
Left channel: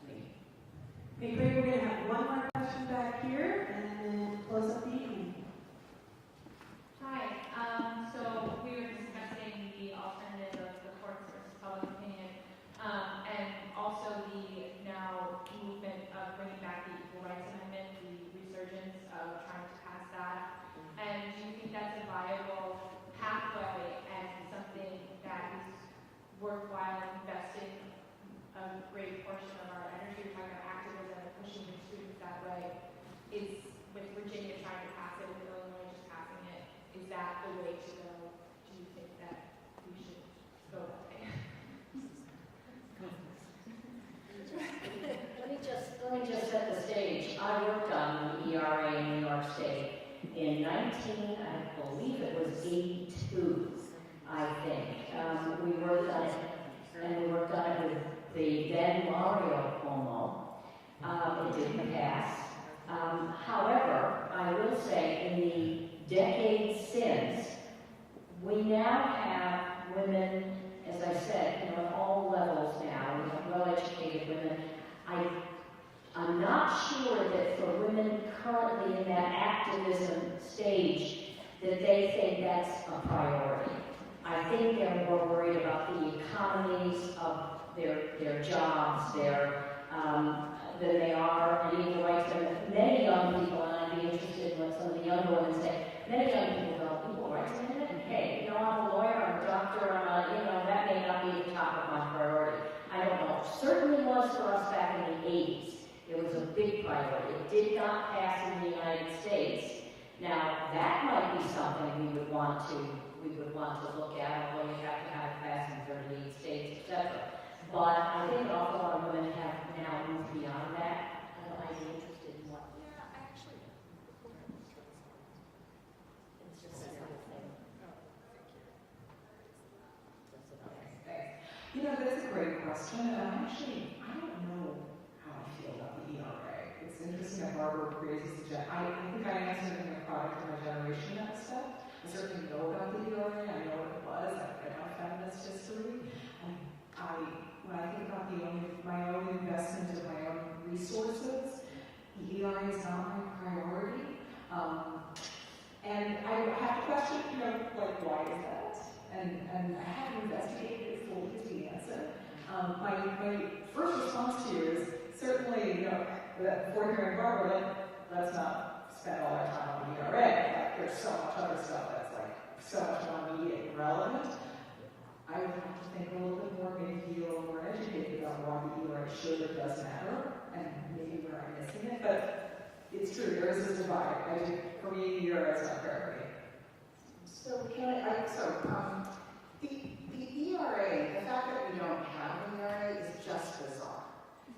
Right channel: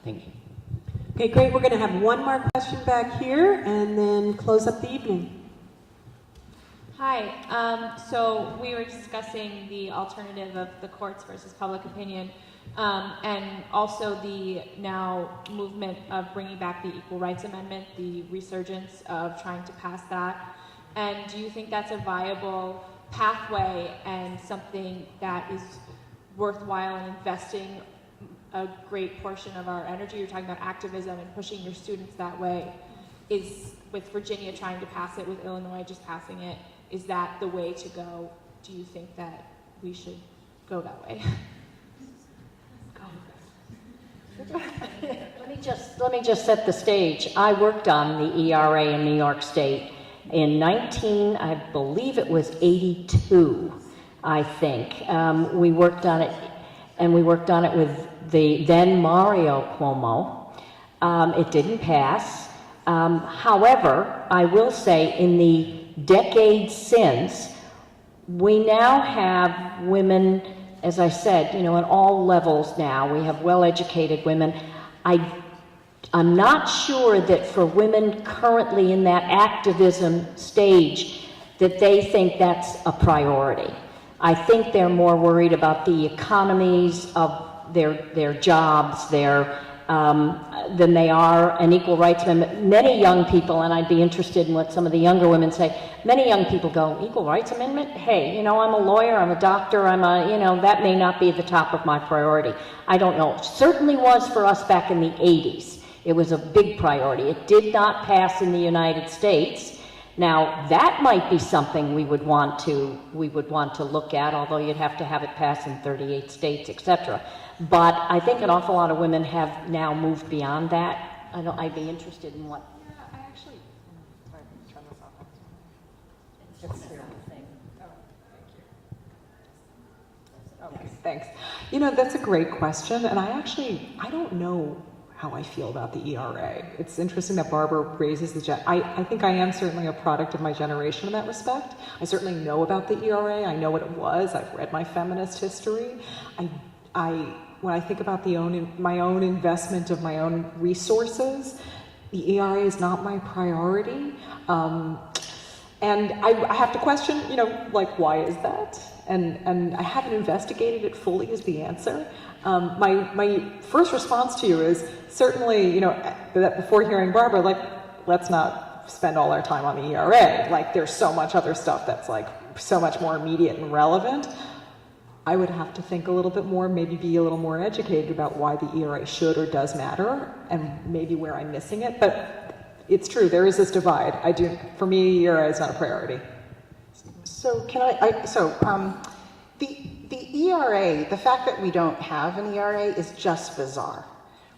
thank you. Okay, great. We're going to have one more question back here and then close up the evening. Hi. So we were discussing the alternative of the courts versus public opinion, and also the now movement of bringing back the Equal Rights Amendment, the resurgence of trying to pass that. And do you think that's a viable pathway and something that is worthwhile in investing a great portion of our energy? You're talking about activism and pushing your students that way. Is, with Virginia trying to pass it, with Illinois just passing it, is that the way to go? Do you think that we should go that way? Let me just set the stage. I worked on the ERA in New York State in I believe it was 82, I think. We worked on it, and we worked on it with the then Mario Cuomo. It didn't pass. However, I will say in the decades since, we now have women, as I said, you know, at all levels now. We have well-educated women. I'm not sure that for women currently in that activism stage that they think that's a priority. I think they're more worried about the economies of their jobs, than they are an equal rights amendment. Many young people, and I'd be interested in what some of the younger women say, many young people go, equal rights amendment? Hey, you know, I'm a lawyer, I'm a doctor, that may not be at the top of my priority. I don't know. It certainly was for us back in the 80s. It was a big priority. It did not pass in the United States. Now, that might be something we would want to look at, although you'd have to have it pass in 38 states, etc. But I think an awful lot of women have now moved beyond that. I'd be interested in what. Yeah, I actually. Turn this off. Okay, thanks. You know, that's a great question, and I don't know how I feel about the ERA. It's interesting that Barbara raises I think I am certainly a product of my generation in that respect. I certainly know about the ERA. I know what it was. I've read my feminist history. When I think about my own investment of my own resources, the ERA is not my priority. And I have to question, you know, like, why is that? And I haven't investigated it fully is the answer. My first response to you is certainly, you know, that before hearing Barbara, like, let's not spend all our time on the ERA. Like, there's so much other stuff that's like so much more immediate and relevant. I would have to think a little bit more, maybe be a little more educated about why the ERA should or does matter, and maybe where I'm missing it. But it's true, there is this divide. For me, ERA is not a priority. So the ERA, the fact that we don't have an ERA is just bizarre,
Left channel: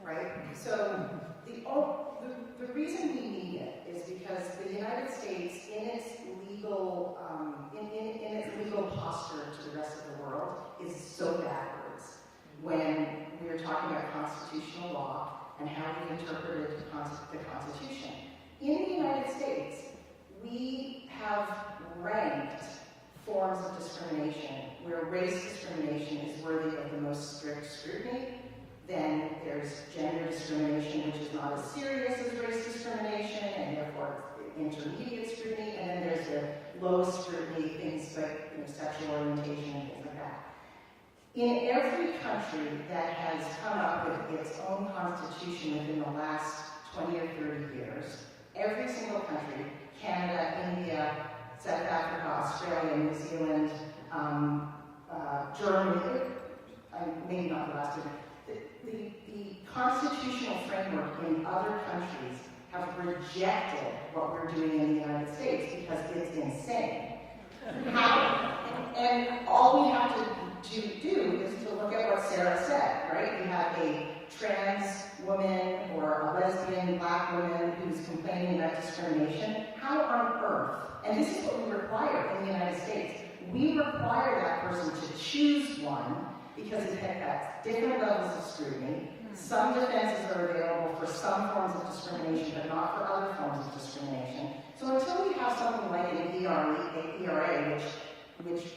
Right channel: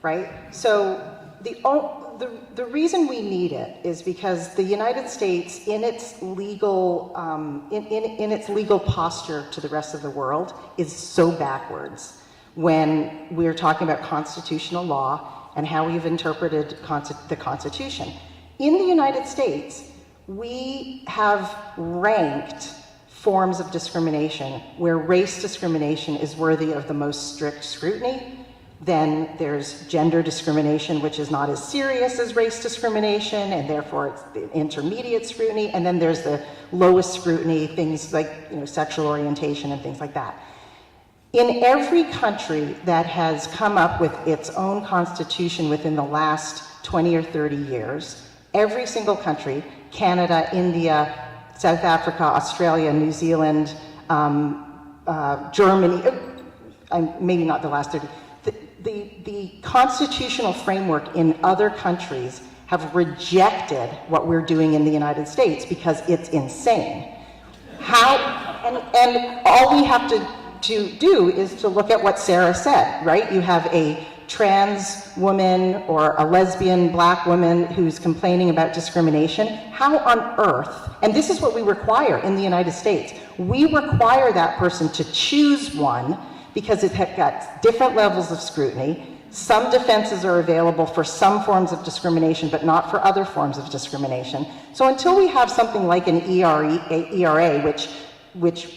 right? So the reason we need it is because the United States, in its legal in its legal posture to the rest of the world, is so backwards when we're talking about constitutional law and how we've interpreted the Constitution. In the United States, we have ranked forms of discrimination where race discrimination is worthy of the most strict scrutiny. Then there's gender discrimination, which is not as serious as race discrimination, and therefore it's the intermediate scrutiny. And then there's the lowest scrutiny, things like, you know, sexual orientation and things like that. In every country that has come up with its own constitution within the last 20 or 30 years, every single country, Canada, India, South Africa, Australia, New Zealand, Germany, maybe not the last 30, the constitutional framework in other countries have rejected what we're doing in the United States because it's insane. And all we have to do is to look at what Sarah said, right? You have a trans woman or a lesbian black woman who's complaining about discrimination. How on earth, and this is what we require in the United States, we require that person to choose one because it has got different levels of scrutiny. Some defenses are available for some forms of discrimination, but not for other forms of discrimination. So until we have something like an ERA, which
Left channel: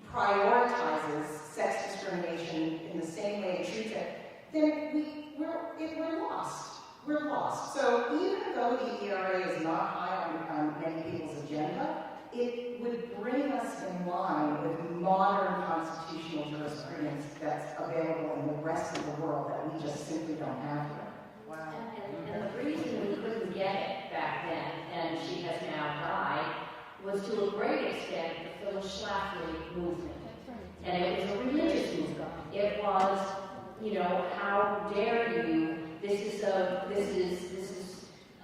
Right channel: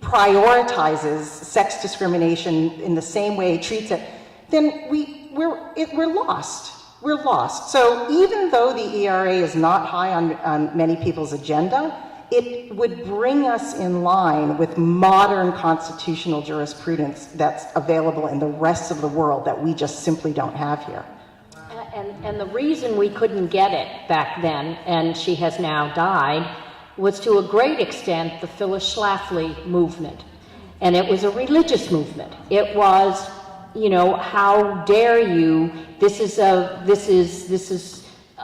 prioritizes sex discrimination in the same way, treats it, then we're lost. We're lost. So even though the ERA is not high on many people's agenda, it would bring us in line with modern constitutional jurisprudence that's available in the rest of the world that we just simply don't have here. And the reason we couldn't get it back then, and she has now died, was to a great extent the Phyllis Schlafly movement. And it was a religious movement. It was, you know, how dare you, this is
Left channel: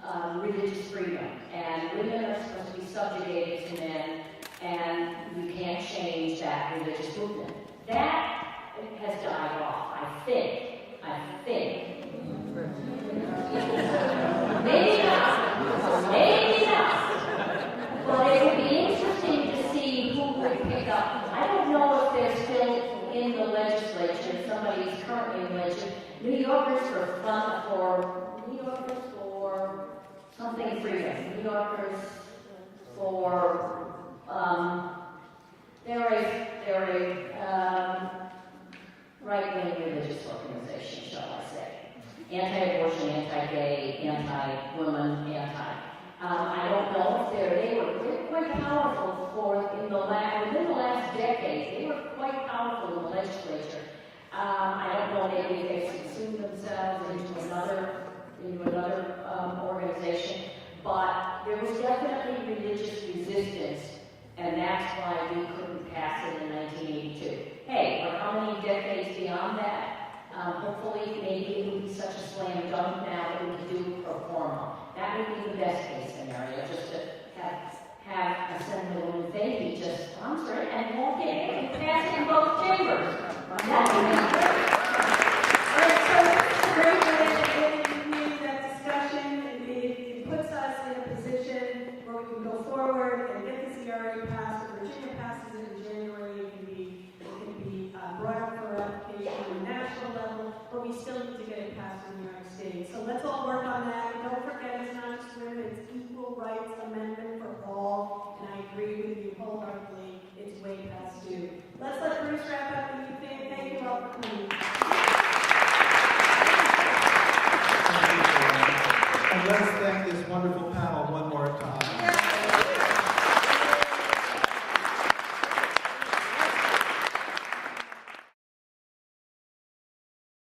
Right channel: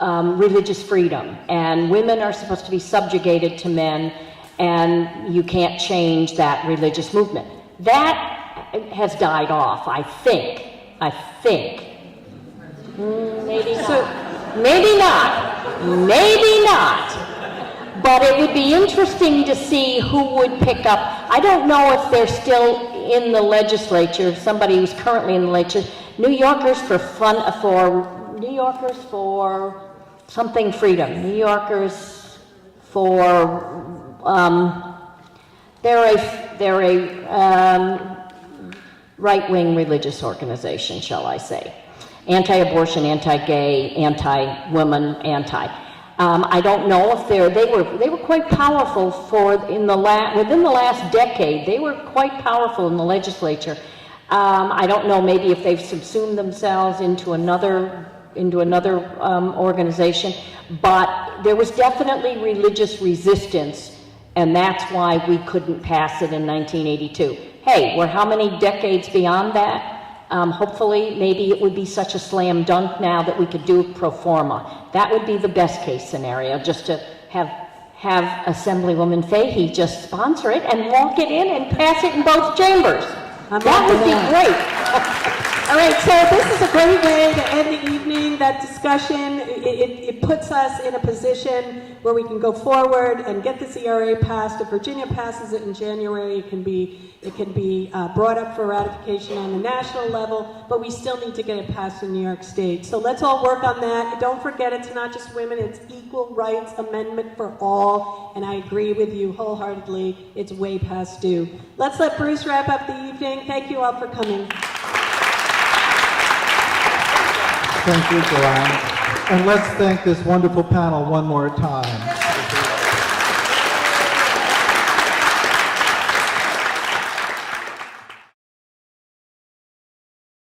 religious freedom, and women are supposed to be subjugated to men, and you can't change that religious movement. That has died off, I think. Maybe not. Maybe not. But it would be interesting to see who would pick up. I don't know if they're still in the legislature, somebody who's currently in the legislature. New Yorkers for something freedom. New Yorkers for they're a right-wing religious organization, shall I say. Anti-abortion, anti-gay, anti-woman, anti. I don't know if they were quite powerful within the last decade. They were quite powerful in the legislature. I don't know maybe if they've subsumed themselves into another organization, but there was definitely religious resistance, and that's why we couldn't pass it in 1982. Hey, we're how many decades beyond that? Hopefully, maybe it would be such a slam dunk now that we could do it pro forma. That would be the best case scenario, just to have Assemblywoman Fahey just sponsor it and walk it in and pass it in both chambers. That would be great. All right, so this is a great way to end the evening, that discussion. It puts us in a position where we can go forward and get this ERA passed. If Virginia passes it in January, it can be brought up for ratification on the national level, but we still need to get it passed in New York State. So let's all work on that. Don't forget, it's not just women, it's equal rights amendment for all, and I agree with you wholeheartedly. It's way past due. Let's let Bruce wrap up the evening. Thank you all for coming. Thank you, Joanne. And let's thank this wonderful panel one more time.